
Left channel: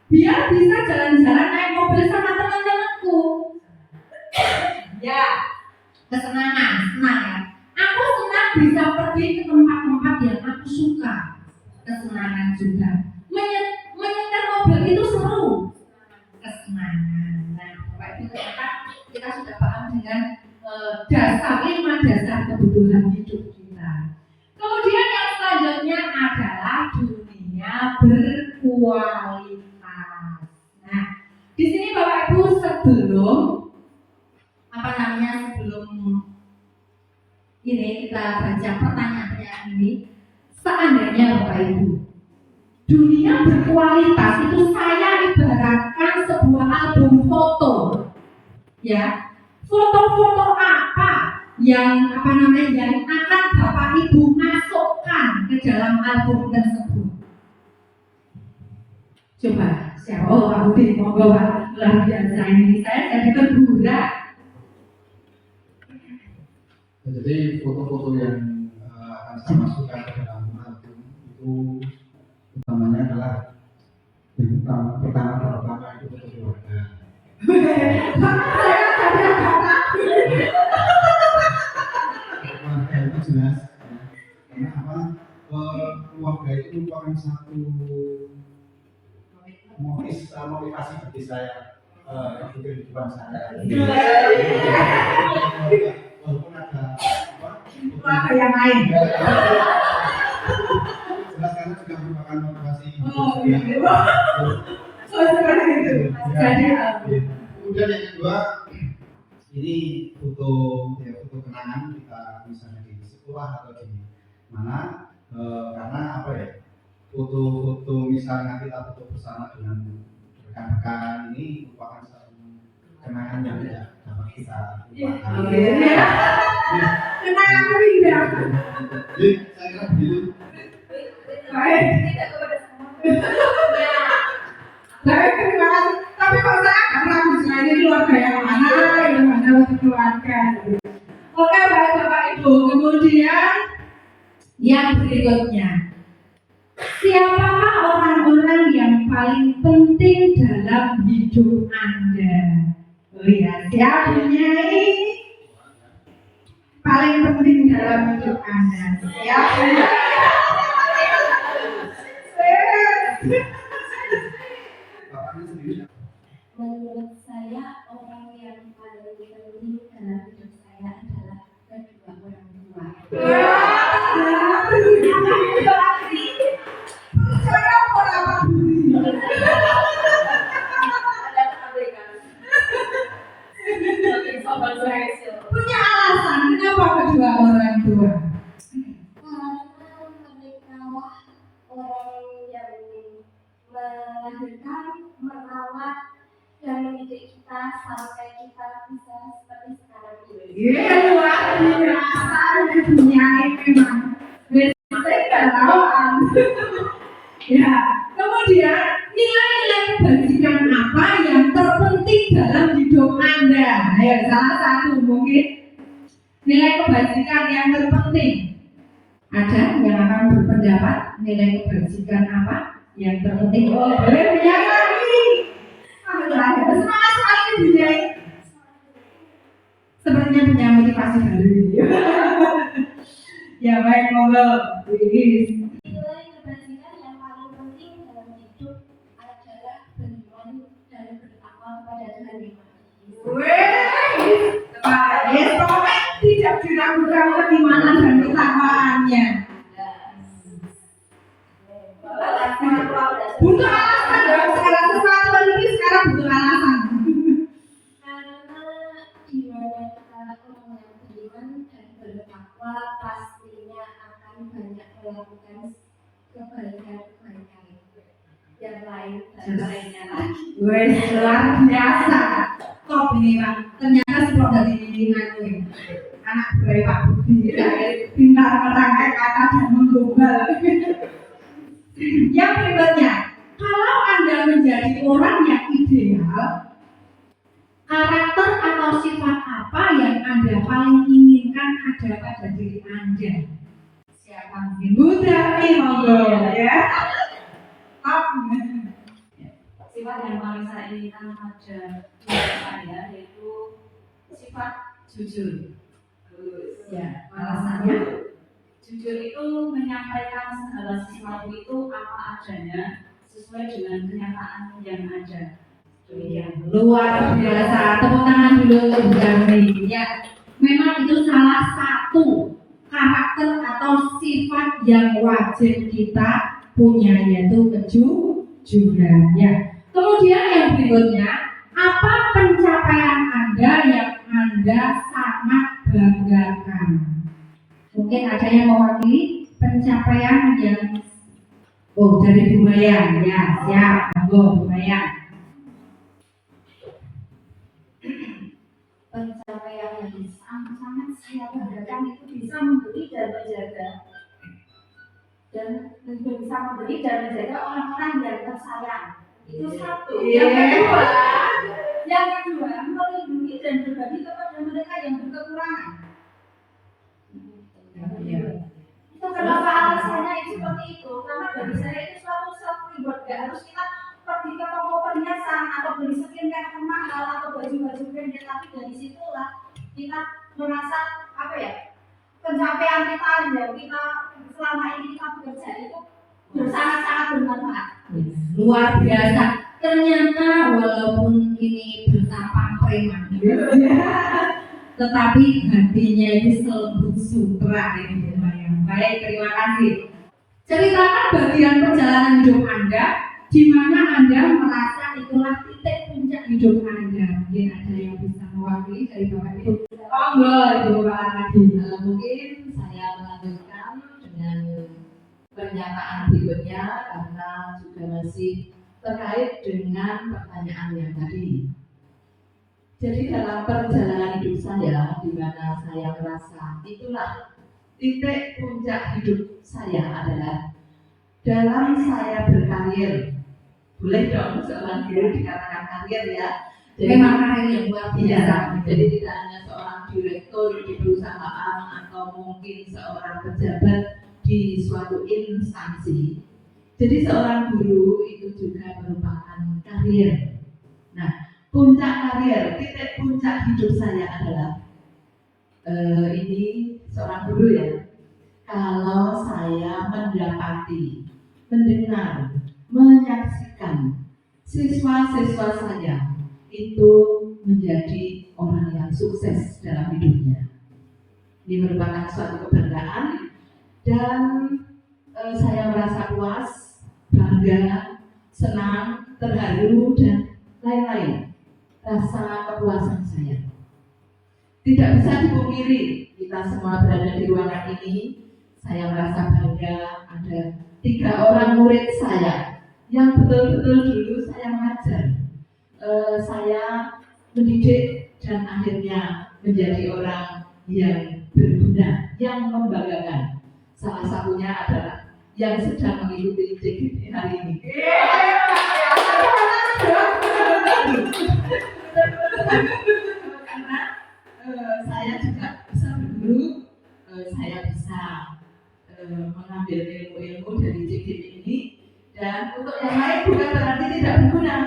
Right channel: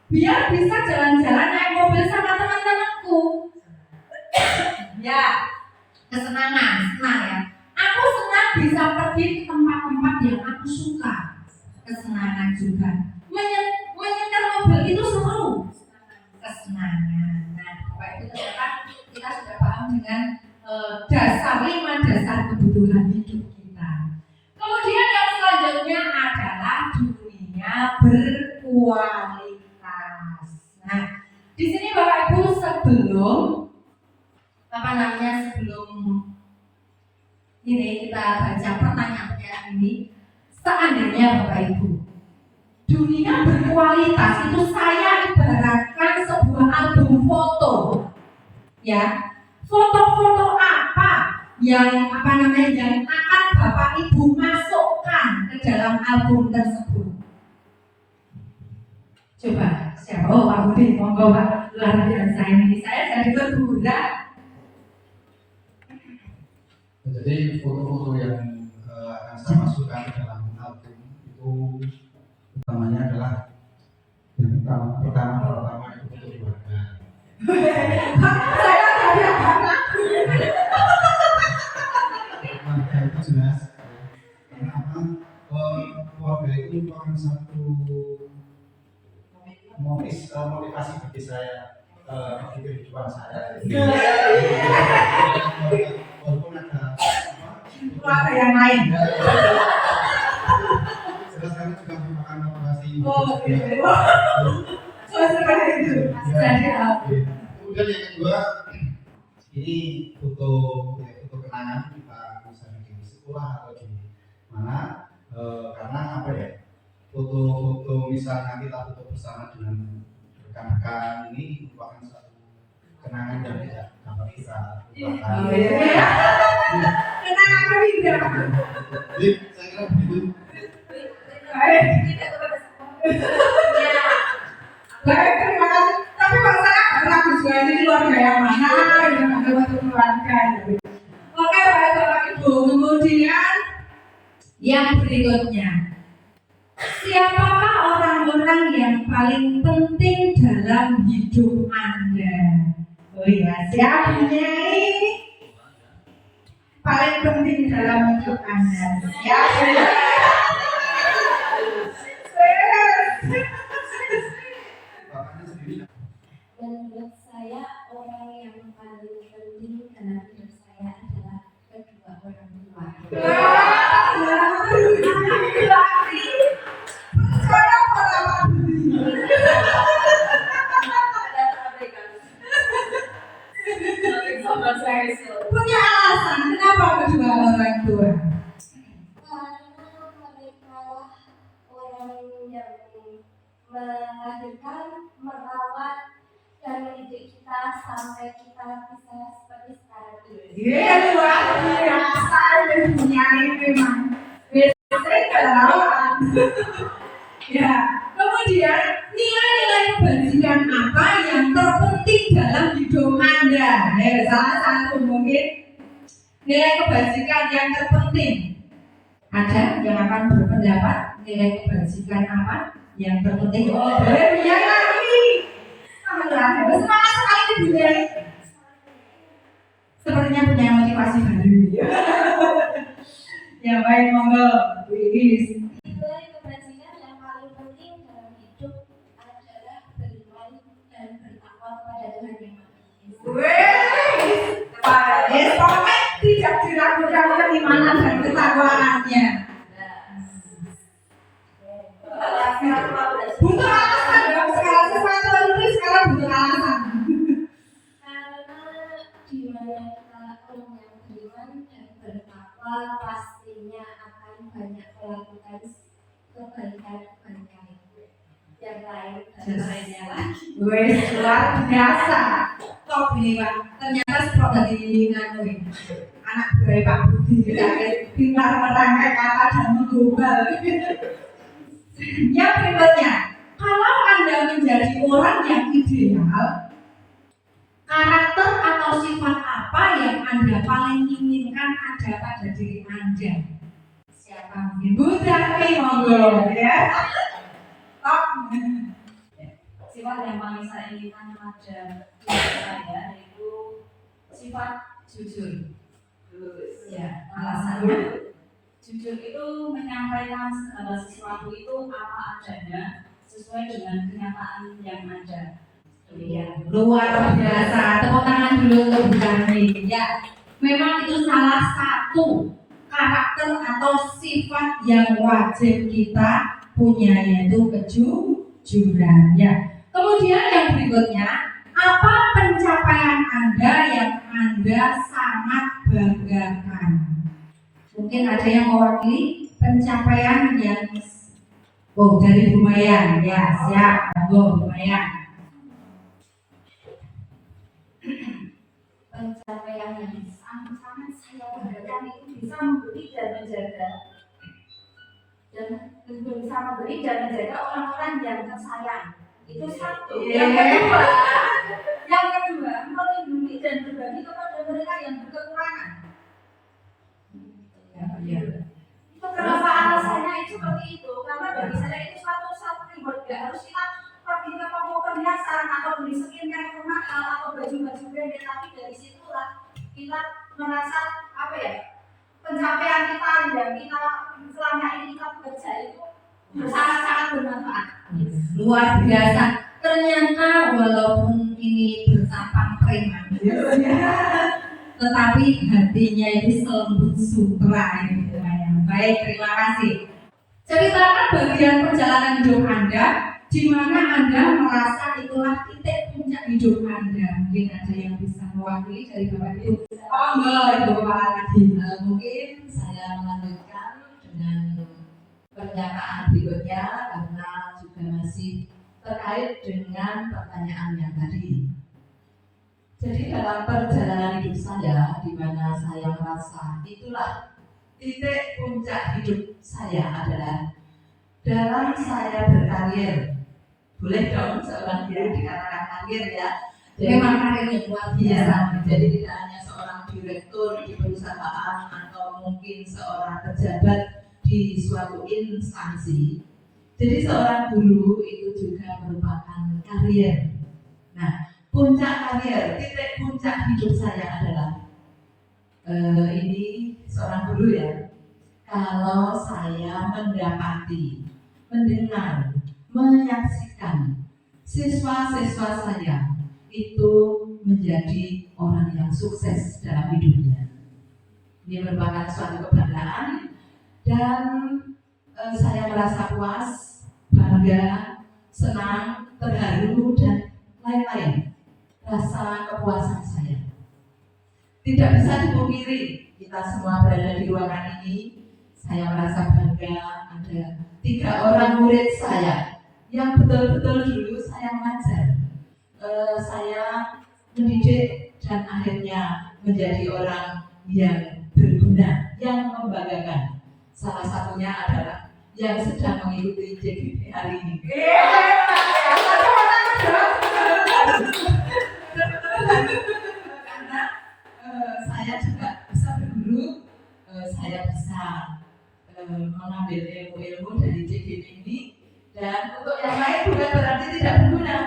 Biar bisa jalan-jalan naik mobil sama teman-temanku. Ya, kesenangan, senang ya. Aku senang bisa pergi ke tempat-tempat yang aku suka. Kesenangan juga. Menyetir mobil itu seru. Kesenangan. Nah, Bapak Ibu ternyata kita sudah paham dengan dasar 5 dasar kebutuhan hidup kita. Kemudian yang selanjutnya adalah dunia berkualitas. Nah, di sini Bapak Ibu sebelum ini kita baca pertanyaan ini, seandainya Bapak Ibu dunia berkualitas itu saya ibaratkan sebuah album foto, ya, foto-foto apa yang yang akan Bapak Ibu masukkan ke dalam album tersebut? Coba siapa? Oh, Pak Budi, monggo Pak, luar biasa ini saya jadi terbuka. Jadi foto-foto yang akan saya masukkan ke dalam album itu utamanya adalah yang pertama itu foto keluarga. Keluarga itu jelas, karena apa? Keluarga itu merupakan satu motivasi bagi saya di kehidupan saya. Walaupun ada Keluarga yang lain. jelas karena juga merupakan motivasi. Oh iya. So seperti itu. Jadi kemudian yang kedua, ini foto kenangan kita misalnya di sekolah atau di mana, karena apa ya? Foto misalnya kita foto bersama dengan rekan-rekan ini merupakan satu kenangan yang tidak dapat kita lupakan. kenangan terindah. Jadi saya kira begitu. Baik. Baik, terima kasih. Tapi kalau saya agak ragu juga ini keluarga yang mana, yang mana untuk keluarga. Oke, baik Bapak Ibu. Kemudian yang berikutnya, siapakah orang-orang yang paling penting dalam hidup Anda? Oh iya, siapa Nyai? Paling penting dalam hidup Anda. Siapa? Menurut saya orang yang paling penting dalam hidup saya adalah kedua orang tua. Punya alasan kenapa kedua orang tua? Karena mereka orang yang melahirkan, merawat, dan mendidik kita sampai kita bisa seperti sekarang ini. Iya, luar biasa dunia ini memang. Biasanya kerawaan. Ya, kemudian nilai-nilai kebajikan apa yang terpenting dalam hidup Anda? Ayo, salah satu mungkin nilai kebajikan yang terpenting. Ada yang akan berpendapat nilai kebajikan apa yang terpenting? Oh, boleh yang lagi. Semangat sekali Ibu Nyai. Sepertinya punya motivasi baru. Ya baik, monggo Bu Iis. Nilai kebajikan yang paling penting dalam hidup adalah beriman dan bertakwa kepada Tuhan Yang Maha Esa. Wih, yes, pokoknya tidak diragukan keimanan dan ketakwaannya. Butuh alasan ya, segala sesuatu ini sekarang butuh alasan. Karena di mana kita orang yang beriman dan bertakwa pastinya akan banyak melakukan kebaikan-kebaikan yang lain dan lainnya lagi. Wih, luar biasa. Top ini Pak, ternyata seperti dari nganu. anak buah Pak Budi, pintar merangkai kata dan menggombal. Yang berikutnya, kalau Anda menjadi orang yang ideal, karakter atau sifat apa yang Anda paling inginkan ada pada diri Anda? Siapa mungkin? Bu Dami, monggo ya. Top. Sifat yang paling saya inginkan pada diri saya yaitu sifat jujur. Ya, alasannya Jujur itu menyampaikan segala sesuatu itu apa adanya sesuai dengan kenyataan yang ada. Demikian. luar biasa. Tepuk tangan dulu untuk Bu Dami. Ya, memang itu salah satu karakter atau sifat yang wajib kita punya, yaitu kejujuran. Ya. Kemudian yang berikutnya, apa pencapaian Anda yang Anda sangat banggakan? Mungkin ada yang mewakili pencapaian yang dari Bu Maya. Ya, siap. Bu Maya. Pencapaian yang sangat saya banggakan itu bisa memberi dan menjaga orang-orang yang tersayang. Itu satu. Yang kedua, melindungi dan berbagi kepada mereka yang berkekurangan. Itu kenapa alasannya itu seperti itu? Karena bagi saya itu suatu self reward. Gak harus kita pergi ke toko perhiasan atau beli skincare mahal atau baju-baju branded, tapi dari situlah kita merasa pencapaian kita yang kita selama ini kita bekerja itu sangat-sangat bermanfaat. Luar biasa. Ternyata walaupun ini bertampang preman, tetapi hatinya itu selembut sutra ini. Baik, terima kasih. Ceritakan bagian perjalanan hidup Anda di mana Anda merasa itulah titik puncak hidup Anda. Mungkin ada yang bisa mewakili dari Bapak Ibu. Oh enggak, itu Bapak lagi. Mungkin saya melanjutkan dengan pernyataan berikutnya karena juga masih terkait dengan pertanyaan yang tadi. Jadi dalam perjalanan hidup saya, di mana saya merasa itulah titik puncak hidup saya adalah dalam saya berkarir. Boleh dong seorang guru dikatakan karir ya. Jadi, Memang karir yang luar biasa. jadi tidak hanya seorang direktur di perusahaan atau mungkin seorang pejabat di suatu instansi. Jadi seorang guru itu juga merupakan karir. Nah, puncak karir, titik puncak hidup saya adalah ini seorang guru ya. Kalau saya mendapati, mendengar, menyaksikan siswa-siswa saya itu menjadi orang yang sukses dalam hidupnya. Ini merupakan suatu kebanggaan dan saya merasa puas, bangga, senang, terharu dan lain-lain. Rasa kepuasan saya tidak bisa dipungkiri. Kita semua berada di ruangan ini. Saya merasa bangga ada 3 orang murid saya yang betul-betul dulu saya mengajar. Saya mendidik dan akhirnya menjadi orang yang berguna, yang membanggakan. Salah satunya adalah yang sedang mengikuti JGP hari ini. Karena saya juga bisa berguru, saya bisa mengambil ilmu-ilmu dari JGP ini, dan untuk yang lain bukan berarti tidak berguna,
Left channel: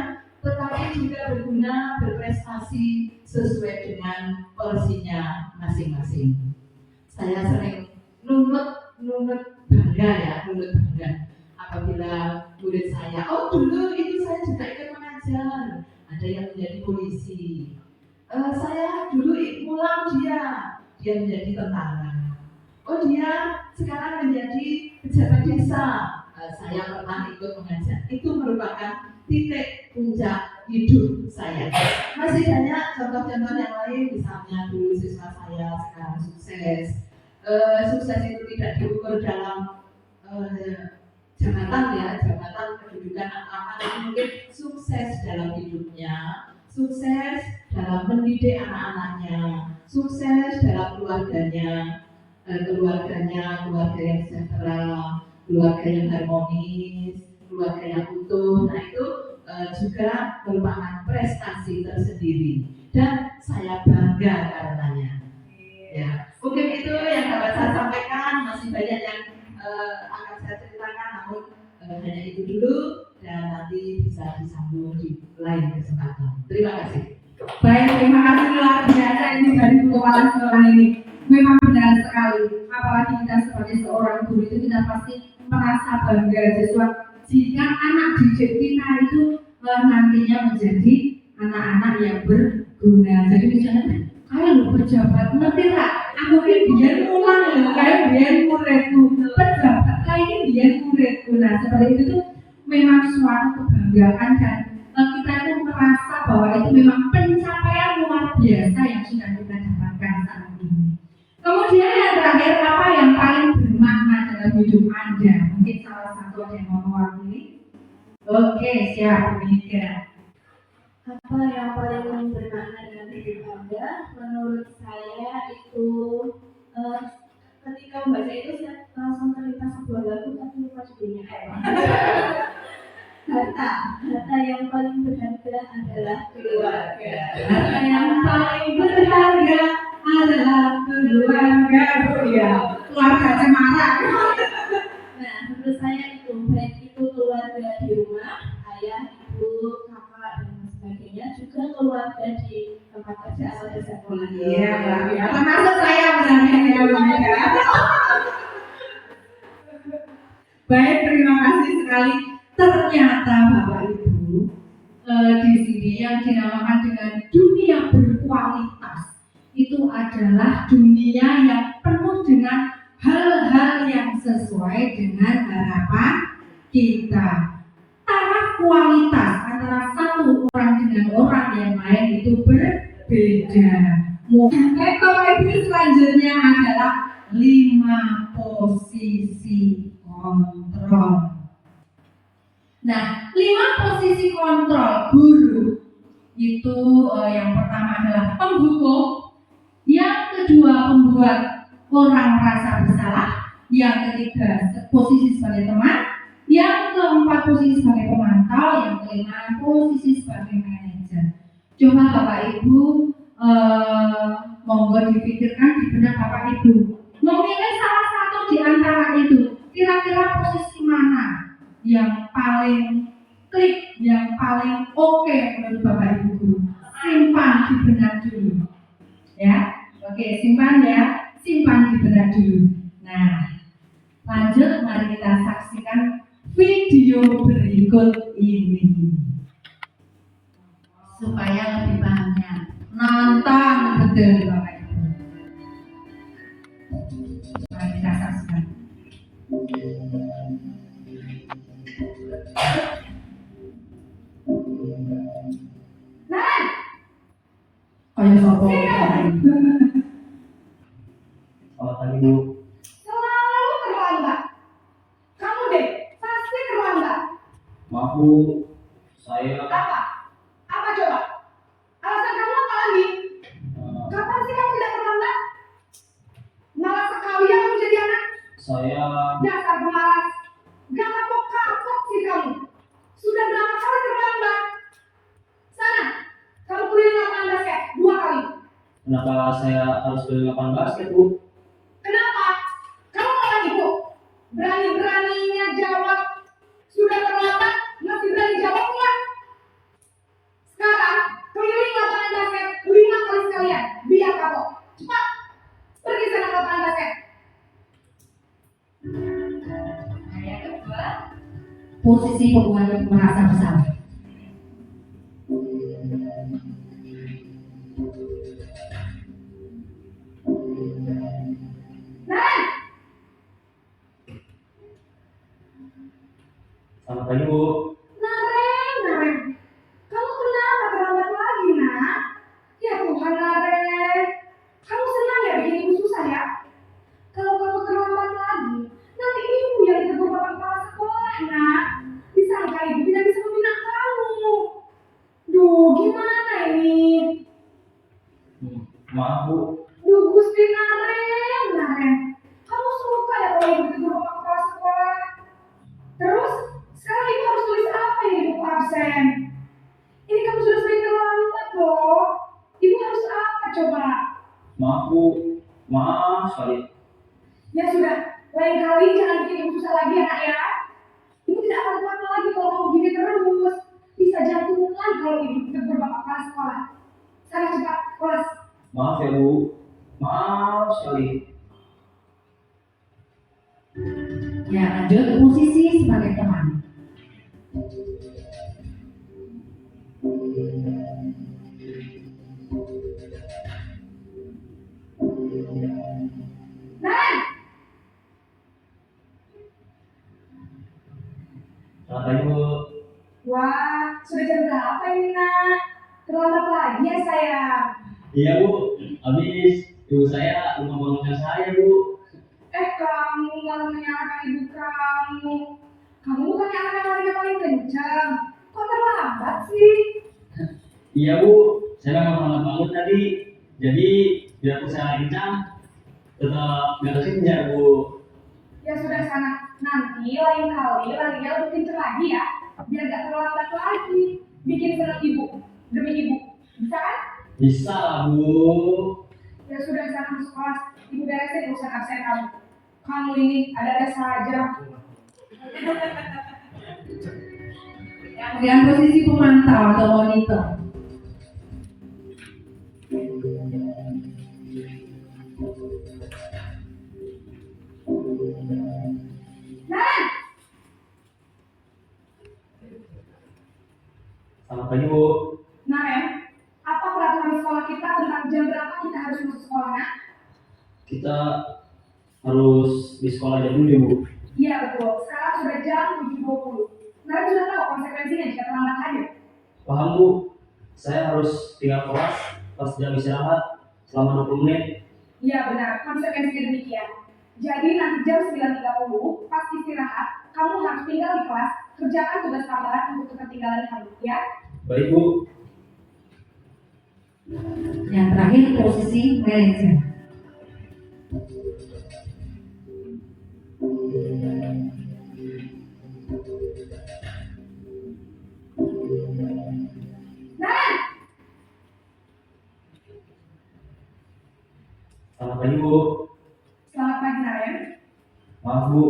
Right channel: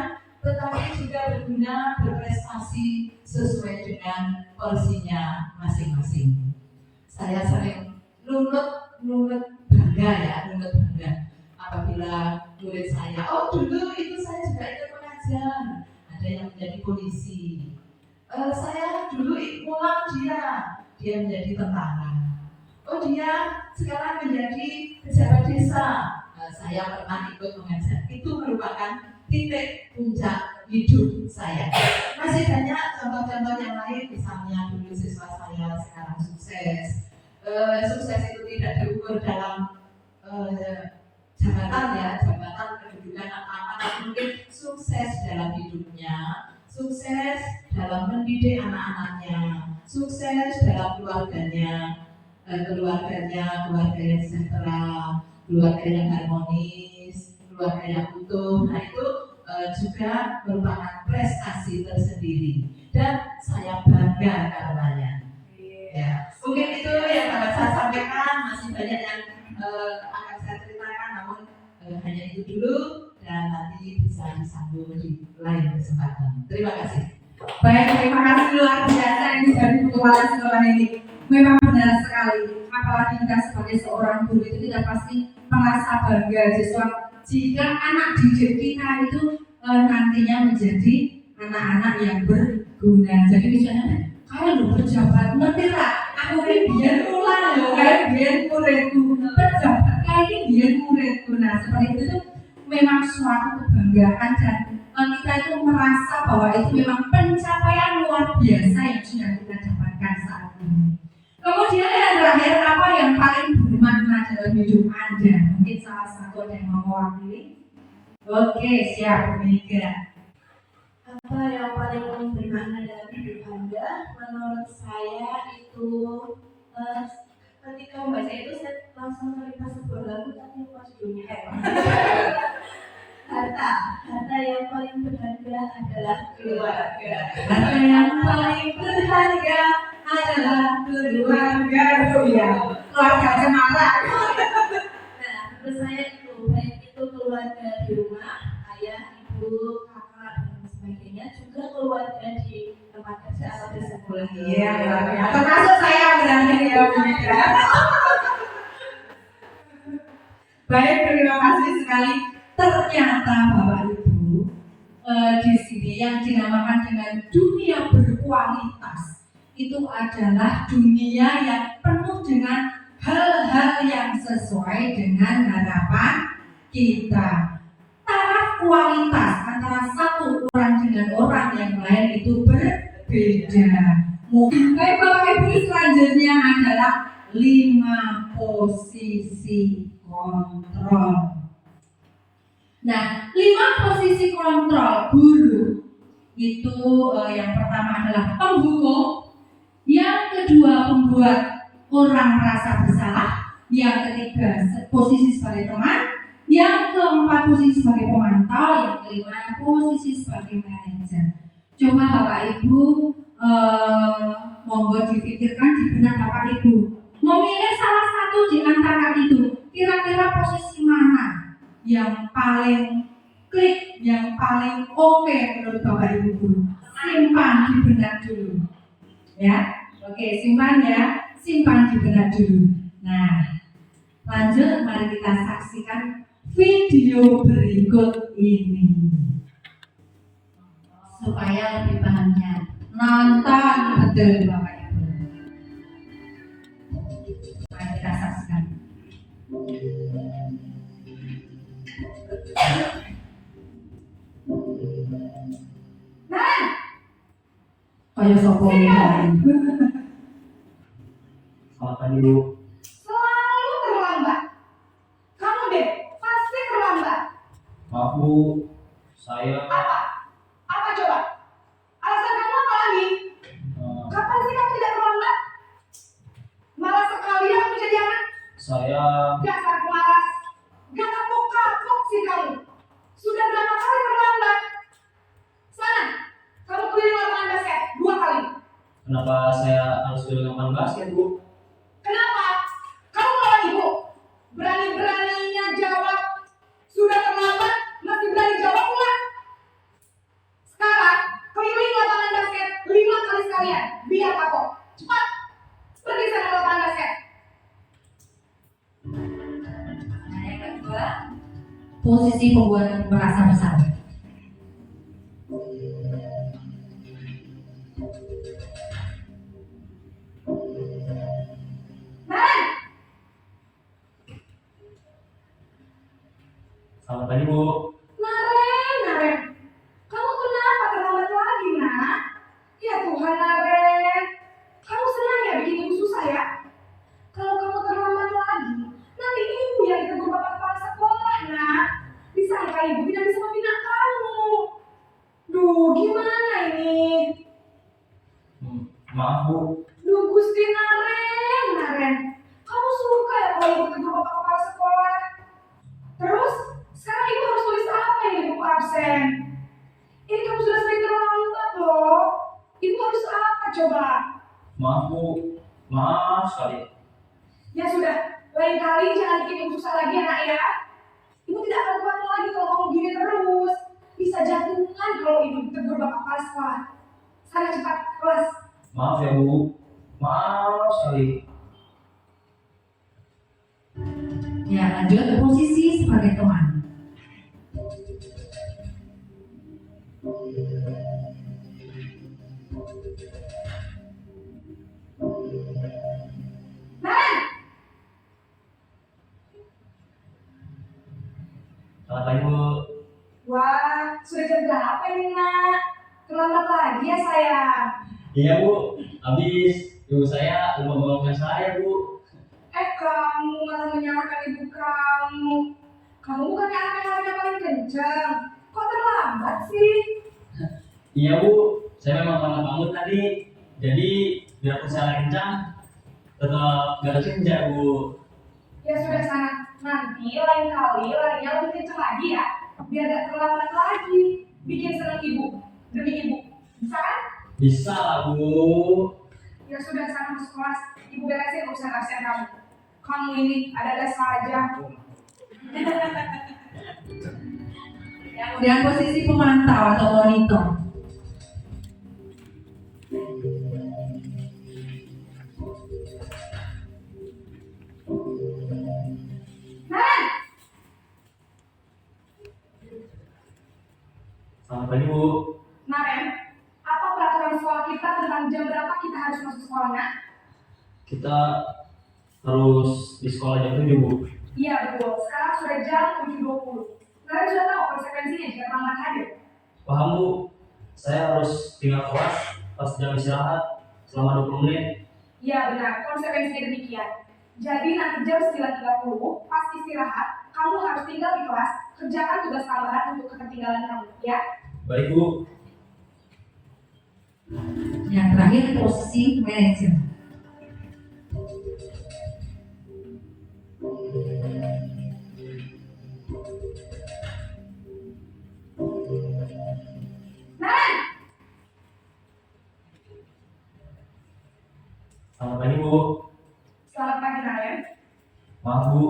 tetapi juga berguna, berprestasi sesuai dengan porsinya masing-masing. Saya sering nunut bangga apabila murid saya, oh dulu itu saya juga ikut mengajar, ada yang menjadi polisi, saya dulu pulang dia menjadi tentara, oh dia sekarang menjadi pejabat desa, saya pernah ikut mengajar. Itu merupakan titik puncak hidup saya. Masih banyak contoh-contoh yang lain, misalnya dulu siswa saya sekarang sukses. Sukses itu tidak diukur dalam jabatan kedudukan apa, mungkin sukses dalam hidupnya, sukses dalam mendidik anak-anaknya, sukses dalam keluarganya, keluarga yang sejahtera, keluarga yang harmonis, keluarga yang utuh. Nah itu juga merupakan prestasi tersendiri dan saya bangga karenanya. Ya, mungkin itu yang dapat saya sampaikan. Masih banyak yang akan saya ceritakan, namun hanya itu dulu dan nanti bisa disambung di lain kesempatan. Terima kasih. Baik, terima kasih luar biasa ini dari Bu Kepala Sekolah ini. Memang benar sekali, apalagi kita sebagai seorang guru itu kita pasti merasa bangga jika anak didik kita itu nantinya menjadi anak-anak yang berguna. Jadi misalnya, kalau pejabat ngerti lah, aku ini biar ulang loh, kayak biar muridku, pejabat kayak ini biar muridku. Nah seperti itu tuh memang suatu kebanggaan dan kita itu merasa bahwa itu memang pencapaian luar biasa yang sudah kita dapatkan saat ini. Kemudian yang terakhir, apa yang paling bermakna dalam hidup Anda? Mungkin salah satu ada yang mau mewakili? Oke, siap, Mega. Apa yang paling bermakna dalam hidup Anda? Menurut saya itu ketika membaca itu saya langsung terlintas sebuah lagu tapi lupa judulnya. Harta yang paling berharga adalah keluarga. Harta yang paling berharga adalah keluarga. Oh ya, keluarga cemara. Nah, menurut saya itu baik itu keluarga di rumah, ayah, ibu, kakak dan sebagainya, juga keluarga di tempat kerja atau di sekolah. Iya, ya. Termasuk saya berarti ya, Mega. Baik, terima kasih sekali. Ternyata Bapak Ibu di sini yang dinamakan dengan dunia berkualitas itu adalah dunia yang penuh dengan hal-hal yang sesuai dengan harapan kita. Taraf kualitas antara satu orang dengan orang yang lain itu berbeda. Baik Bapak Ibu, selanjutnya adalah 5 posisi kontrol. Nah, 5 posisi kontrol guru itu yang pertama adalah penghukum, yang kedua pembuat orang merasa bersalah, yang ketiga posisi sebagai teman, yang keempat posisi sebagai pemantau, yang kelima posisi sebagai manajer. Coba Bapak Ibu monggo dipikirkan di benak Bapak Ibu, memilih salah satu di antara itu, kira-kira posisi mana yang paling klik, yang paling oke menurut Bapak Ibu guru. Simpan di benak dulu. Ya, oke, simpan ya, simpan di benak dulu. Nah, lanjut, mari kita saksikan video berikut ini supaya lebih pahamnya. Nonton betul Bapak Ibu. Mari kita saksikan. Kaya sopo Selamat pagi Bu. Selalu terlambat. Kamu deh, pasti terlambat. Maaf Bu, saya Apa coba? Alasan kamu apa lagi? Kapan sih kamu tidak terlambat? Malas sekali ya kamu jadi anak. saya Dasar pemalas. Gak kapok-kapok sih kamu. Sudah berapa kali terlambat? Sana, kamu keliling lapangan basket 2 kali. kenapa saya harus beli lapangan basket Bu? Kenapa? Kamu lawan ibu. Berani-beraninya jawab. Sudah terlambat, masih berani jawab pula. Sekarang, keliling lapangan basket 5 kali sekalian. Biar kapok. Cepat. Pergi sana ke lapangan basket. Nah, yang kedua, posisi pembuat merasa bersalah. Selamat pagi Bu. Naren. Kamu kenapa terlambat lagi, nak? Ya Tuhan, Naren. Kamu senang ya bikin ibu susah ya? Kalau kamu terlambat lagi, nanti ibu yang ditegur bapak kepala sekolah, nak. Disangka ibu tidak bisa membina kamu. Duh, gimana ini? Maaf Bu, Ya sudah, lain kali jangan bikin ibu susah lagi anak ya. Ibu tidak akan kuat lagi kalau kamu gini terus. Bisa jantungan kalau ibu tegur bapak kepala sekolah. Sana cepat kelas. Maaf ya Bu, maaf sekali. Ya, lanjut posisi sebagai teman. Selamat pagi Bu. Wah, sudah jam berapa ini nak? Terlambat lagi ya sayang. Iya Bu, habis ibu saya lupa bangunkan saya Bu. Kamu malah menyalahkan ibu kamu. Kamu bukannya anak larinya paling kencang. Kok terlambat sih? Iya Bu, saya memang terlambat bangun tadi. Jadi biar saya kencang, tetap gak kesenja Bu. Ya sudah sana. Nanti lain kali larinya lebih kencang lagi ya. Biar gak terlambat lagi. Bikin senang ibu. Demi ibu. Bisa kan? Bisa lah Bu. Ya sudah sana masuk kelas. Ibu beresin urusan absen kamu. Kamu ini ada-ada saja. Kemudian posisi pemantau atau monitor. Selamat pagi Bu. Naren, apa peraturan sekolah kita tentang jam berapa kita harus masuk sekolah nak? Kita harus di sekolah jam 7 Bu. Iya betul, sekarang sudah jam 7.20. Naren sudah tahu konsekuensinya jika terlambat hadir. Paham Bu, saya harus tinggal kelas pas jam istirahat selama 20 menit. Iya benar, konsekuensinya demikian. Jadi nanti jam 9.30 pas istirahat, kamu harus tinggal di kelas, kerjakan tugas tambahan untuk ketertinggalan kamu, ya? Baik Bu. Yang terakhir posisi manajer. Selamat pagi Bu. Selamat pagi Naren. Maaf Bu,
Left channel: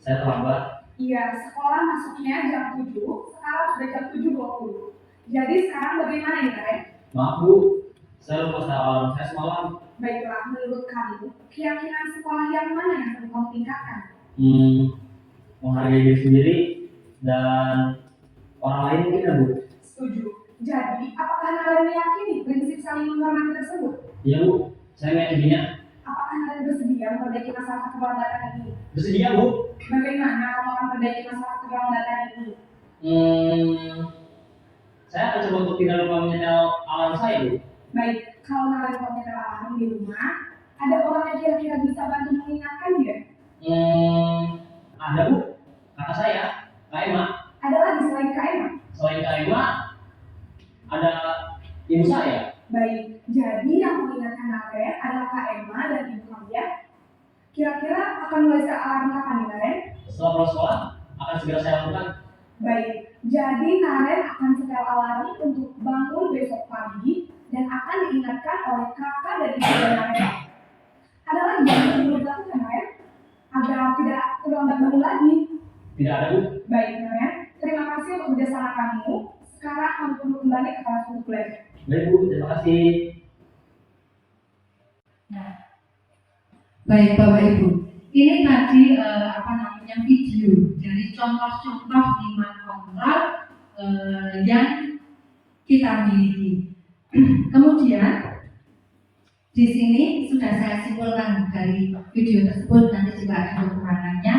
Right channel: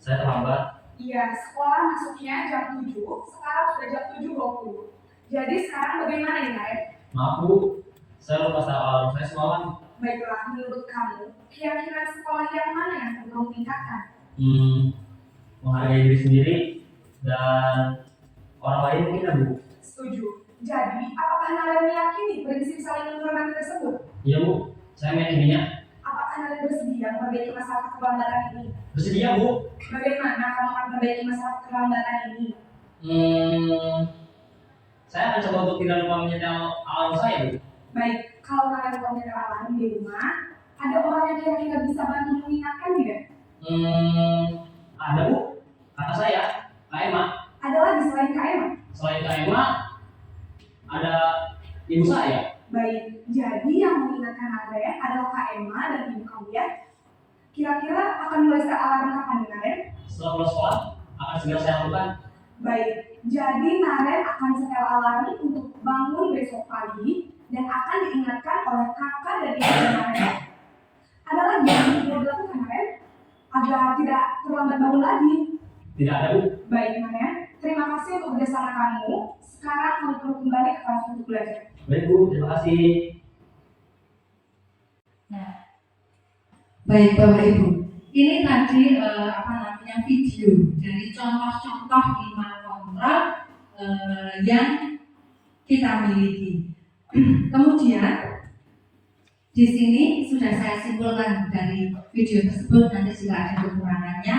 saya terlambat. Iya, sekolah masuknya jam 7, sekarang sudah jam 7.20. Jadi sekarang bagaimana nih Naren? Maaf Bu, saya lupa start alarm saya semalam. Baiklah, menurut kamu, keyakinan sekolah yang mana yang perlu kamu tingkatkan? Menghargai diri sendiri dan orang lain mungkin ya Bu. Setuju. Jadi, apakah Naren meyakini prinsip saling menghormati tersebut? Iya Bu, saya meyakininya. Apakah Naren bersedia memperbaiki masalah keterlambatan ini? Bersedia Bu. Bagaimana kamu akan memperbaiki masalah keterlambatan ini? Saya akan coba untuk tidak lupa menyetel alarm saya Bu. Baik, kalau Naren mau nyetel alarm di rumah, ada orang yang kira-kira bisa bantu mengingatkan tidak? Ada Bu, kata saya, Kak Emma. Ada lagi selain Kak Emma? Selain Kak Emma, ada ibu saya. Baik, jadi yang mengingatkan Naren adalah Kak Emma dan ibu kamu ya. Kira-kira akan mulai setel alarm kapan nih Naren? Setelah pulang sekolah, akan segera saya lakukan. Baik, jadi Naren akan setel alarm untuk bangun besok pagi dan akan diingatkan oleh kakak dan ibu Naren. Ada lagi yang perlu dilakukan Naren? Agar tidak terlambat bangun lagi. Tidak ada Bu. Baik Naren, terima kasih untuk kerjasama kamu. Sekarang kamu perlu kembali ke kelas untuk belajar. Baik Bu, terima kasih. Baik Bapak Ibu, ini tadi video dari contoh-contoh lima kontrol yang kita miliki. Kemudian di sini sudah saya simpulkan dari video tersebut, nanti juga ada kekurangannya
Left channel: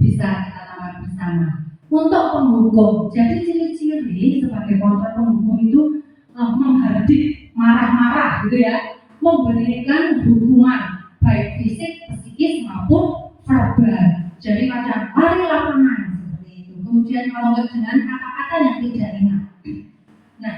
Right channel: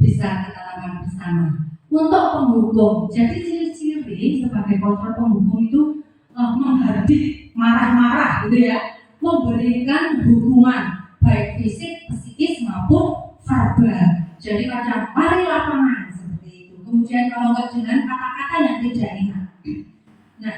bisa kita tambahkan bersama. Untuk penghukum, jadi ciri-ciri sebagai kontrol penghukum itu menghardik, marah-marah gitu ya, memberikan hukuman baik fisik, psikis maupun verbal. Jadi kadang lari lapangan seperti itu. Kemudian kalau enggak dengan kata-kata yang tidak enak. Nah,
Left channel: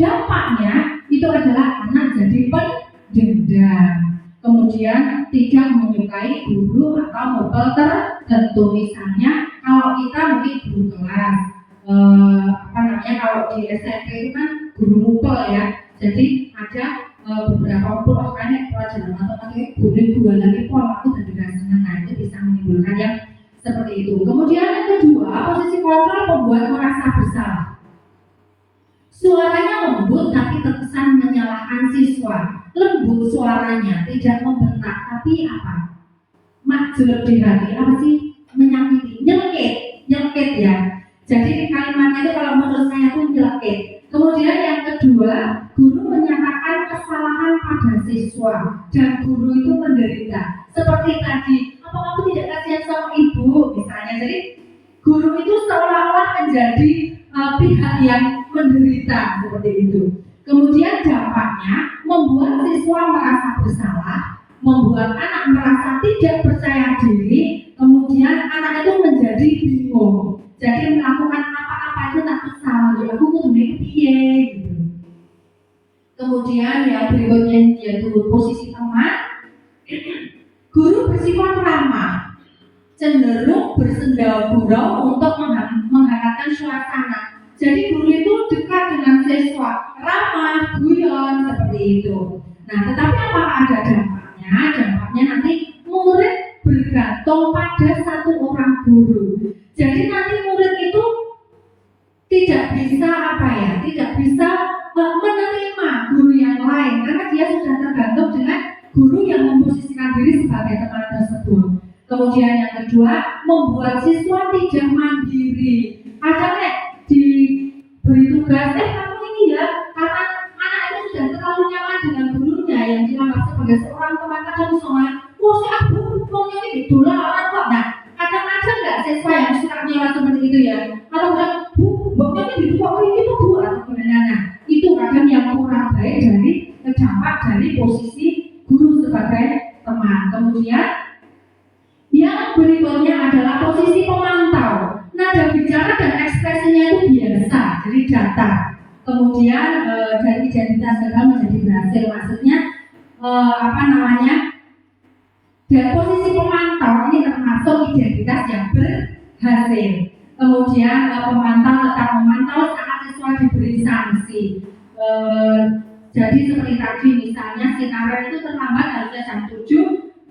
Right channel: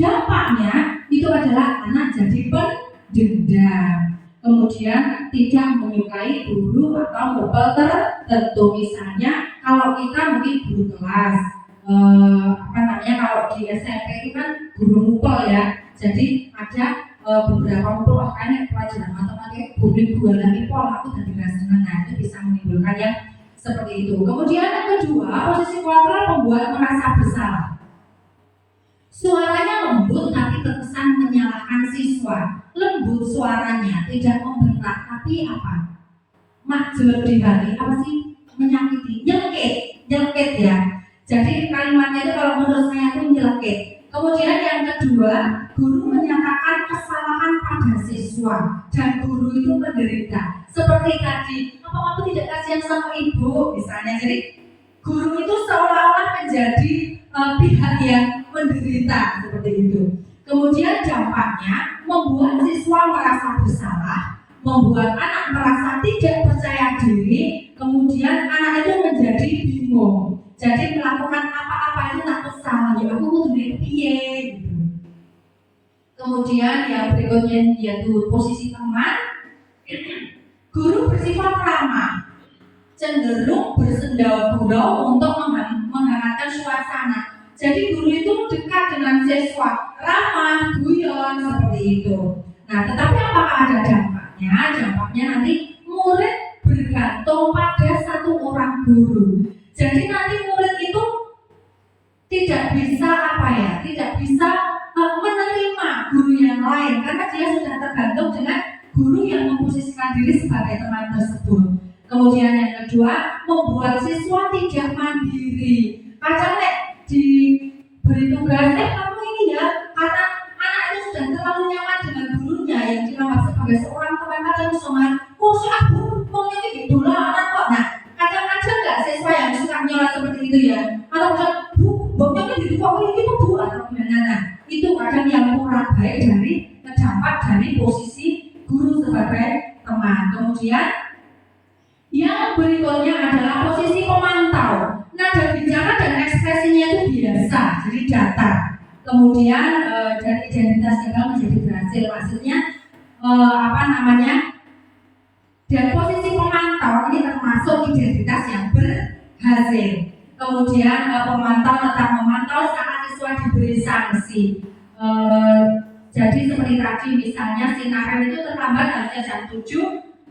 dampaknya itu adalah anak jadi pendendam. Kemudian tidak menyukai guru atau mupel tertentu. Misalnya kalau kita mungkin guru kelas, kalau di SMP itu kan guru mupel ya. Jadi ada beberapa puluh kayaknya pelajaran matematika boleh dua lagi pola aku dari rasanya pemikiran yang seperti itu. Kemudian yang kedua, posisi kontrol membuat merasa bersalah. Suaranya lembut tapi terkesan menyalahkan siswa. Lembut suaranya, tidak membentak, tapi apa? Jelek di hati, apa sih? Menyakiti, nyelekit ya. Jadi kalimatnya itu kalau menurut saya itu nyelekit. Kemudian yang kedua, guru menyatakan kesalahan pada siswa dan guru itu menderita. Seperti tadi, apa kamu tidak kasihan sama ibu misalnya. Jadi guru itu seolah-olah menjadi pihak yang menderita seperti itu. Kemudian dampaknya membuat siswa merasa bersalah, membuat anak merasa tidak percaya diri, kemudian anak itu menjadi bingung. Jadi melakukan apa-apa itu takut salah, ya aku kudune piye gitu. Kemudian yang berikutnya yaitu posisi teman. Guru bersifat ramah, cenderung bersendau-gurau untuk menghangatkan suasana. Jadi guru itu dekat dengan siswa, ramah, guyon seperti itu. Nah, tetapi apakah ada dampaknya? Dampaknya nanti murid bergantung pada satu orang guru. Jadi nanti murid itu tidak bisa tidak bisa menerima guru yang lain karena dia sudah tergantung dengan guru yang memposisikan diri sebagai teman tersebut. Kemudian yang kedua, membuat siswa tidak mandiri. Kadang diberi tugas, kamu ini ya, karena anak itu sudah terlalu nyaman dengan gurunya yang dianggap sebagai seorang teman, kadang misalnya, si aku ngomongnya ini dolanan kok. Nah, kadang-kadang nggak siswa yang suka nyolat seperti itu ya, atau kadang, ngomongnya gitu kok, ini kok bu, atau gimana. Nah, itu kadang yang kurang baik dari dampak dari posisi guru sebagai teman. Kemudian yang berikutnya adalah posisi pemantau. Nada bicara dan ekspresinya itu biasa, jadi datar. Kemudian dari identitas gagal menjadi berhasil, maksudnya dari posisi pemantau ini termasuk identitas yang berhasil. Kemudian pemantau tetap memantau saat siswa diberi sanksi. Jadi seperti tadi misalnya si Karen itu terlambat harusnya jam 7,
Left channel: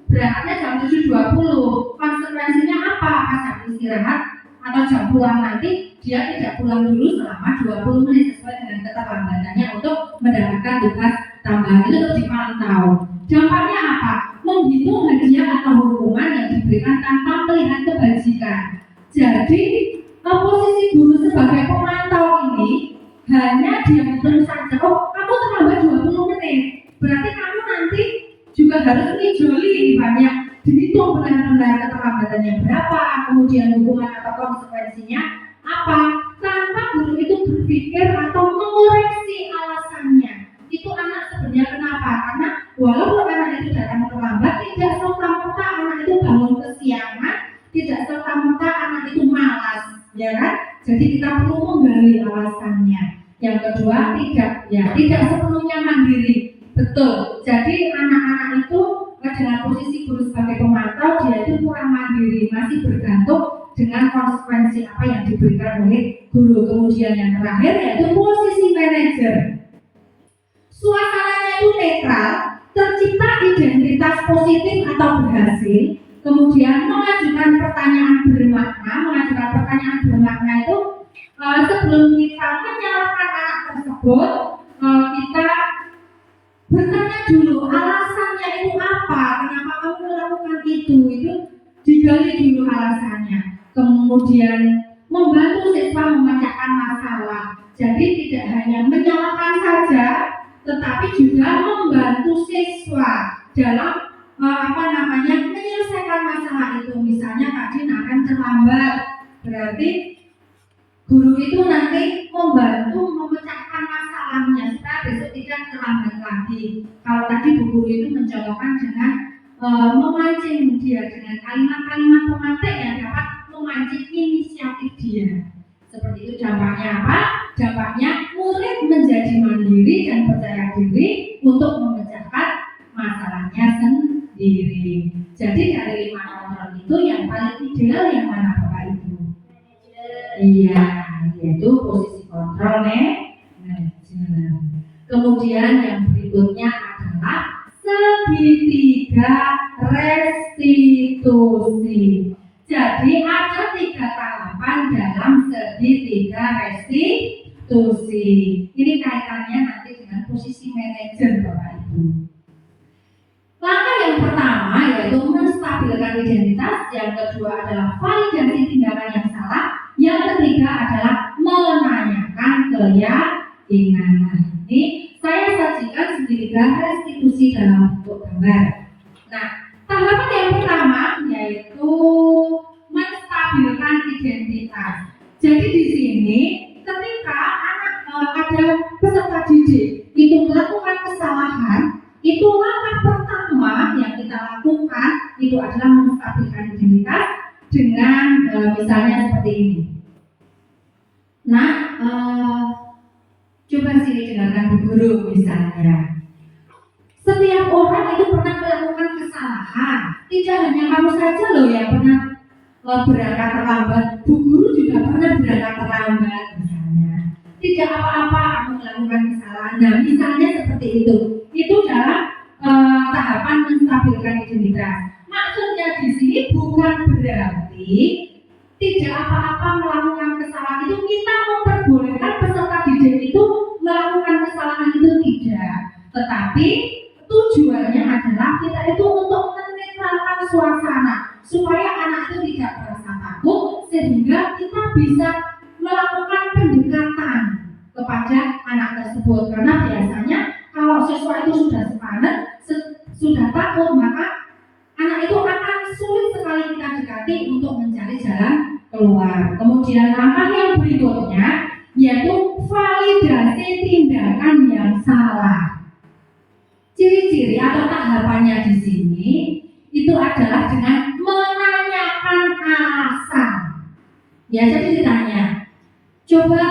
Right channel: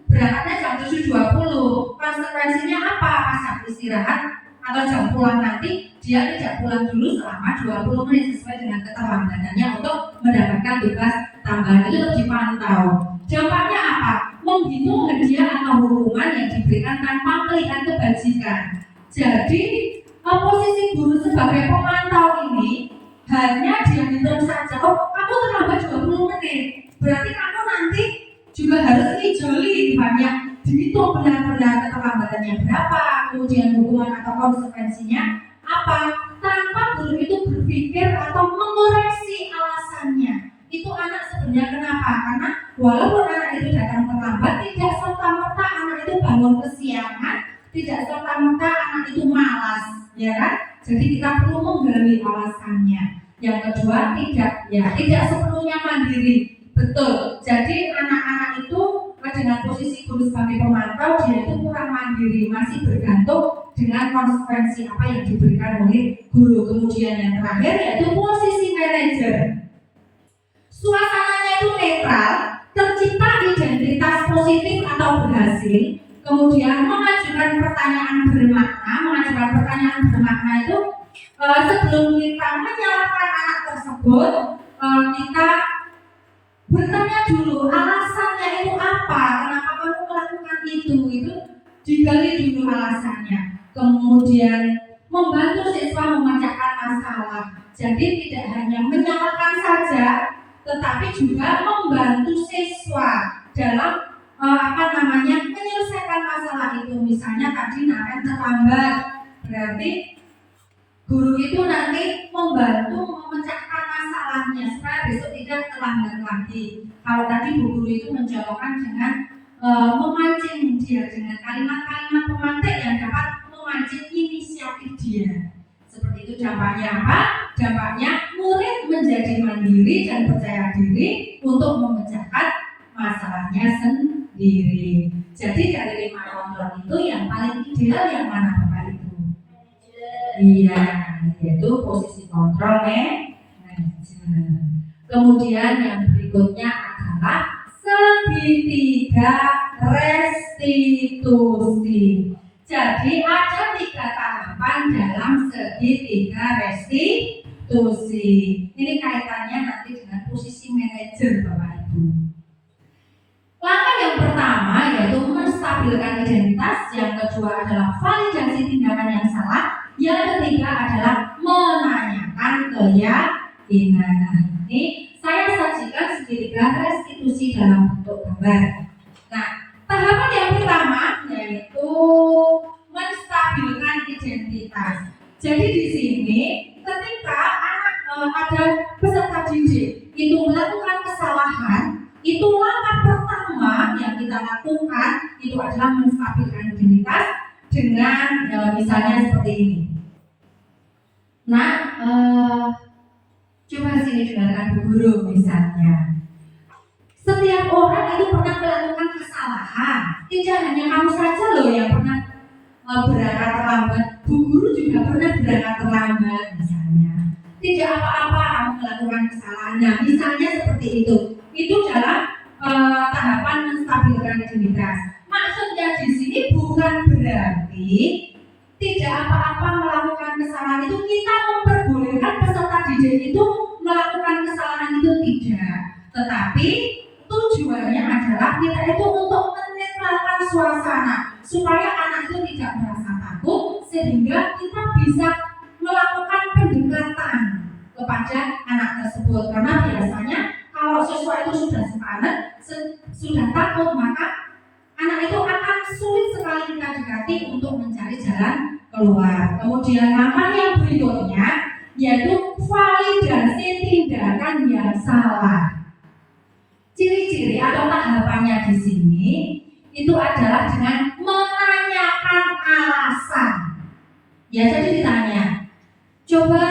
berangkatnya jam 7.20. Konsekuensinya apa? Pas jam istirahat atau jam pulang nanti dia tidak pulang dulu selama 20 menit sesuai dengan keterlambatannya untuk mendapatkan tugas tambahan. Itu harus dipantau. Dampaknya apa? Menghitung hadiah atau hukuman yang diberikan tanpa melihat kebajikan. Jadi posisi guru sebagai pemantau ini hanya dia hitung saja, kamu terlambat 20 menit, berarti kamu nanti juga harus ngijoli banyak, dihitung benar-benar keterlambatannya berapa, kemudian hukuman atau konsekuensinya apa, tanpa guru itu berpikir atau mengoreksi alasannya. Itu anak sebenarnya kenapa? Karena walaupun anak itu datang terlambat, tidak serta-merta anak itu bangun kesiangan, tidak serta-merta anak itu malas, ya kan? Jadi kita perlu menggali alasannya. Yang kedua, tidak sepenuhnya mandiri. Betul. Jadi anak-anak itu dengan posisi guru sebagai pemantau, dia itu kurang mandiri, masih bergantung dengan konsekuensi apa yang diberikan oleh guru. Kemudian yang terakhir yaitu posisi manajer. Suasananya itu netral, tercipta identitas positif atau berhasil. Kemudian mengajukan pertanyaan bermakna itu sebelum kita menyalahkan anak tersebut, kita bertanya dulu alasannya itu apa, kenapa kamu melakukan itu digali dulu alasannya. Kemudian membantu siswa memecahkan masalah. Jadi tidak hanya menyalahkan saja, tetapi juga membantu siswa dalam menyelesaikan masalah itu. Misalnya tadi Naren terlambat, berarti guru itu nanti membantu memecahkan masalahnya supaya besok tidak terlambat lagi. Kalau tadi bu guru itu mencolokkan dengan memancing dia dengan kalimat-kalimat pemantik yang dapat memancing inisiatif dia. Seperti itu dampaknya apa? Dampaknya murid menjadi mandiri dan percaya diri untuk memecahkan masalahnya sendiri. Jadi dari 5 kontrol itu yang paling ideal yang mana Bapak Ibu? Iya, yaitu posisi kontrol manajer. Kemudian yang berikutnya adalah segitiga restitusi. Jadi ada 3 tahapan dalam segitiga restitusi. Ini kaitannya nanti dengan posisi manajer Bapak Ibu. Langkah yang pertama yaitu menstabilkan identitas, yang kedua adalah validasi tindakan yang salah, yang ketiga adalah menanyakan keyakinan. Nah, ini saya sajikan segitiga restitusi dalam bentuk gambar. Nah, tahapan yang pertama yaitu menstabilkan identitas. Jadi di sini ketika ada peserta didik itu melakukan kesalahan, itu langkah pertama yang kita lakukan itu adalah menstabilkan identitas dengan misalnya seperti ini. Nah, coba sini dengarkan Bu Guru misalnya. Setiap orang itu pernah melakukan kesalahan. Tidak hanya kamu saja loh yang pernah berangkat terlambat. Bu Guru juga pernah berangkat terlambat misalnya. Tidak apa-apa kamu melakukan kesalahan. Nah, misalnya seperti itu. Itu dalam tahapan menstabilkan identitas. Maksudnya di sini bukan berarti tidak apa-apa melakukan kesalahan itu kita memperbolehkan peserta didik itu melakukan kesalahan itu tidak. Tetapi tujuannya adalah kita itu untuk menetralkan suasana supaya anak itu tidak merasa takut, sehingga kita bisa melakukan pendekatan kepada anak tersebut. Karena biasanya kalau siswa itu sudah sepanen, sudah takut, maka anak itu akan sulit sekali kita dekati untuk mencari jalan keluar. Kemudian langkah yang berikutnya yaitu validasi tindakan yang salah. Ciri-ciri atau tahapannya di sini itu adalah dengan menanyakan alasan. Ya, jadi ditanya, coba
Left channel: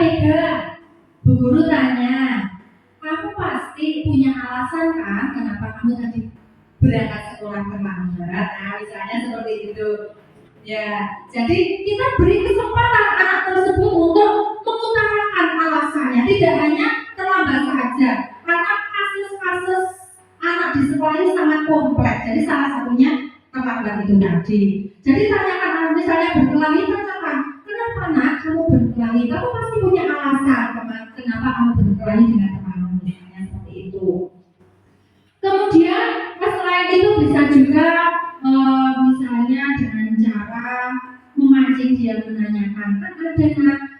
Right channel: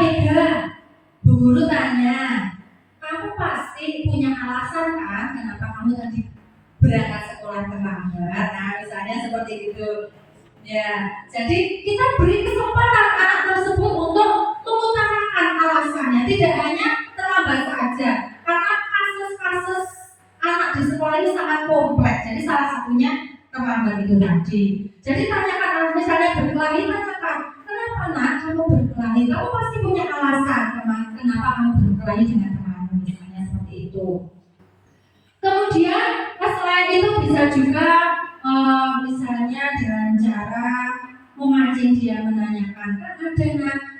Mega, Bu Guru tanya, kamu pasti punya alasan kan kenapa kamu tadi berangkat sekolah terlambat? Nah, misalnya seperti itu. Ya, jadi kita beri kesempatan anak tersebut untuk mengutarakan alasannya, tidak hanya terlambat saja, karena kasus-kasus anak di sekolah ini sangat kompleks. Jadi salah satunya terlambat itu tadi. Jadi tanyakan, misalnya berkelahi, tanyakan, kenapa nak kamu berkelahi? Kamu pasti punya alasan kenapa kamu berkelahi dengan temanmu, misalnya seperti itu. Kemudian selain itu bisa juga misalnya dengan cara memancing dia menanyakan, kan ada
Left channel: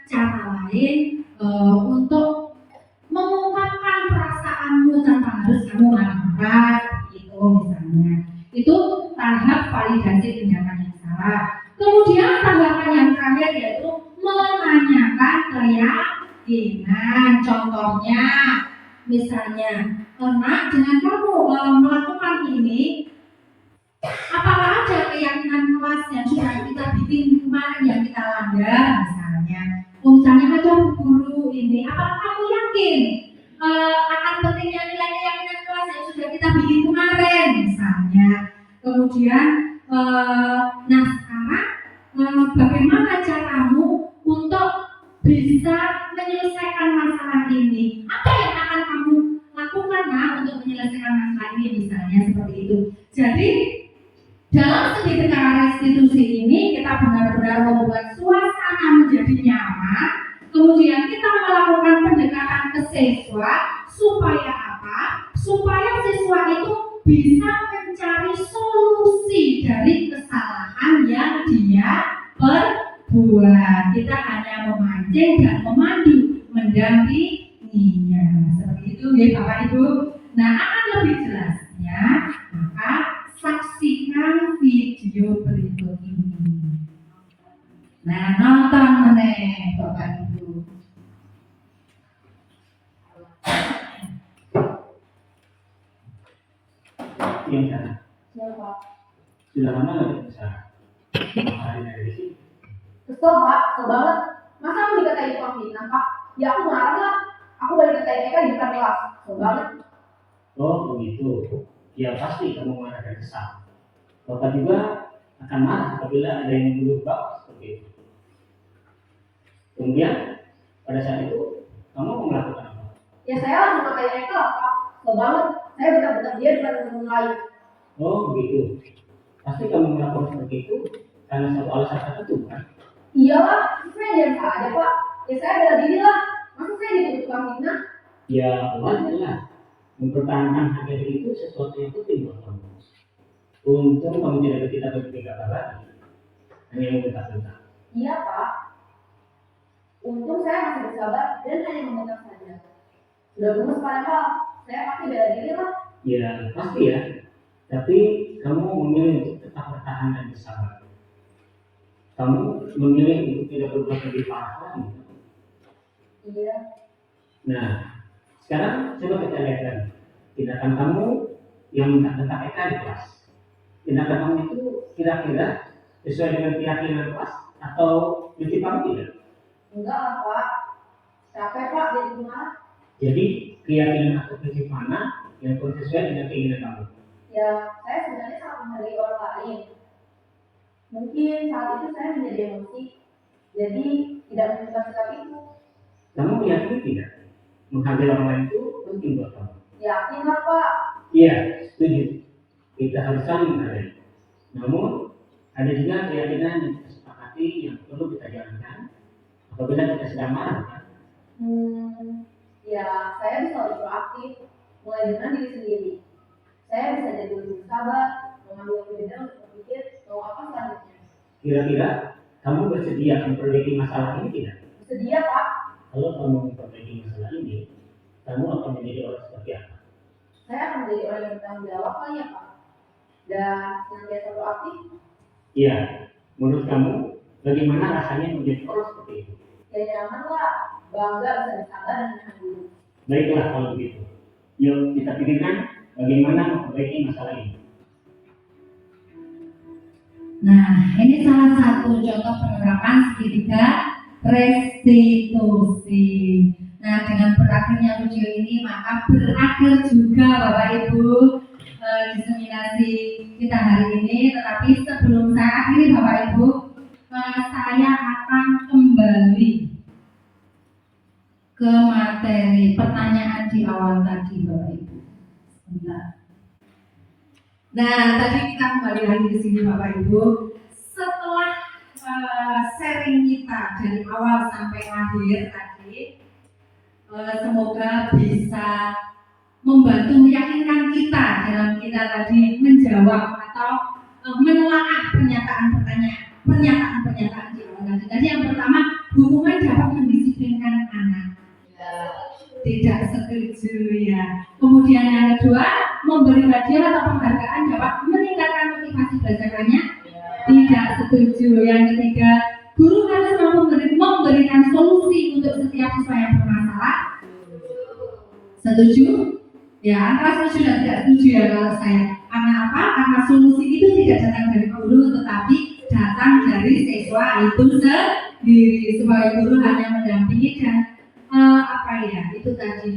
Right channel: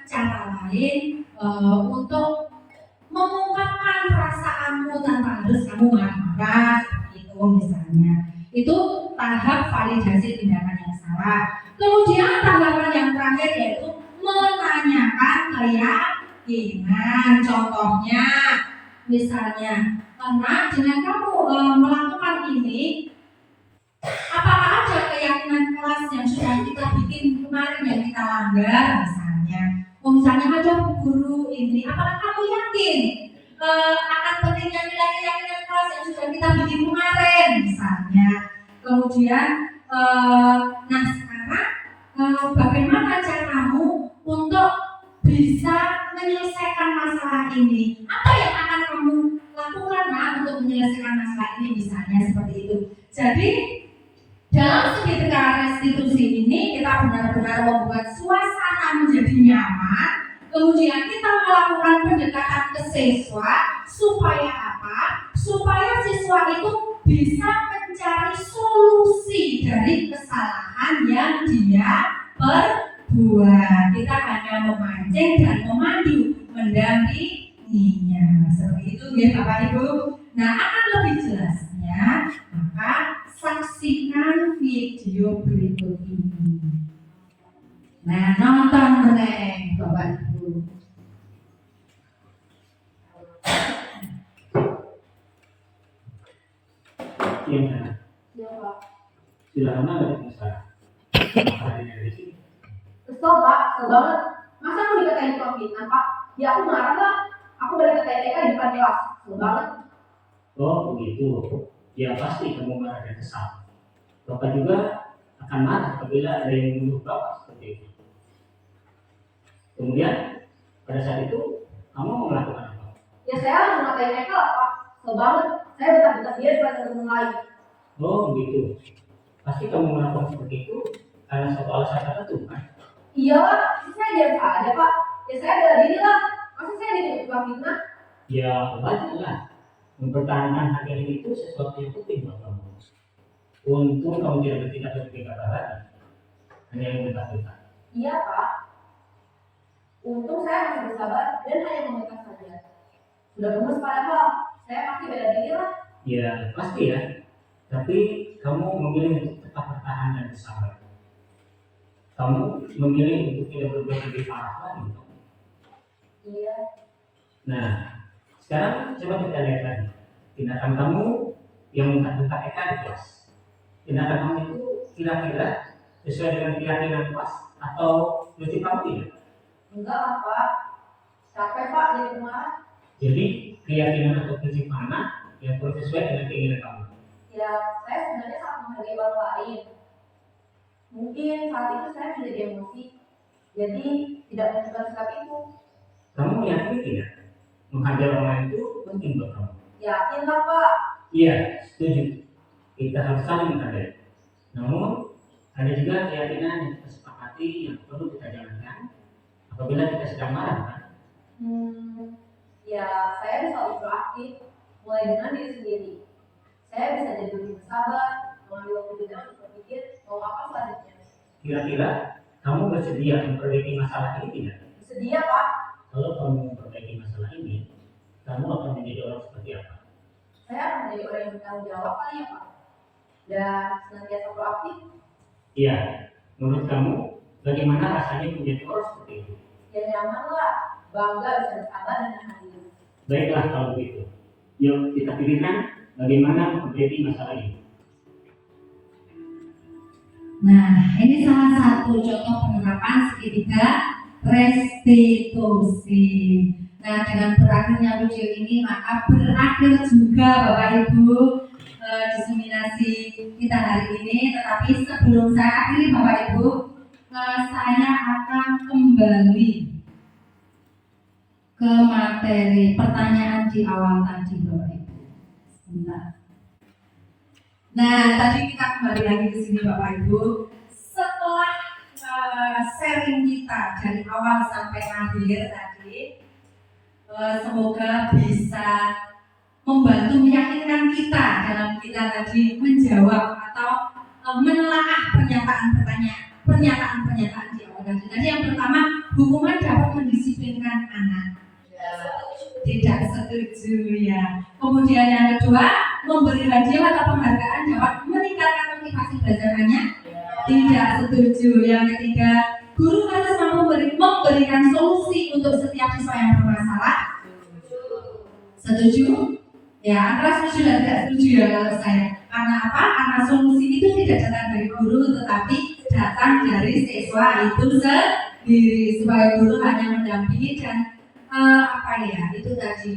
cara lain untuk mengungkapkan perasaanmu tanpa harus kamu marah-marah, itu misalnya. Itu tahap validasi tindakan yang salah. Kemudian tahapan yang terakhir yaitu menanyakan keyakinan. Contohnya, misalnya, nak, dengan kamu melakukan ini, apakah ada keyakinan kelas yang sudah kita bikin kemarin yang kita langgar, misalnya? Misalnya ada guru ini, apakah kamu yakin akan pentingnya nilai keyakinan kelas yang sudah kita bikin kemarin, misalnya? Kemudian, nah sekarang bagaimana caramu untuk bisa menyelesaikan masalah ini? Apa yang akan kamu lakukan untuk menyelesaikan masalah ini, misalnya seperti itu. Jadi dalam segitiga restitusi ini kita benar-benar membuat suasana menjadi nyaman. Kemudian kita melakukan pendekatan ke siswa supaya apa? Supaya siswa itu bisa mencari solusi dari kesalahan yang dia perbuat. Kita hanya memancing dan memandu, mendampinginya. Seperti itu ya Bapak Ibu. Nah, akan lebih jelasnya maka saksikan video berikut ini. Nah, nonton meneh Bapak Ibu. Iya. Siapa? Sudah lama nggak bisa. Hari dari sini. Kesel Pak, kesel banget. Masa aku dikatain tukang fitnah Pak? Ya aku marah lah. Aku balik ke TK di depan kelas. Kesel banget. Oh begitu. Ya pasti kamu marah dan kesal. Bapak juga akan marah apabila ada yang menuduh Bapak seperti itu. Kemudian pada saat itu kamu melakukan apa? Ya saya langsung ngatain Eka lah Pak. Kesel banget. Saya bentar-bentar dia depan teman lain. Oh begitu. Pasti kamu melakukan seperti itu karena suatu alasan tertentu kan? Iya Pak, saya diam saja Pak. Ya saya bela diri lah. Masa saya dituduh tukang fitnah? Ya wajar lah. Mempertahankan harga diri itu sesuatu yang penting buat kamu. Untung kamu tidak bertindak lagi. Hanya membentak-bentak. Iya Pak. Untung saya masih bersabar dan hanya membentak saja. Sudah bagus padahal saya pasti bela diri lah. Ya pasti ya. Tapi kamu memilih untuk tetap bertahan dan bersabar. Kamu memilih untuk tidak berbuat lebih parah lagi. Iya. Nah, sekarang coba kita lihat lagi. Tindakan kamu yang bentak-bentak Eka di kelas. Tindakan kamu itu kira-kira sesuai dengan keyakinan kelas atau prinsip kamu tidak? Enggak lah Pak. Capek Pak jadi pemarah. Jadi keyakinan atau prinsip mana yang paling sesuai dengan keinginan kamu? Ya, saya sebenarnya sangat menghargai orang lain. Mungkin saat itu saya menjadi emosi, jadi tidak menentukan sikap itu. Kamu meyakini tidak? Menghargai orang lain itu penting buat kamu. Yakin lah Pak. Iya, setuju. Kita harus saling menghargai. Namun, ada juga keyakinan yang kita sepakati yang perlu kita jalankan apabila kita sedang marah, kan? Ya saya bisa lebih proaktif, mulai dengan diri sendiri. Saya bisa jadi lebih bersabar, mengambil waktu jeda untuk berpikir mau apa selanjutnya. Kira-kira kamu bersedia memperbaiki masalah ini tidak? Bersedia Pak. Kalau kamu memperbaiki masalah ini, kamu akan menjadi orang seperti apa? Saya akan menjadi orang yang bertanggung jawab kali ya Pak. Dan senantiasa proaktif. Iya, menurut kamu bagaimana rasanya menjadi orang seperti itu? Ya nyaman lah, bangga bisa bersabar dan menahan diri. Baiklah kalau begitu. Yuk kita pikirkan bagaimana memperbaiki masalah ini. Nah, ini salah satu contoh penerapan segitiga restitusi. Nah, dengan berakhirnya video ini maka berakhir juga Bapak Ibu diseminasi kita hari ini. Tetapi sebelum saya akhiri Bapak Ibu, saya akan kembali ke materi pertanyaan di awal tadi Bapak Ibu. Sebentar. Nah, tadi kita kembali lagi ke sini Bapak Ibu. Setelah sharing kita dari awal sampai akhir tadi, semoga bisa membantu meyakinkan kita dalam kita tadi menjawab atau menelaah pernyataan di awal tadi. Tadi yang pertama, hukuman dapat mendisiplinkan anak. Tidak setuju ya. Kemudian yang kedua, memberi hadiah atau penghargaan dapat meningkatkan motivasi belajarnya. Tidak setuju. Yang ketiga, guru harus mampu memberikan solusi untuk setiap siswa yang bermasalah. Setuju? Ya, antara setuju dan tidak setuju ya kalau saya. Karena apa? Karena solusi itu tidak datang dari guru, tetapi datang dari siswa itu sendiri. Sebagai guru hanya mendampingi dan itu tadi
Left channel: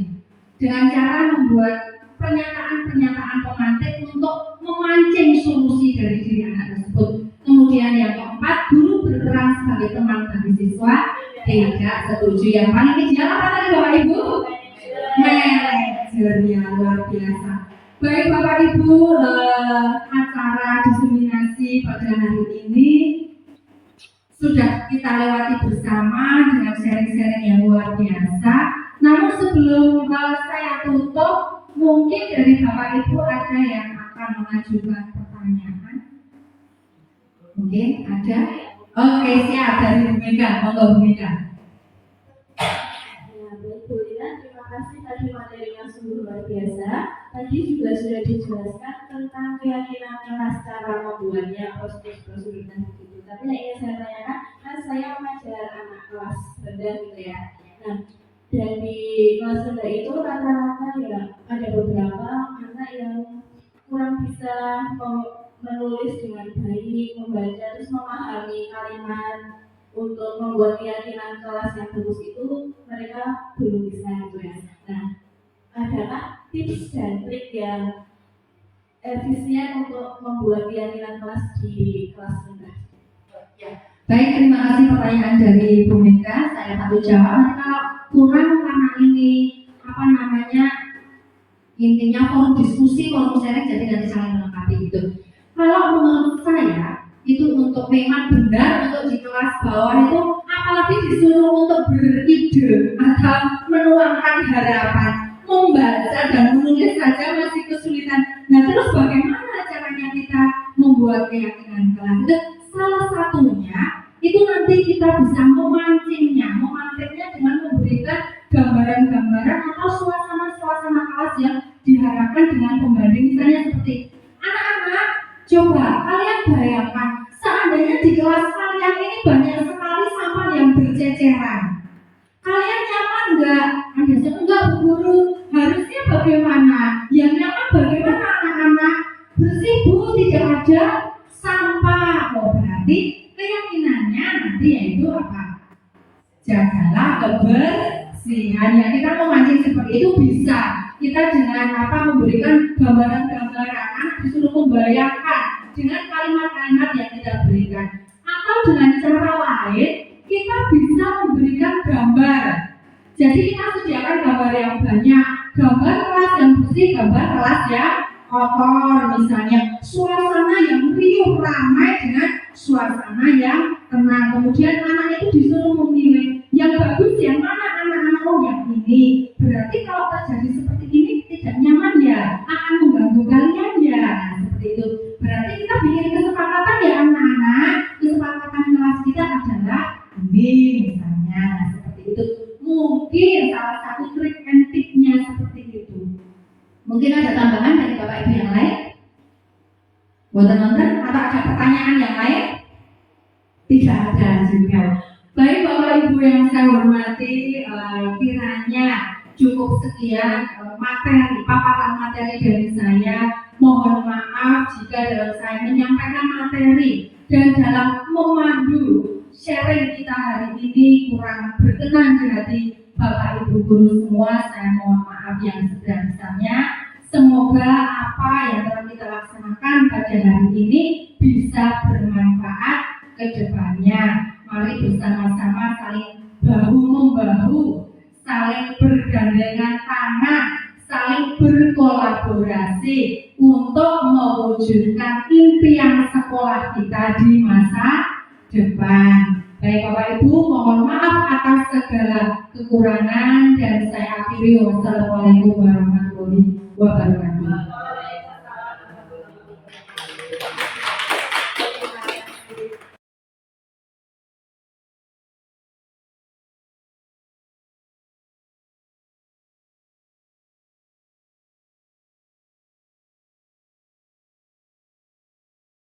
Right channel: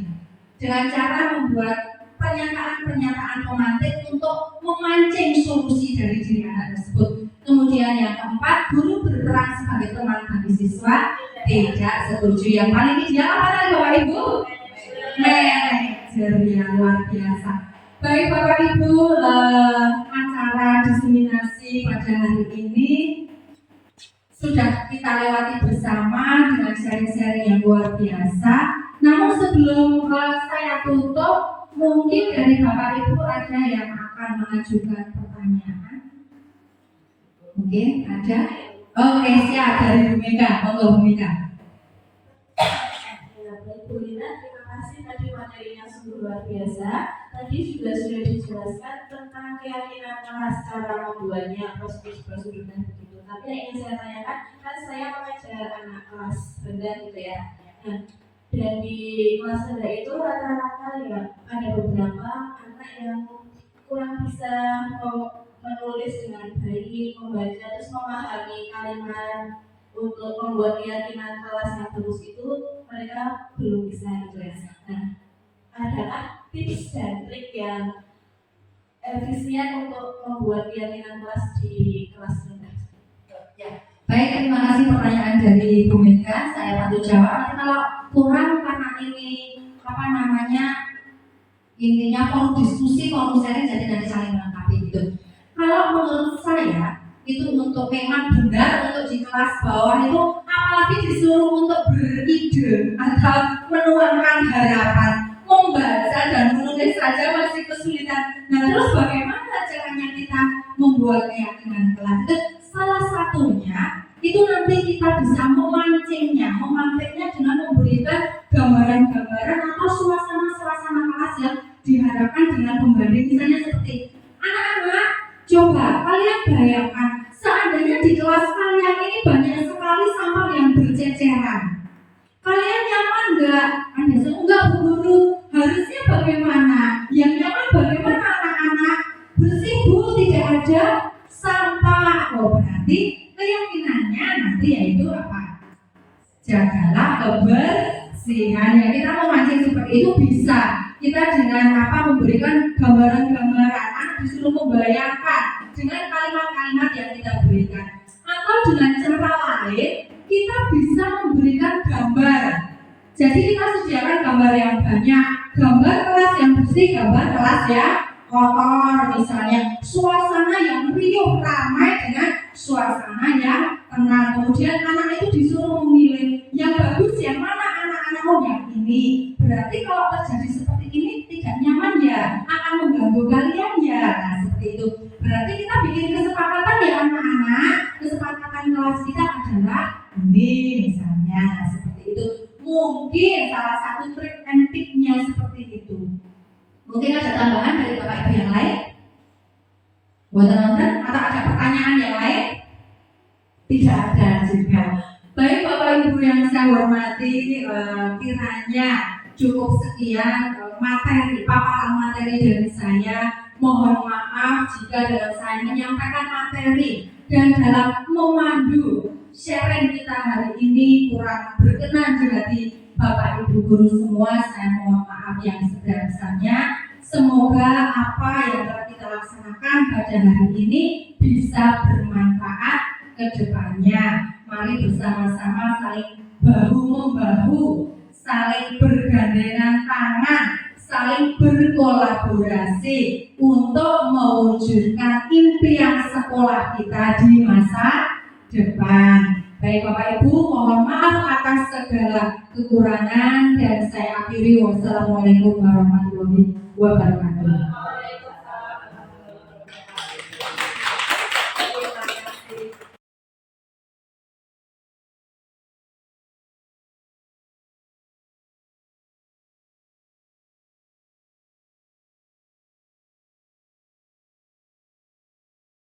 dengan cara membuat pernyataan pemantik untuk memancing solusi dari diri anak tersebut. Kemudian yang keempat, guru berperan sebagai teman bagi siswa. Tidak setuju. Yang paling ideal apa tadi Bapak Ibu? Manajer yang luar biasa. Baik Bapak Ibu, acara diseminasi pada hari ini sudah kita lewati bersama dengan sharing-sharing yang luar biasa. Namun sebelum saya tutup, mungkin dari Bapak Ibu ada yang akan mengajukan pertanyaan. Mungkin ada? Oke, siap dari Bu Mega. Monggo Bu Mega. Ya, baik Bu Lina, terima kasih tadi materinya sungguh luar biasa. Tadi juga sudah dijelaskan tentang keyakinan kelas, cara membuatnya, prosedur dan begitu. Tapi yang ingin saya tanyakan, kan saya mengajar anak kelas rendah gitu ya. Nah, dan di kelas rendah itu rata-rata ya ada beberapa anak yang kurang bisa menulis dengan baik, membaca, terus memahami kalimat untuk membuat keyakinan kelas yang bagus itu mereka belum bisa gitu ya. Nah, adakah tips dan trik yang efisien untuk membuat keyakinan kelas di kelas rendah? Ya. Baik, terima kasih pertanyaan dari Bu Mega. Saya bantu jawab. Nanti kalau kurang karena ini intinya forum diskusi, forum sharing, jadi nanti saling melengkapi gitu. Kalau menurut saya memang benar untuk di kelas bawah itu, apalagi disuruh untuk beride atau menuangkan harapan, membaca dan menulis saja masih kesulitan. Nah, terus bagaimana caranya kita membuat keyakinan kelas? Itu salah satunya itu nanti kita bisa memantingnya dengan memberikan gambaran-gambaran atau suasana-suasana kelas yang diharapkan dengan pembanding. Misalnya seperti anak-anak, coba kalian bayangkan seandainya di kelas kalian ini banyak sekali sampah yang berceceran, kalian nyaman nggak? Anda enggak, Bu Guru. Harusnya bagaimana? Yang nyaman bagaimana anak-anak? Bersih, Bu, tidak ada sampah. Oh, berarti keyakinannya nanti yaitu apa? Jagalah kebersihan. Ya, kita memancing seperti itu bisa. Kita dengan memberikan gambaran-gambaran, anak disuruh membayangkan dengan kalimat-kalimat yang kita berikan. Atau dengan cara lain, kita bisa memberikan gambar. Jadi kita sediakan gambar yang banyak, gambar kelas yang bersih, gambar kelas yang kotor, misalnya suasana yang riuh ramai dengan suasana yang tenang. Kemudian anak itu disuruh memilih yang bagus yang mana, anak-anak. Oh, yang ini. Berarti kalau terjadi seperti ini tidak nyaman ya, akan mengganggu kalian ya. Nah, seperti itu. Berarti kita bikin kesepakatan ya anak-anak. Kesepakatan kelas kita adalah ini misalnya, seperti itu. Mungkin salah satu trik and tipnya seperti itu. Mungkin ada tambahan dari Bapak Ibu yang lain? Buat teman-teman, atau ada pertanyaan yang lain? Tidak ada juga. Baik Bapak Ibu yang saya hormati, kiranya cukup sekian materi, paparan materi dari saya. Mohon maaf jika dalam saya menyampaikan materi dan dalam memandu sharing kita hari ini kurang berkenan di hati Bapak Ibu guru semua. Saya mohon maaf yang sebesar-besarnya. Semoga apa yang telah kita laksanakan pada hari ini bisa bermanfaat ke depannya. Mari bersama-sama saling bahu-membahu, saling bergandengan tangan, saling berkolaborasi untuk mewujudkan impian sekolah kita di masa depan. Baik Bapak Ibu, mohon maaf atas segala kekurangan dan saya akhiri. Wassalamualaikum warahmatullahi wabarakatuh.